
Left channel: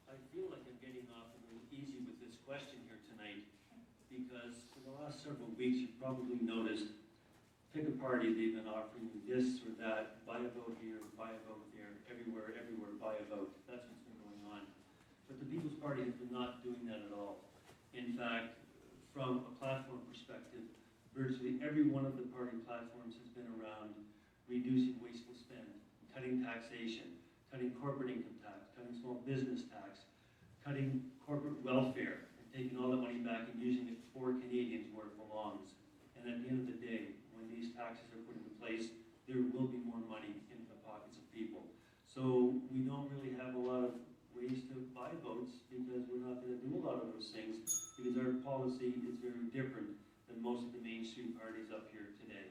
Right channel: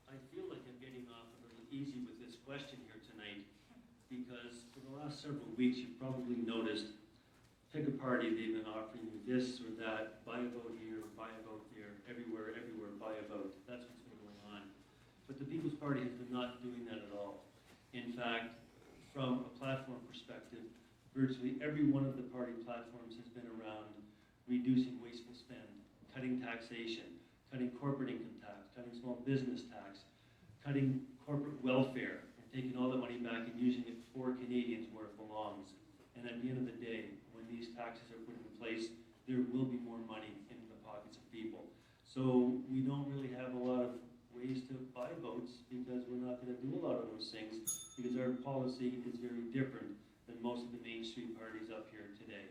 I feel like I'm getting off a little easy with this question here tonight because for the last several weeks you've probably noticed, pick a party, they've been offering you this or that, buy a vote here, buy a vote there, everywhere, buy a vote. That's what's been going on. But the People's Party has been not doing that at all. In fact, from a platform perspective, virtually every one of the party platforms has been around reducing wasteful spend, cutting taxation, cutting corporate income tax, cutting small business tax, cutting corporate welfare, and taking all the money back and using it for Canadians where it belongs. And at the end of the day, when these taxes are put in place, there will be more money in the pockets of people. So we don't really have a lot of ways to buy votes because we're not going to do a lot of those things because our policy is very different than most of the mainstream parties up here today.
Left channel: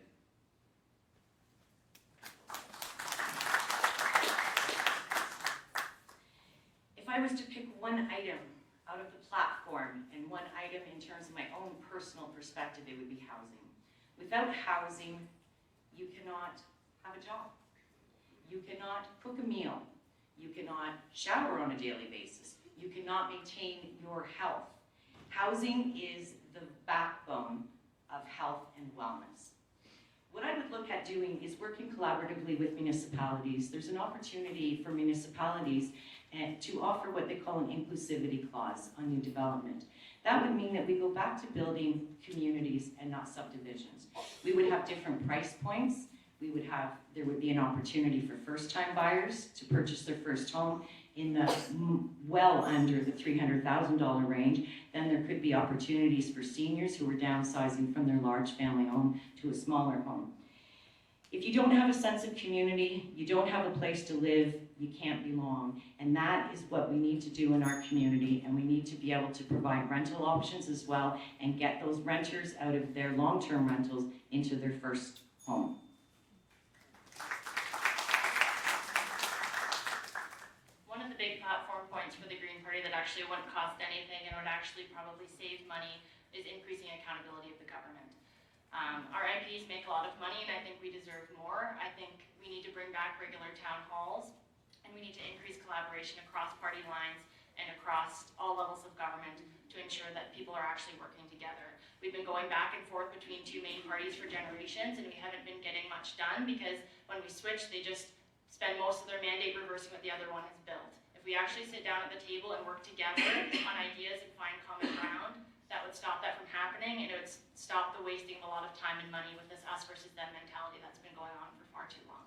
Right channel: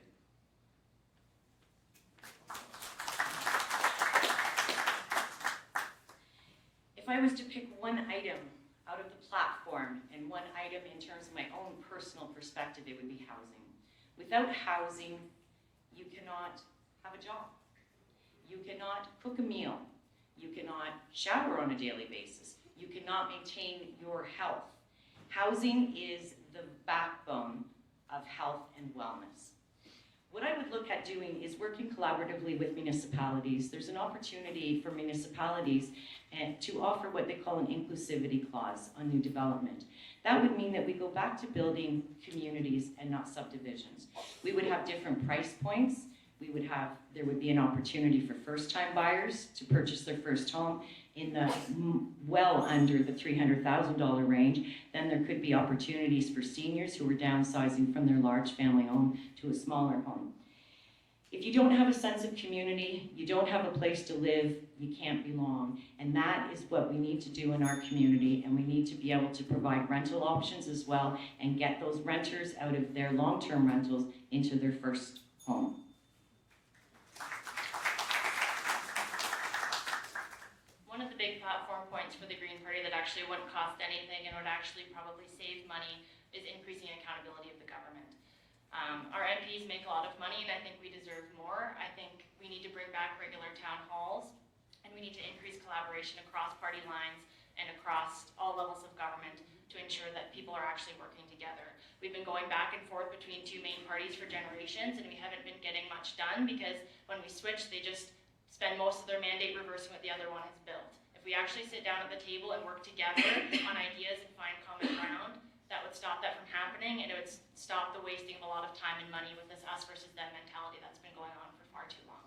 If I was to pick one item out of the platform and one item in terms of my own personal perspective, it would be housing. Without housing, you cannot have a job. You cannot cook a meal. You cannot shower on a daily basis. You cannot maintain your health. Housing is the backbone of health and wellness. What I would look at doing is working collaboratively with municipalities. There's an opportunity for municipalities to offer what they call an inclusivity clause on new development. That would mean that we go back to building communities and not subdivisions. We would have different price points. There would be an opportunity for first-time buyers to purchase their first home in the well under the $300,000 range. Then there could be opportunities for seniors who are downsizing from their large family home to a smaller home. If you don't have a sense of community, you don't have a place to live, you can't belong. And that is what we need to do in our community, and we need to be able to provide rental options as well and get those renters out of their long-term rentals into their first home. One of the big platform points for the Green Party that actually wouldn't cost anything and would actually probably save money is increasing accountability of the government. Our MPs make a lot of money and I think we deserve more. I think we need to bring back regular town halls and we need to increase collaboration across party lines and across all levels of government to ensure that people are actually working together. We've been going back and forth between two main parties for generations and we haven't been getting much done because when we switch, they just spend most of their mandate reversing what the other one has built. If we actually sit down at the table and work together on ideas and find common ground, that would stop that from happening and it would stop the wasting of a lot of time and money with this us versus them mentality that's been going on for far too long.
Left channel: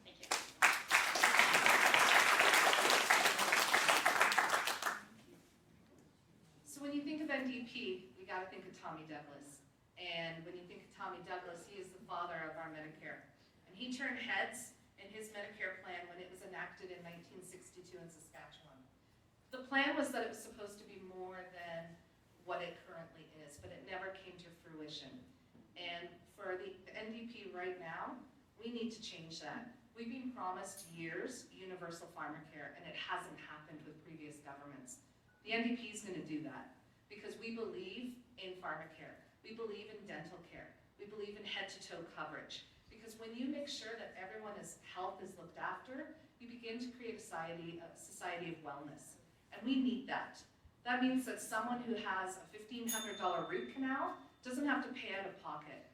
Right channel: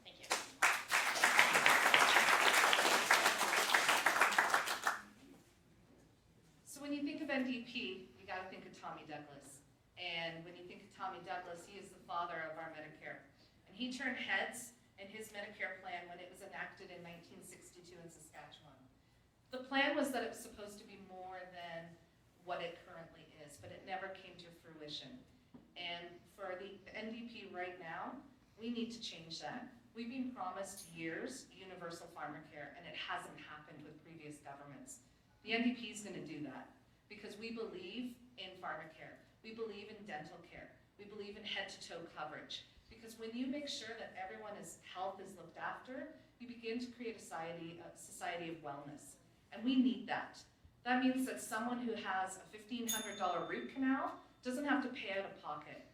Thank you. So when you think of NDP, you got to think of Tommy Douglas. And when you think of Tommy Douglas, he is the father of our Medicare. And he turned heads in his Medicare plan when it was enacted in 1962 in Saskatchewan. The plan was that it was supposed to be more than what it currently is, but it never came to fruition. And for the NDP right now, we need to change that. We've been promised years universal pharmacare, and it hasn't happened with previous governments. The NDP is going to do that because we believe in pharmacare. We believe in dental care. We believe in head-to-toe coverage. Because when you make sure that everyone's health is looked after, you begin to create a society of wellness. And we need that. That means that someone who has a $1,500 root canal doesn't have to pay out of pocket.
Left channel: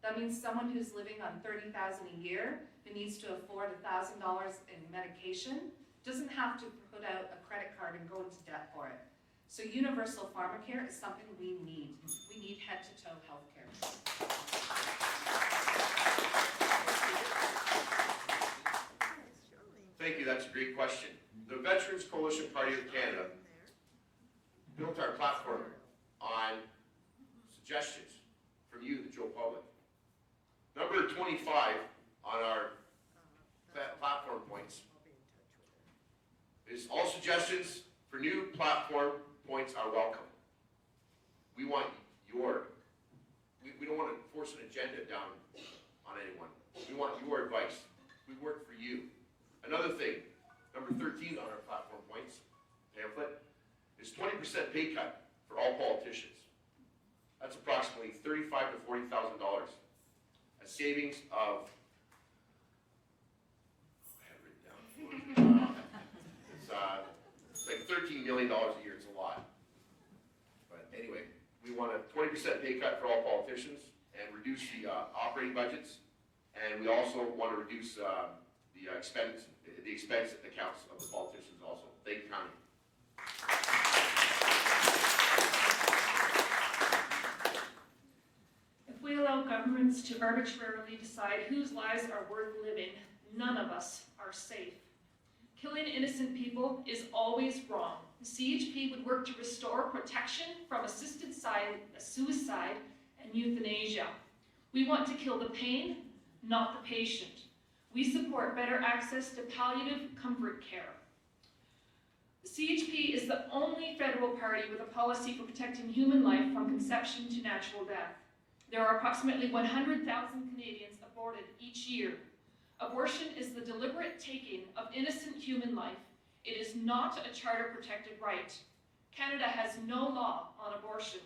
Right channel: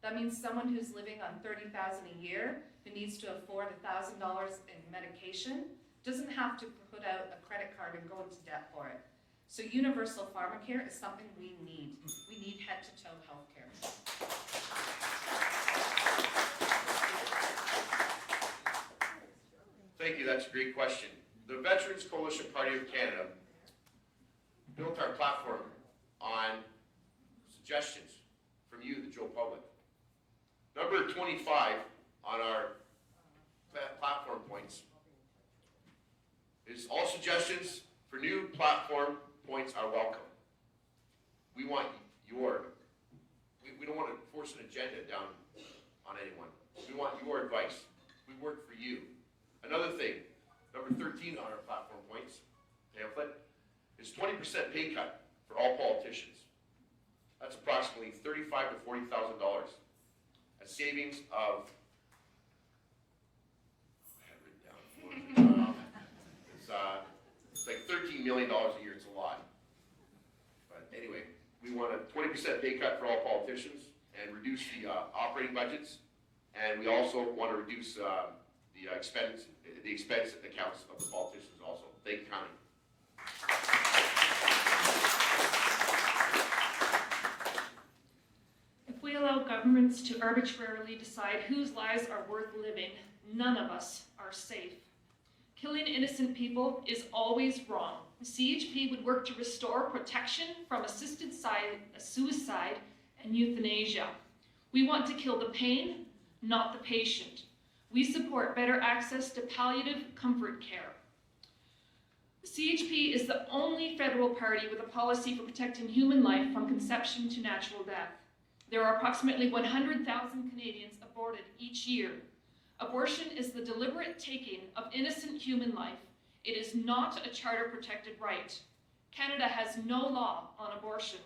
That means someone who's living on $30,000 a year, who needs to afford $1,000 in medication, doesn't have to put out a credit card and go into debt for it. So universal pharmacare is something we need. We need head-to-toe healthcare. great question. The Veterans Coalition Party of Canada built our platform on suggestions from you, the Joe public. Number 25 on our platform points is all suggestions for new platform points are welcome. We want we don't want to force an agenda down on anyone. We want your advice. We work for you. Another thing, number 13 on our platform points pamphlet is 20% pay cut for all politicians. That's approximately $35,000 to $40,000. A savings of, I have it written down. It's like $13 million a year. It's a lot. But anyway, we want a 20% pay cut for all politicians and reduce the operating budgets. And we also want to reduce the expense accounts of the politicians also. Thank you, Connie. If we allow governments to arbitrarily decide whose lives are worth living, none of us are safe. Killing innocent people is always wrong. The CHP would work to restore protection from assisted suicide and euthanasia. We want to kill the pain, not the patient. We support better access to palliative comfort care. The CHP is the only federal party with a policy for protecting human life from conception to natural death. There are approximately 100,000 Canadians aborted each year. Abortion is the deliberate taking of innocent human life. It is not a charter-protected right. Canada has no law on abortion.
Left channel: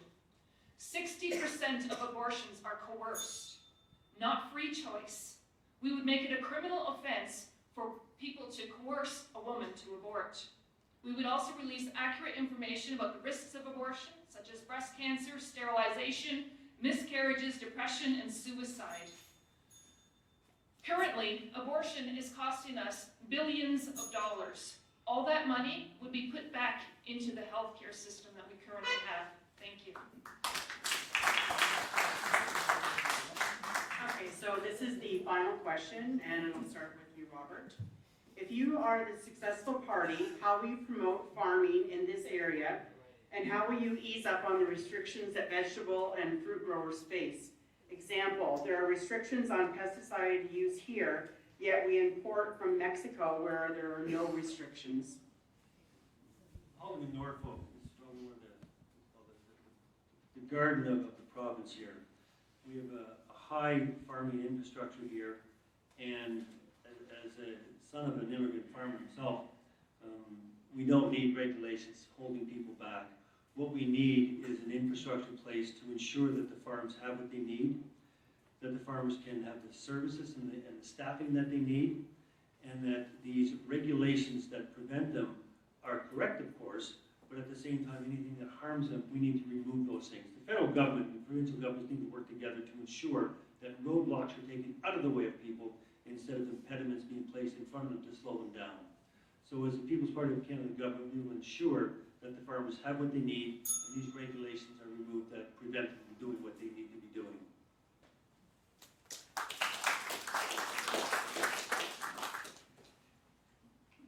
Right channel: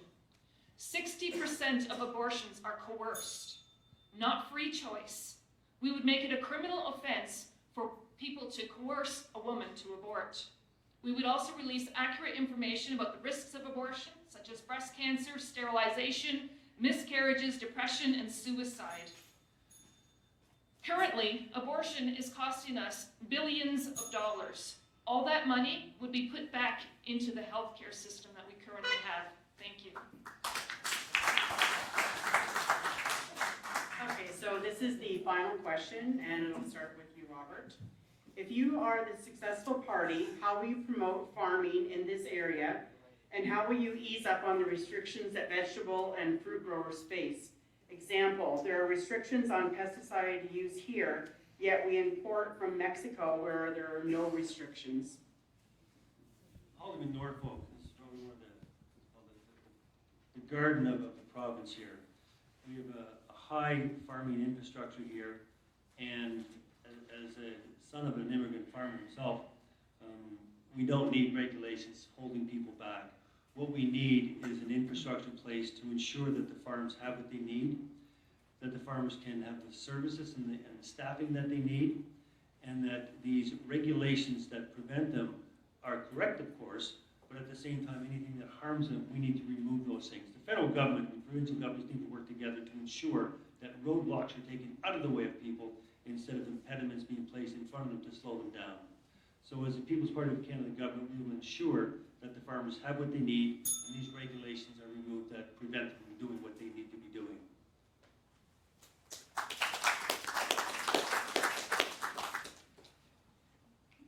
60% of abortions are coerced, not free choice. We would make it a criminal offense for people to coerce a woman to abort. We would also release accurate information about the risks of abortion, such as breast cancer, sterilization, miscarriages, depression, and suicide. Currently, abortion is costing us billions of dollars. All that money would be put back into the healthcare system that we currently have. Thank you. Okay, so this is the final question, and it'll start with you, Robert. If you are the successful party, how will you promote farming in this area, and how will you ease up on the restrictions that vegetable and fruit growers face? Example, there are restrictions on pesticide use here, yet we import from Mexico where there are no restrictions. Alderman Norfolk is probably one of the garden of the province here. We have a high farming infrastructure here, and as a son of an immigrant farmer himself, we don't need regulations holding people back. What we need is an infrastructure in place to ensure that the farms have what they need, that the farmers can have the services and the staffing that they need, and that these regulations that prevent them are correct, of course, but at the same time, anything that harms them, we need to remove those things. The federal government and provincial governments need to work together to ensure that roadblocks are taken out of the way of people instead of impediments being placed in front of them to slow them down. So as the People's Party of Canada government, we will ensure that the farmers have what they need and these regulations are removed that prevent them from doing what they need to be doing.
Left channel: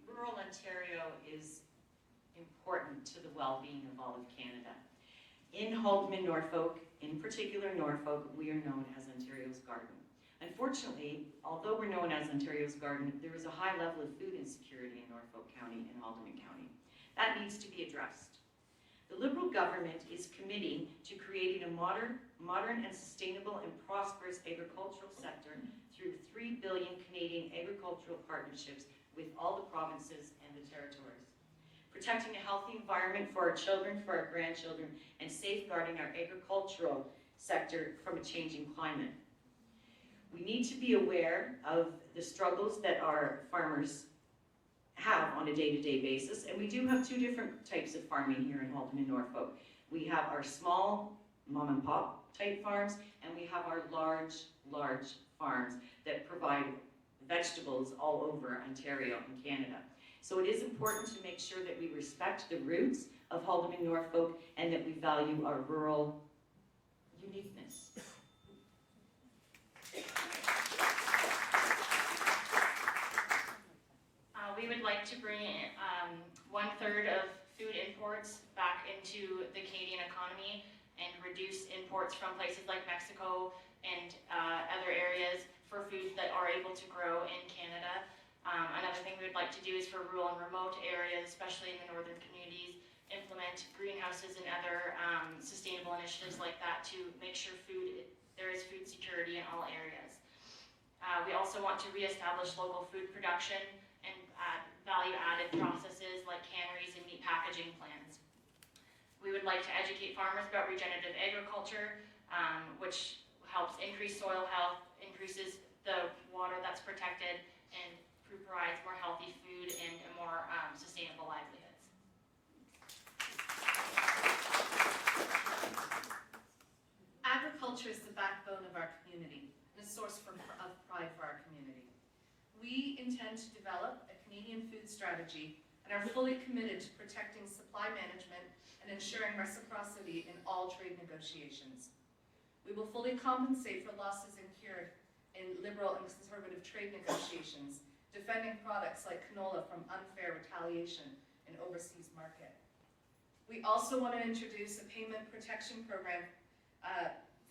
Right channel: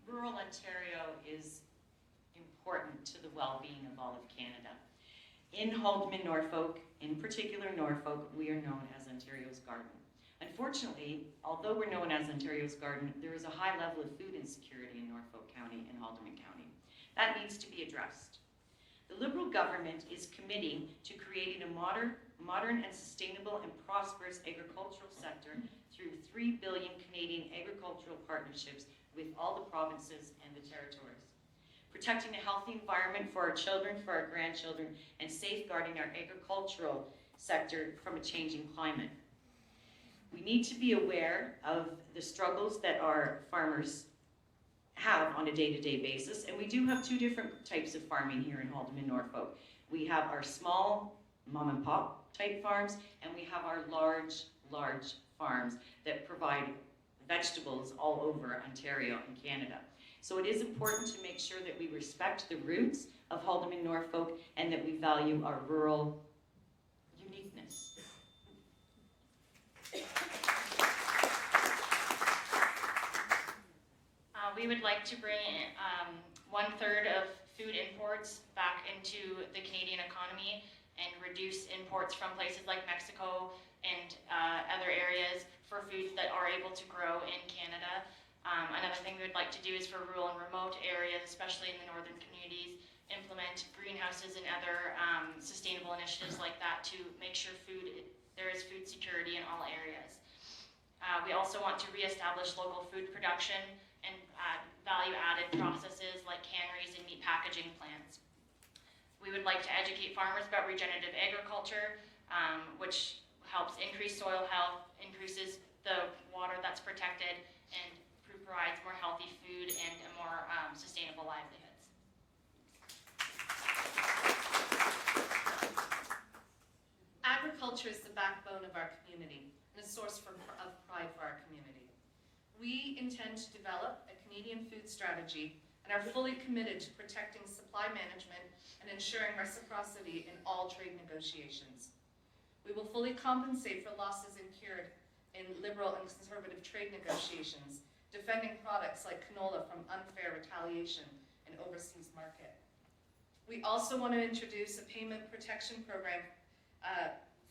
Rural Ontario is important to the well-being of all of Canada. In Haldimand, Norfolk, in particular Norfolk, we are known as Ontario's garden. Unfortunately, although we're known as Ontario's garden, there is a high level of food insecurity in Norfolk County and Haldimand County. That needs to be addressed. The Liberal government is committing to creating a modern and sustainable and prosperous agricultural sector through 3 billion Canadian agricultural partnerships with all the provinces and the territories. Protecting a healthy environment for our children, for our grandchildren, and safeguarding our agricultural sector from a changing climate. We need to be aware of the struggles that our farmers have on a day-to-day basis, and we do have two different types of farming here in Haldimand, Norfolk. We have our small mom-and-pop type farms, and we have our large farms that provide vegetables all over Ontario and Canada. So it is important to make sure that we respect the roots of Haldimand, Norfolk, and that we value our rural uniqueness. We would like like to bring 1/3 of food imports back into the Canadian economy and reduce imports from places like Mexico and other areas for foods that are able to grow in Canada. Another thing we would like to do is for rural and remote areas, especially in the northern communities, implement greenhouses and other sustainable initiatives like that to make sure there is food security in all areas. We also want to reestablish local food production and value-added processes like canneries and meat packaging plants. We would like to educate farmers about regenerative agriculture, which helps increase soil health, increases the water that's protected, and provides more healthy food and a more sustainable livelihoods. Agriculture is the backbone of our community and a source of pride for our community. We intend to develop a Canadian food strategy and are fully committed to protecting supply management and ensuring reciprocity in all trade negotiations. We will fully compensate for losses incurred in liberal and conservative trade negotiations, defending products like canola from unfair retaliation in overseas market. We also want to introduce a payment protection program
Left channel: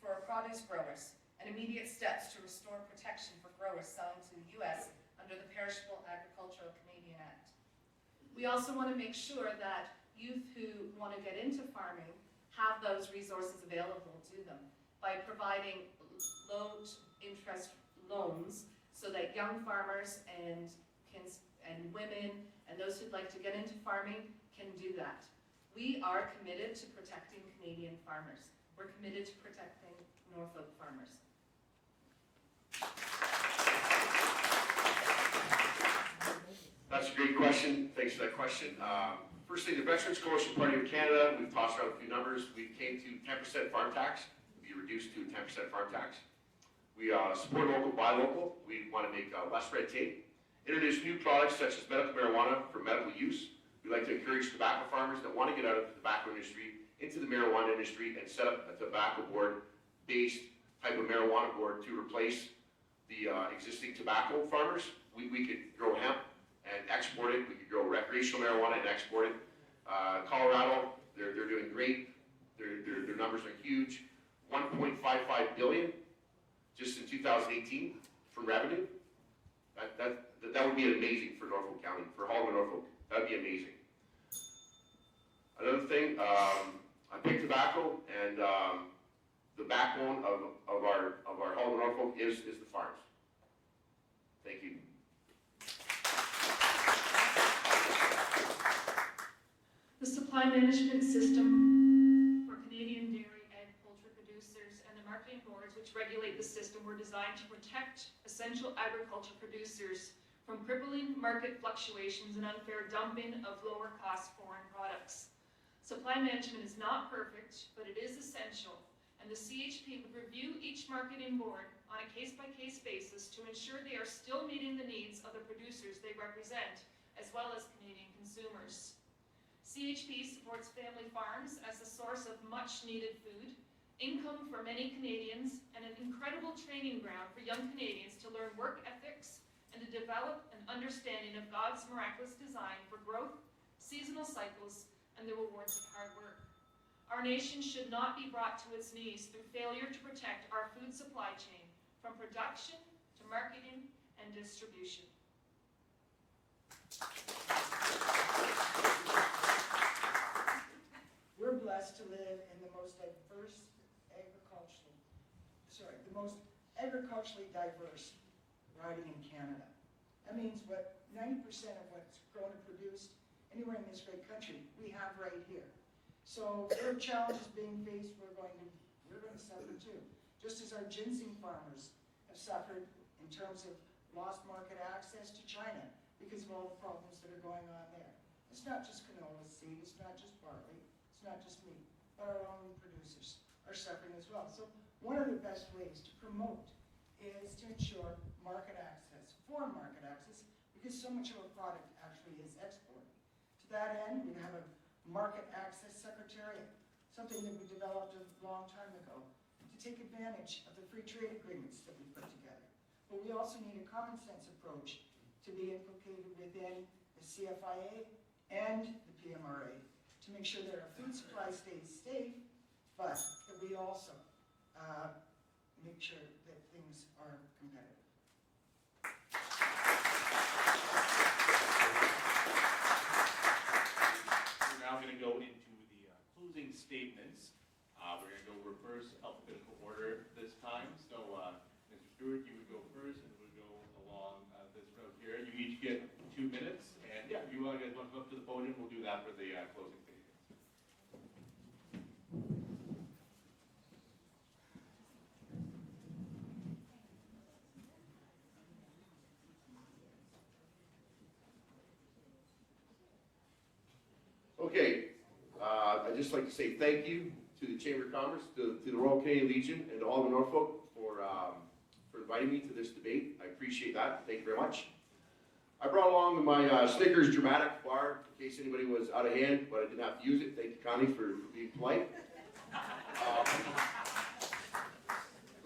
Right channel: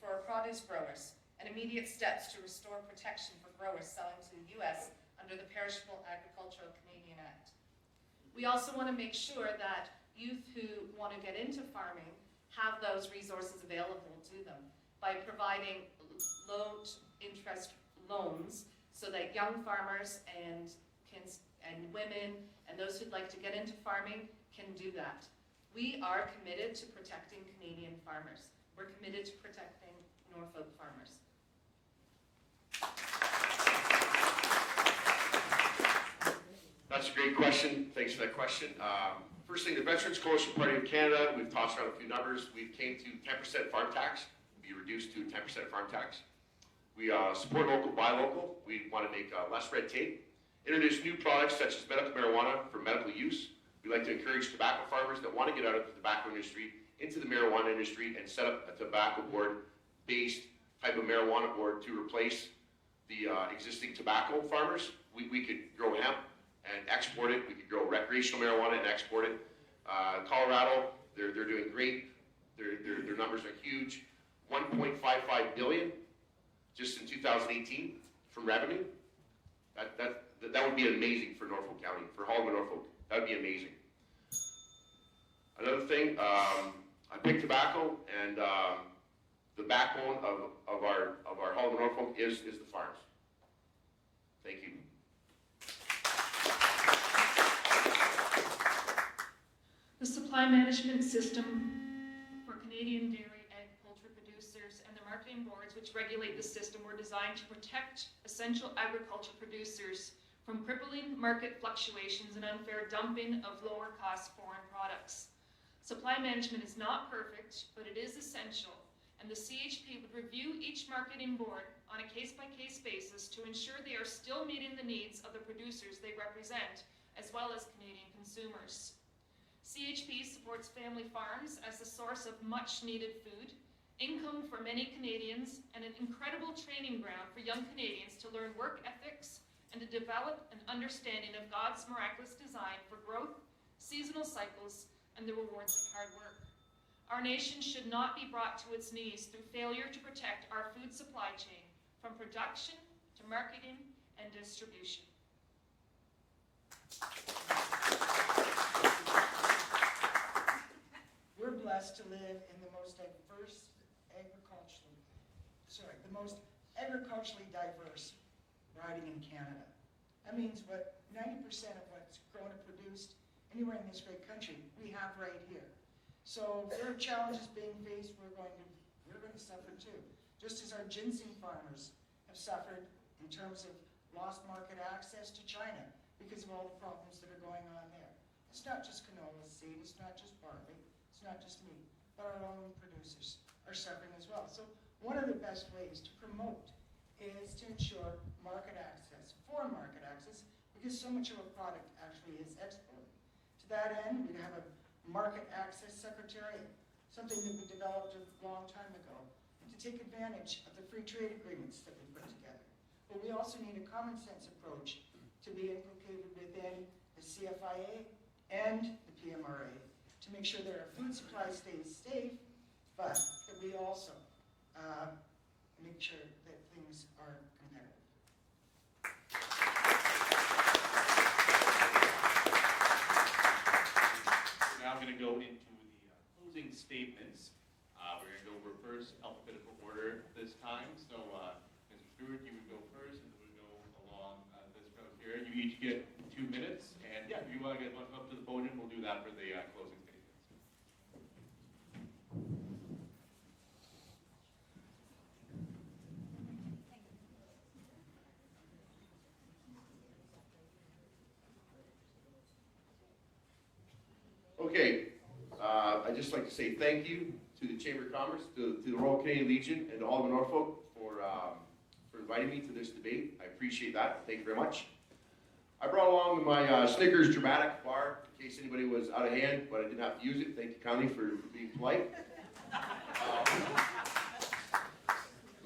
for produce growers and immediate steps to restore protection for growers selling to the U.S. under the Perishable Agricultural Canadian Act. We also want to make sure that youth who want to get into farming have those resources available to them by providing low-interest loans so that young farmers and women and those who'd like to get into farming can do that. We are committed to protecting Canadian farmers. We're committed to protecting Norfolk farmers. That's a great question. Thanks for that question. First thing, the Veterans Coalition Party of Canada, we've tossed around a few numbers. We came to 10% farm tax, be reduced to 10% farm tax. We support local, buy local. We want to make less red tape. Introduce new products such as medical marijuana for medical use. We like to encourage tobacco farmers that want to get out of the tobacco industry into the marijuana industry and set up a tobacco board-based type of marijuana board to replace the existing tobacco farmers. We could grow hemp and export it. We could grow recreational marijuana and export it. Colorado, they're doing great. Their numbers are huge. $1.55 billion just in 2018 from revenue. That would be amazing for Norfolk County, for Hollywood, Norfolk. That would be amazing. Another thing, I pick tobacco, and the backbone of our Hollywood, Norfolk is the farms. Thank you. The supply management system for Canadian dairy and poultry producers and the marketing boards which regulate the system were designed to protect essential agriculture producers from crippling market fluctuations and unfair dumping of lower cost foreign products. Supply management is not perfect, but it is essential, and the CHP would review each marketing board on a case-by-case basis to ensure they are still meeting the needs of the producers they represent, as well as Canadian consumers. CHP supports family farms as a source of much-needed food, income for many Canadians, and an incredible training ground for young Canadians to learn work ethics and to develop an understanding of God's miraculous design for growth, seasonal cycles, and the rewards of hard work. Our nation should not be brought to its knees through failure to protect our food supply chain from production to marketing and distribution. We're blessed to live in the most agriculturally diverse riding in Canada. That means 90% of what's grown and produced anywhere in this great country, we have right here. So there are challenges being faced we're going to suffer too. Just as our ginseng farmers have suffered in terms of lost market access to China because of all the problems that are going on there. It's not just canola seed, it's not just barley, it's not just meat, but our own producers are suffering as well. So one of the best ways to promote is to ensure market access, foreign market access, because so much of a product actually is exported. To that end, we have a market access secretariat, something that we developed a long time ago, to take advantage of the free trade agreements that we put together. But we also need a common sense approach to be inculcated within the the CFIA, and the PMRA to make sure that our food supply stays safe, but that we also make sure that things are competitive. We're now going to go into the closing statements. We're going to go reverse alphabetical order this time. So, Mr. Stewart, you would go first, and we'll go along this road here. You each get 2 minutes, and yeah, if you guys want to come up to the podium, we'll do that for the closing statements. Okay, I'd just like to say thank you to the Chamber of Commerce, to the Royal Canadian Legion, and to Alderman Norfolk for inviting me to this debate. I appreciate that. Thank you very much. I brought along my Snickers dramatic bar in case anybody was out of hand, but I didn't have to use it. Thank you kindly for being polite. A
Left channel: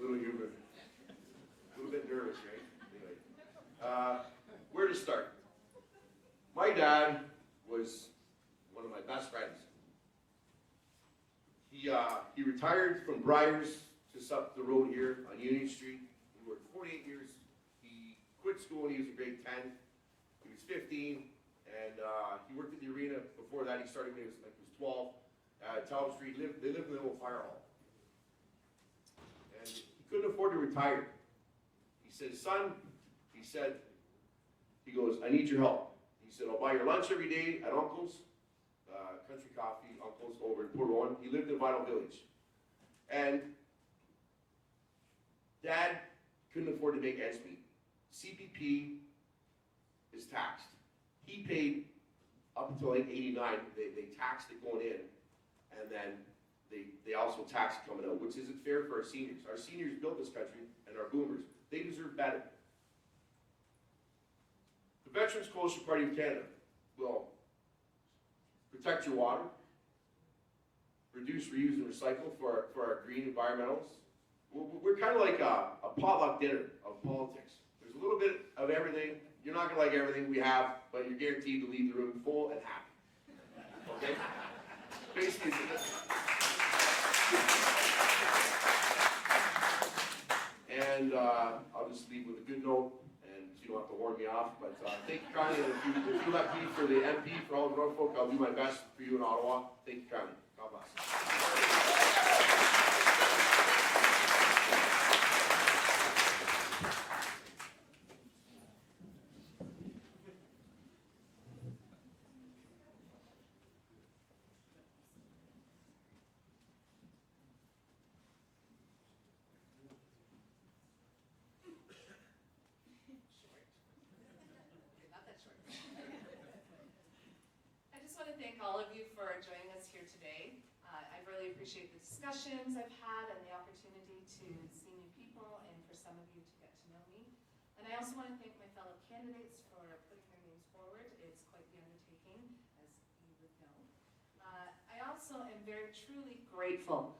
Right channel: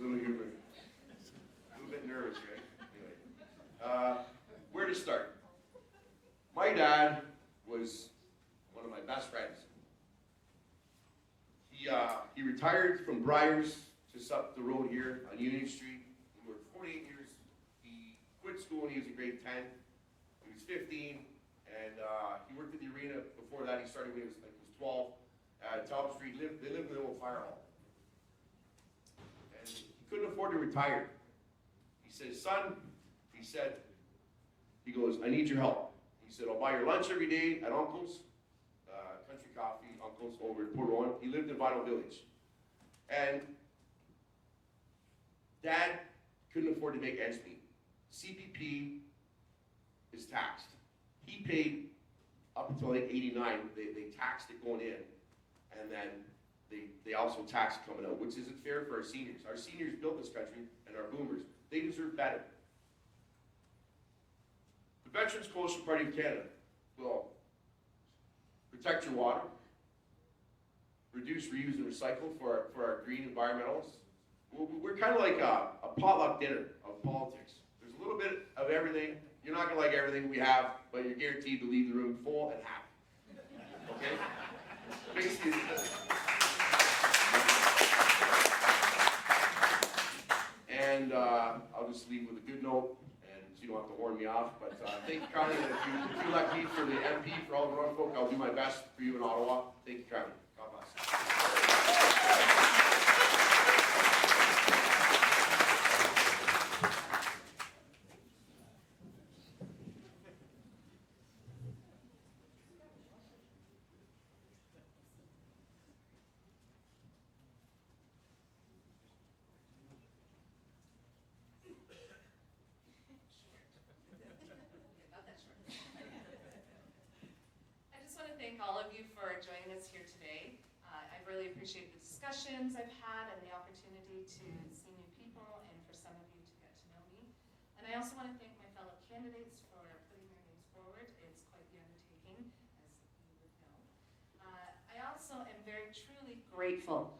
little humor. A little bit nervous, right? Anyway, where to start? My dad was one of my best friends. He retired from Briars just up the road here on Union Street. He worked 48 years. He quit school when he was in grade 10. He was 15, and he worked at the arena. Before that, he started when he was 12 at Talbot Street. They lived in the old fire hall. And he couldn't afford to retire. He said, son, he goes, I need your help. He said, I'll buy your lunch every day at Uncle's. Country Coffee, Uncle's over in Port Rowan. He lived in Vinyl Village. And Dad couldn't afford to make ends meet. CPP is taxed. He paid up until like 89, they taxed it going in, and then they also taxed it coming out, which isn't fair for our seniors. Our seniors built this country, and our boomers, they deserve better. The Veterans Coalition Party of Canada will protect your water, reduce, reuse, and recycle for our green environmentalists. We're kind of like a potluck dinner of politics. There's a little bit of everything. You're not going to like everything we have, but you're guaranteed to leave the room full and happy. Okay? Basically, and I'll just leave with a good note. You don't have to warn me off, but thank you kindly. And if you elect me for the MP for all of Norfolk, I'll do my best for you in Ottawa. Thank you kindly. God bless. I just want to thank all of you for joining us here today. I really appreciate the discussions I've had and the opportunity to see new people and for some of you to get to know me. And I also want to thank my fellow candidates for putting their names forward. It's quite the undertaking, as you would know. I also am very truly grateful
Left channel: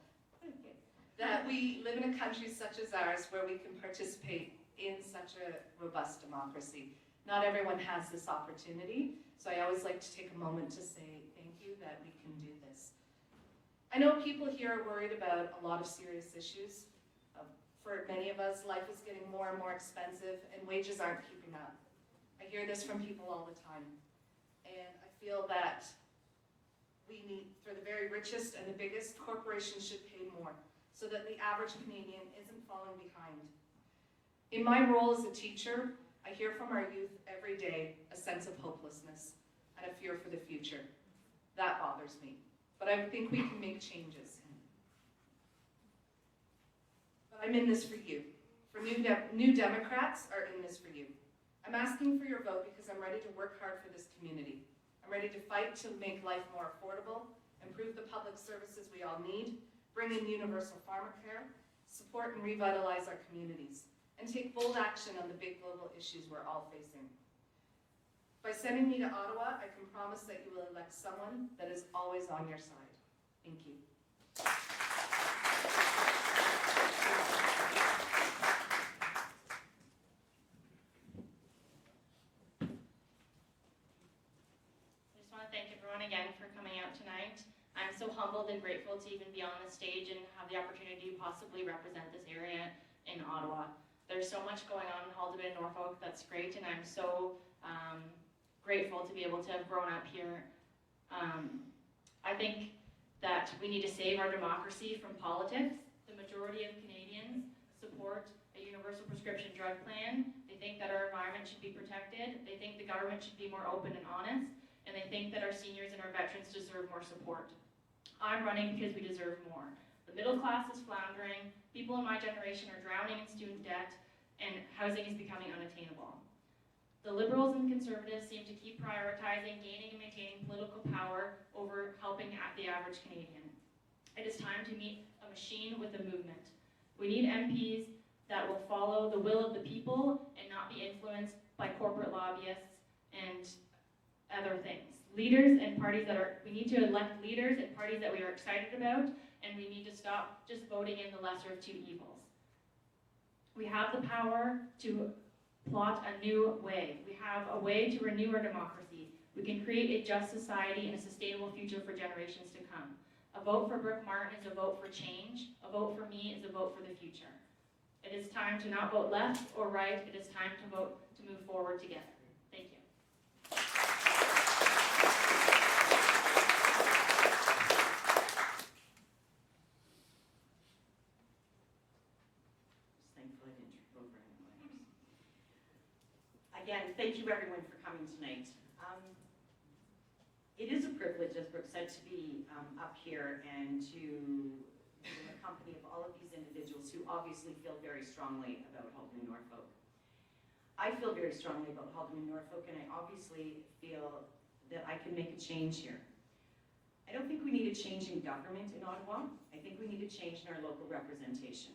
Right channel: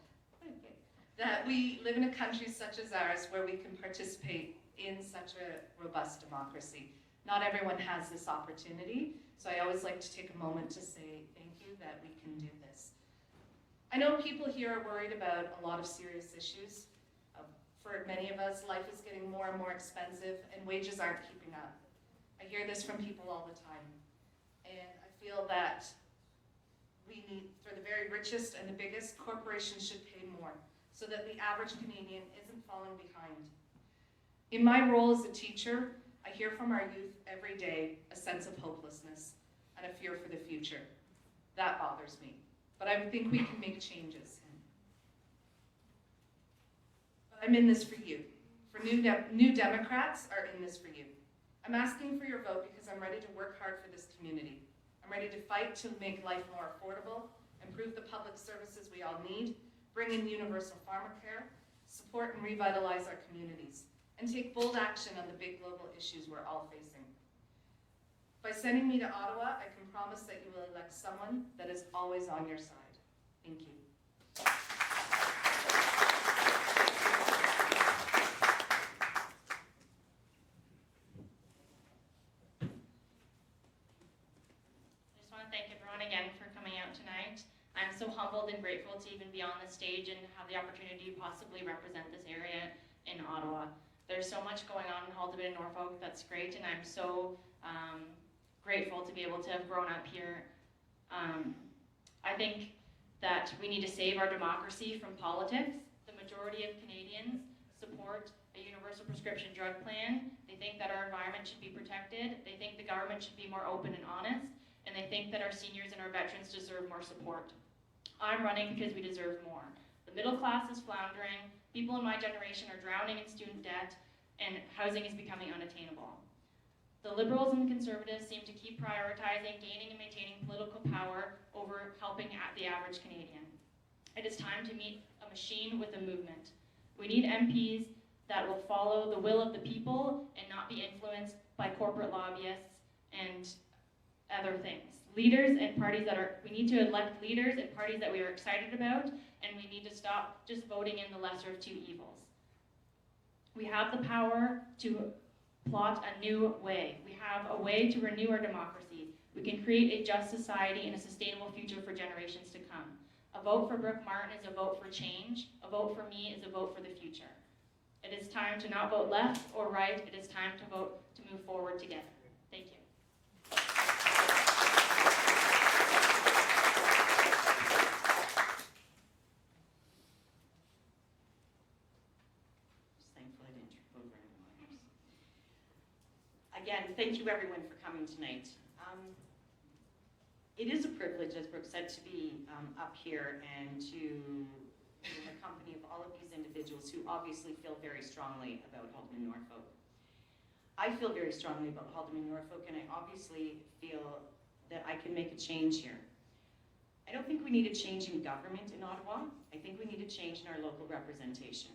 that we live in a country such as ours where we can participate in such a robust democracy. Not everyone has this opportunity, so I always like to take a moment to say thank you that we can do this. I know people here are worried about a lot of serious issues. For many of us, life is getting more and more expensive and wages aren't keeping up. I hear this from people all the time. And I feel that we need, for the very richest and the biggest, corporations should pay more so that the average Canadian isn't falling behind. In my role as a teacher, I hear from our youth every day a sense of hopelessness and a fear for the future. That bothers me, but I think we can make changes. But I'm in this for you. For New Democrats are in this for you. I'm asking for your vote because I'm ready to work hard for this community. I'm ready to fight to make life more affordable, improve the public services we all need, bring in universal pharmacare, support and revitalize our communities, and take bold action on the big global issues we're all facing. By sending me to Ottawa, I can promise that you will elect someone that is always on your side. Thank you. grateful to even be on the stage and have the opportunity to possibly represent this area in Ottawa. There's so much going on in Haldimand and Norfolk that's great, and I'm so grateful to be able to have grown up here. I think that we need to save our democracy from politics. The majority of Canadians support a universal prescription drug plan. They think that our environment should be protected. They think the government should be more open and honest. And they think that our seniors and our veterans deserve more support. I'm running because we deserve more. The middle class is floundering. People in my generation are drowning in student debt, and housing is becoming unattainable. The Liberals and Conservatives seem to keep prioritizing gaining and maintaining political power over helping the average Canadian. It is time to meet a machine with a movement. We need MPs that will follow the will of the people and not be influenced by corporate lobbyists and other things. Leaders and parties we need to elect leaders and parties that we are excited about, and we need to stop just voting in the lesser of two evils. We have the power to plot a new way. We have a way to renew our democracy. We can create a just society and a sustainable future for generations to come. A vote for Brooke Martin is a vote for change. A vote for me is a vote for the future. It is time to not vote left or right. It is time to vote to move forward together. Thank you. Again, thank you everyone for coming tonight. It is a privilege, as Brooke said, to be up here and to be in the company of all of these individuals who obviously feel very strongly about Haldimand Norfolk. I feel very strongly about Haldimand Norfolk, and I obviously feel that I can make a change here. I don't think we need a change in government in Ottawa. I think we need a change in our local representation.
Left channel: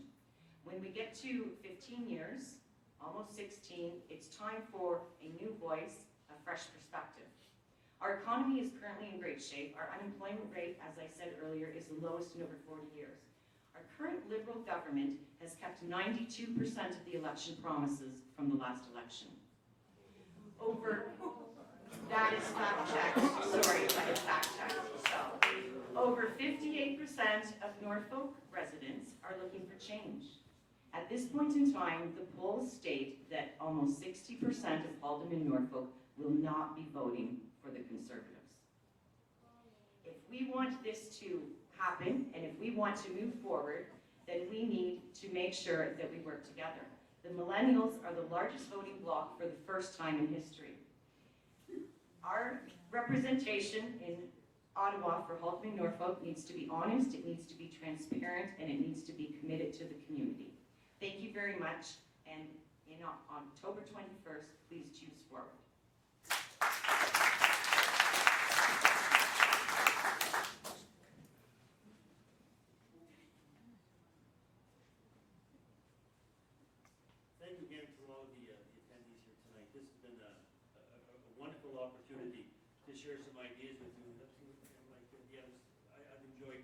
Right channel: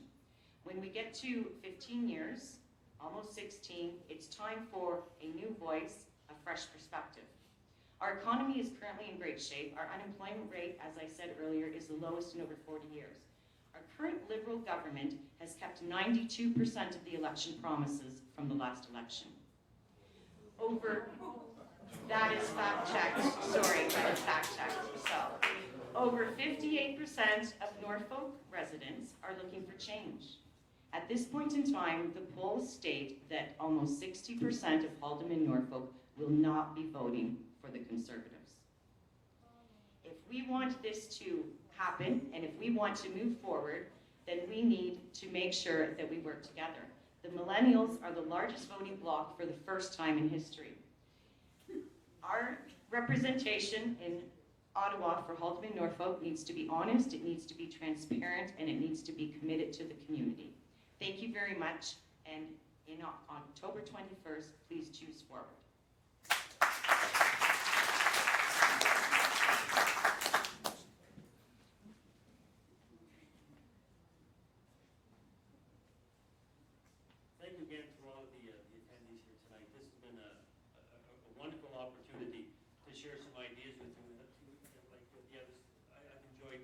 When we get to 15 years, almost 16, it's time for a new voice, a fresh perspective. Our economy is currently in great shape. Our unemployment rate, as I said earlier, is the lowest in over 40 years. Our current Liberal government has kept 92% of the election promises from the last election. That is fact checked, sorry, that is fact checked. So, over 58% of Norfolk residents are looking for change. At this point in time, the polls state that almost 60% of Haldimand Norfolk will not be voting for the Conservatives. If we want this to happen, and if we want to move forward, then we need to make sure that we work together. The millennials are the largest voting bloc for the first time in history. Our representation in Ottawa for Haldimand Norfolk needs to be honest, it needs to be transparent, and it needs to be committed to the community. Thank you very much, and on October 21st, please choose forward. Thank you again for all of the attendees here tonight. This has been a wonderful opportunity to share some ideas with you. I've enjoyed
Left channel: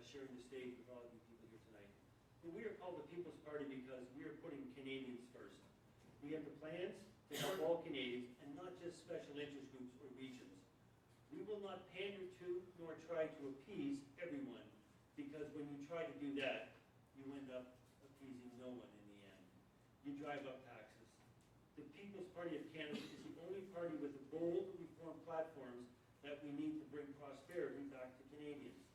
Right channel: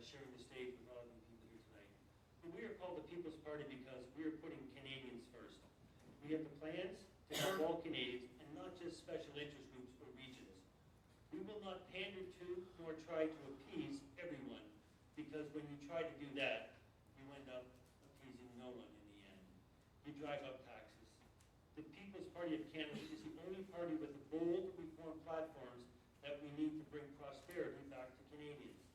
sharing the stage with all of you people here tonight. And we are called the People's Party because we are putting Canadians first. We have the plans to help all Canadians and not just special interest groups or regions. We will not pander to nor try to appease everyone, because when you try to do that, you end up appeasing no one in the end. You drive up taxes. The People's Party of Canada is the only party with the bold reform platforms that we need to bring prosperity back to Canadians.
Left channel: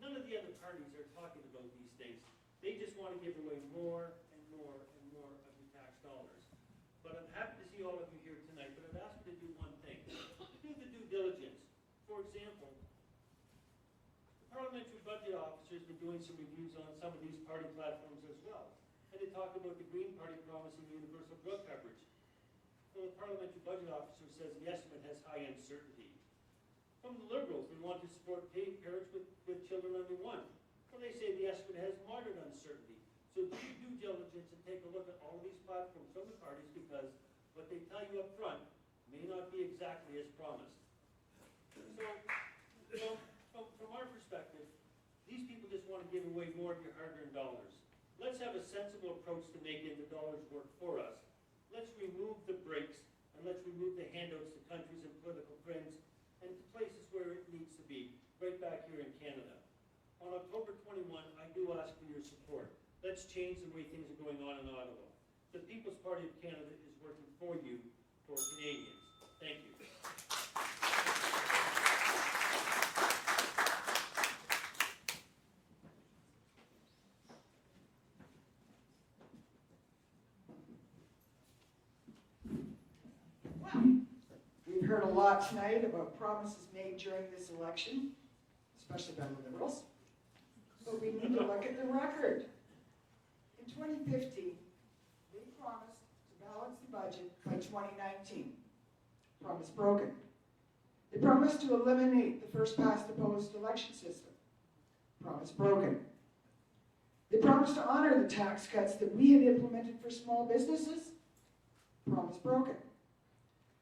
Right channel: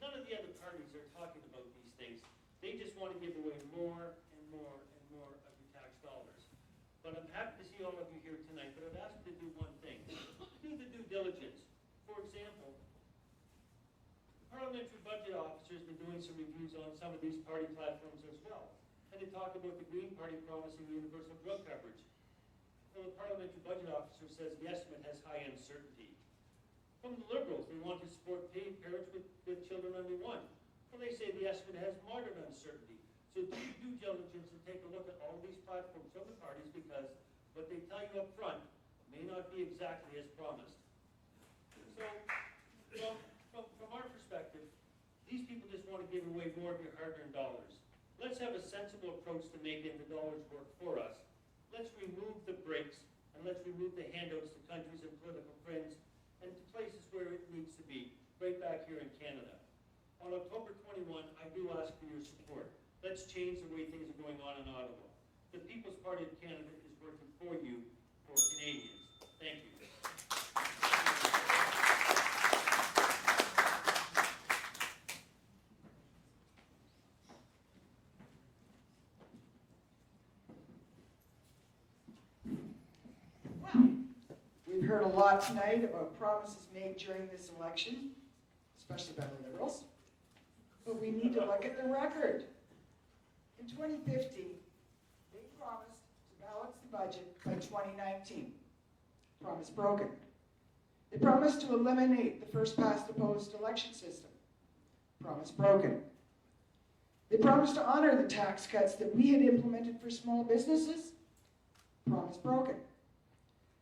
None of the other parties are talking about these things. They just want to give away more and more and more of your tax dollars. But I'm happy to see all of you here tonight, but I've asked you to do one thing. Do the due diligence. For example, the parliamentary budget officer has been doing some reviews on some of these party platforms as well. And they talk about the Green Party promising universal drug coverage. Well, the parliamentary budget officer says the estimate has high uncertainty. From the Liberals, they want to support parents with children under one. Well, they say the estimate has moderate uncertainty. So do your due diligence and take a look at all these platforms from the parties, because what they tell you up front may not be exactly as promised. So, from our perspective, these people just want to give away more of your hard-earned dollars. Let's have a sensible approach to making the dollars work for us. Let's remove the breaks, and let's remove the handouts to countries and political friends and to places where it needs to be, right back here in Canada. On October 21, I do ask for your support. Let's change the way things are going on in Ottawa. The People's Party of Canada is working for you, for Canadians. Thank you. Well, we've heard a lot tonight about promises made during this election, especially by the Liberals. But we need to look at the record. In 2015, they promised to balance the budget by 2019. Promise broken. They promised to eliminate the first past the post election system. Promise broken. They promised to honor the tax cuts that we had implemented for small businesses. Promise broken.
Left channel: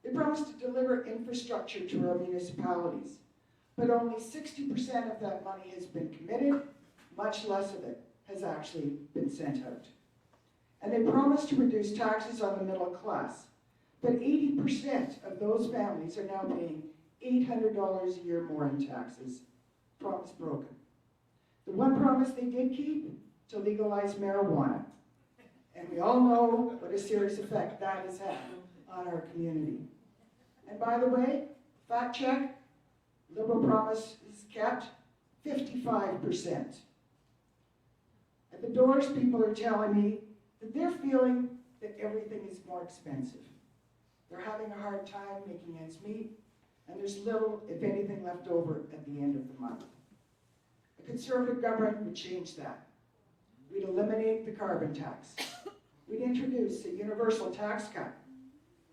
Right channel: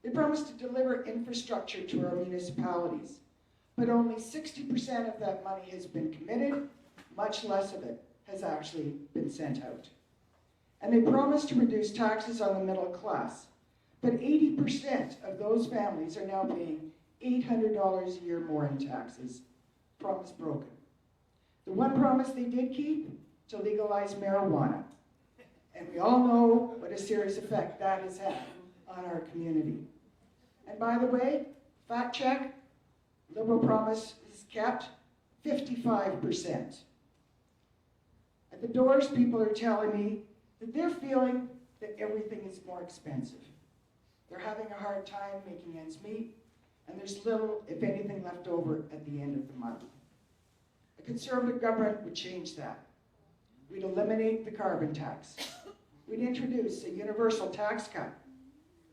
They promised to deliver infrastructure to our municipalities, but only 60% of that money has been committed, much less of it has actually been sent out. And they promised to reduce taxes on the middle class, but 80% of those families are now paying $800 a year more in taxes. Promise broken. The one promise they did keep, to legalize marijuana. And we all know what a serious effect that has had on our community. And by the way, fact check, Liberal promise is kept 55%. At the doors, people are telling me that they're feeling that everything is more expensive. They're having a hard time making ends meet, and there's little, if anything, left over at the end of the month. A Conservative government would change that. We'd eliminate the carbon tax. We'd introduce a universal tax cut,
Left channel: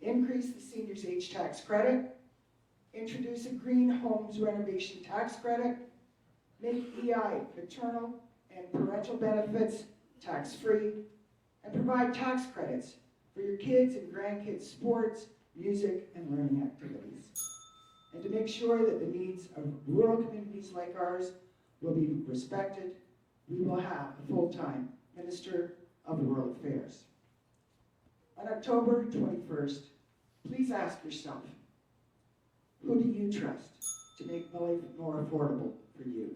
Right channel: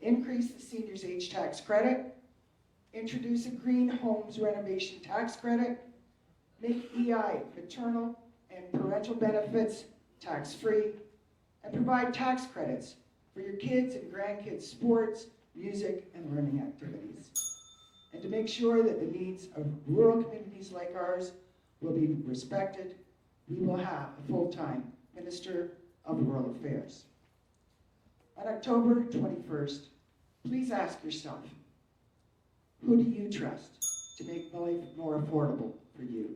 increase the seniors' age tax credit, introduce a green homes renovation tax credit, make EI, maternal and parental benefits, tax-free, and provide tax credits for your kids' and grandkids' sports, music, and learning activities. And to make sure that the needs of rural communities like ours will be respected, we will have a full-time Minister of Rural Affairs. On October 21st, please ask yourself, who do you trust to make life more affordable for you?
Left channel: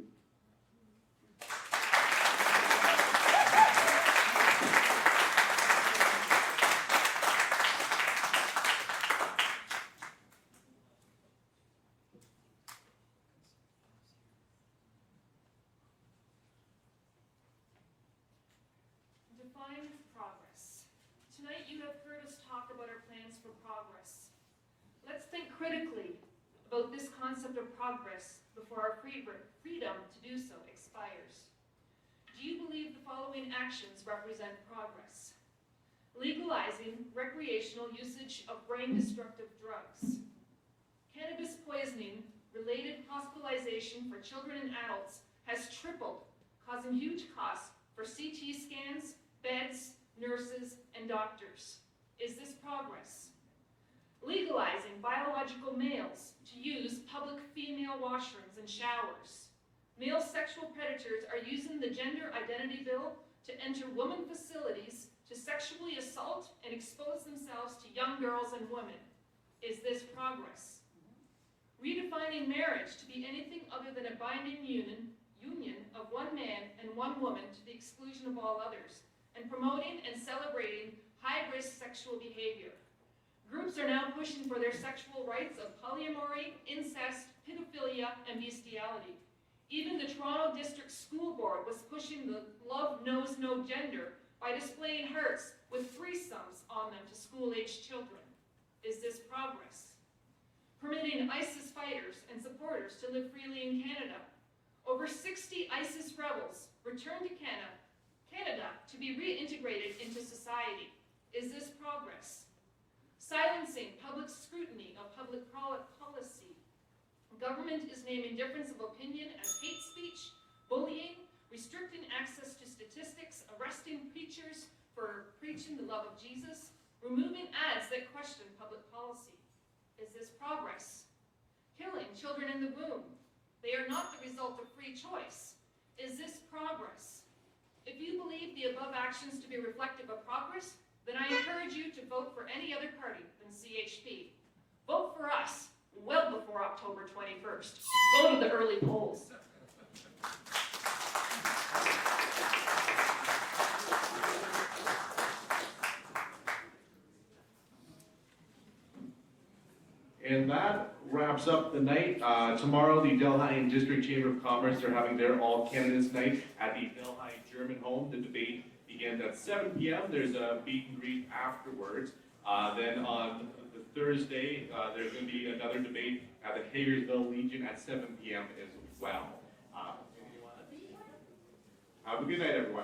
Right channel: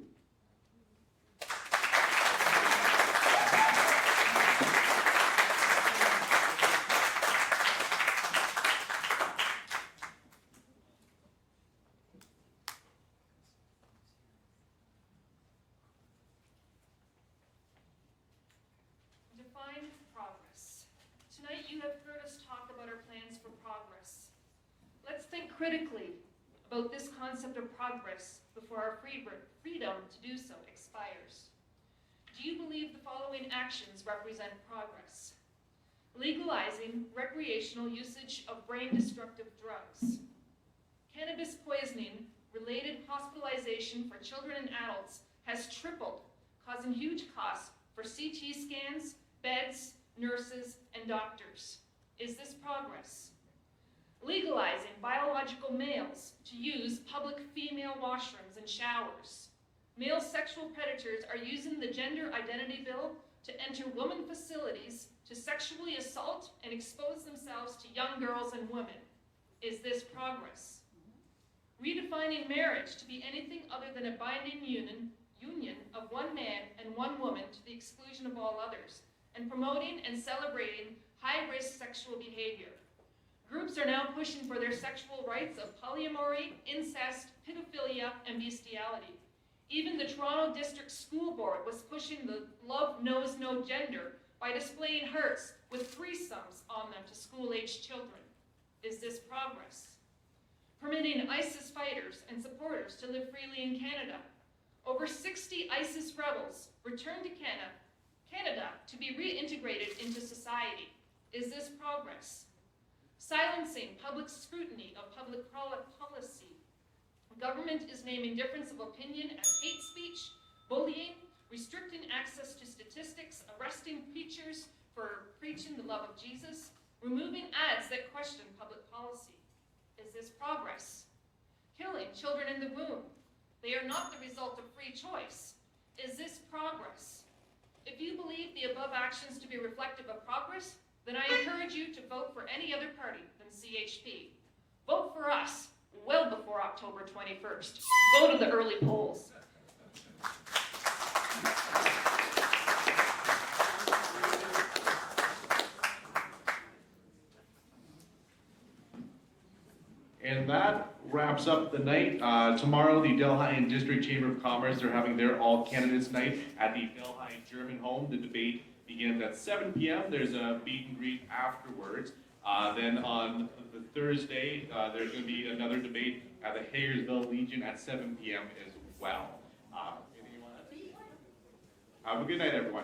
Define progress. Tonight you have heard us talk about our plans for progress. Let's think critically about this concept of progress before our freedom to do so expires. Do you believe the following actions represent progress? Legalizing recreational usage of brain-destructive drugs. Cannabis poisoning related hospitalization for children and adults has tripled, causing huge costs for CT scans, beds, nurses, and doctors. Is this progress? Legalizing biological males to use public female washrooms and showers. Male sexual predators are using the Gender Identity Bill to enter women facilities to sexually assault and expose themselves to young girls and women. Is this progress? Redefining marriage to be anything other than a binding union of one man and one woman to the exclusion of all others, and promoting and celebrating high-risk sexual behavior. Groups are now pushing for their sexual rights of polyamory, incest, pedophilia, and bestiality. Even the Toronto District School Board was pushing the Love Knows No Gender by displaying hearts with threesomes on them to school-aged children. Is this progress? Permitting ISIS fighters and supporters to live freely in Canada. Over 60 ISIS rebels returned to Canada to be reintegrated into society. Is this progress? Silencing public scrutiny of public policy. Government is naming difference of opinion as hate speech, bullying, restricting access to statistics, arresting preachers for preaching the love of Jesus, removing ads that question public policy. Is this progress? Killing children in the womb. They are not the result of free choice. Is this progress? If you believe the above actions to be reflective of progress, then I encourage you to vote for any other party than CHP. Vote for us well before October 21st. Go to the early polls. And that wraps up the night. Tomorrow, the Delhi District Chamber of Commerce, they're having their all candidates night at the Delhi German Home. The debate begins at 7 p.m. There's a meet and greet afterwards. Then on the Thursday, there's going to be another debate at the Hayersville Legion at 7 p.m. as well. Anything you want to add? Have a good night, everyone.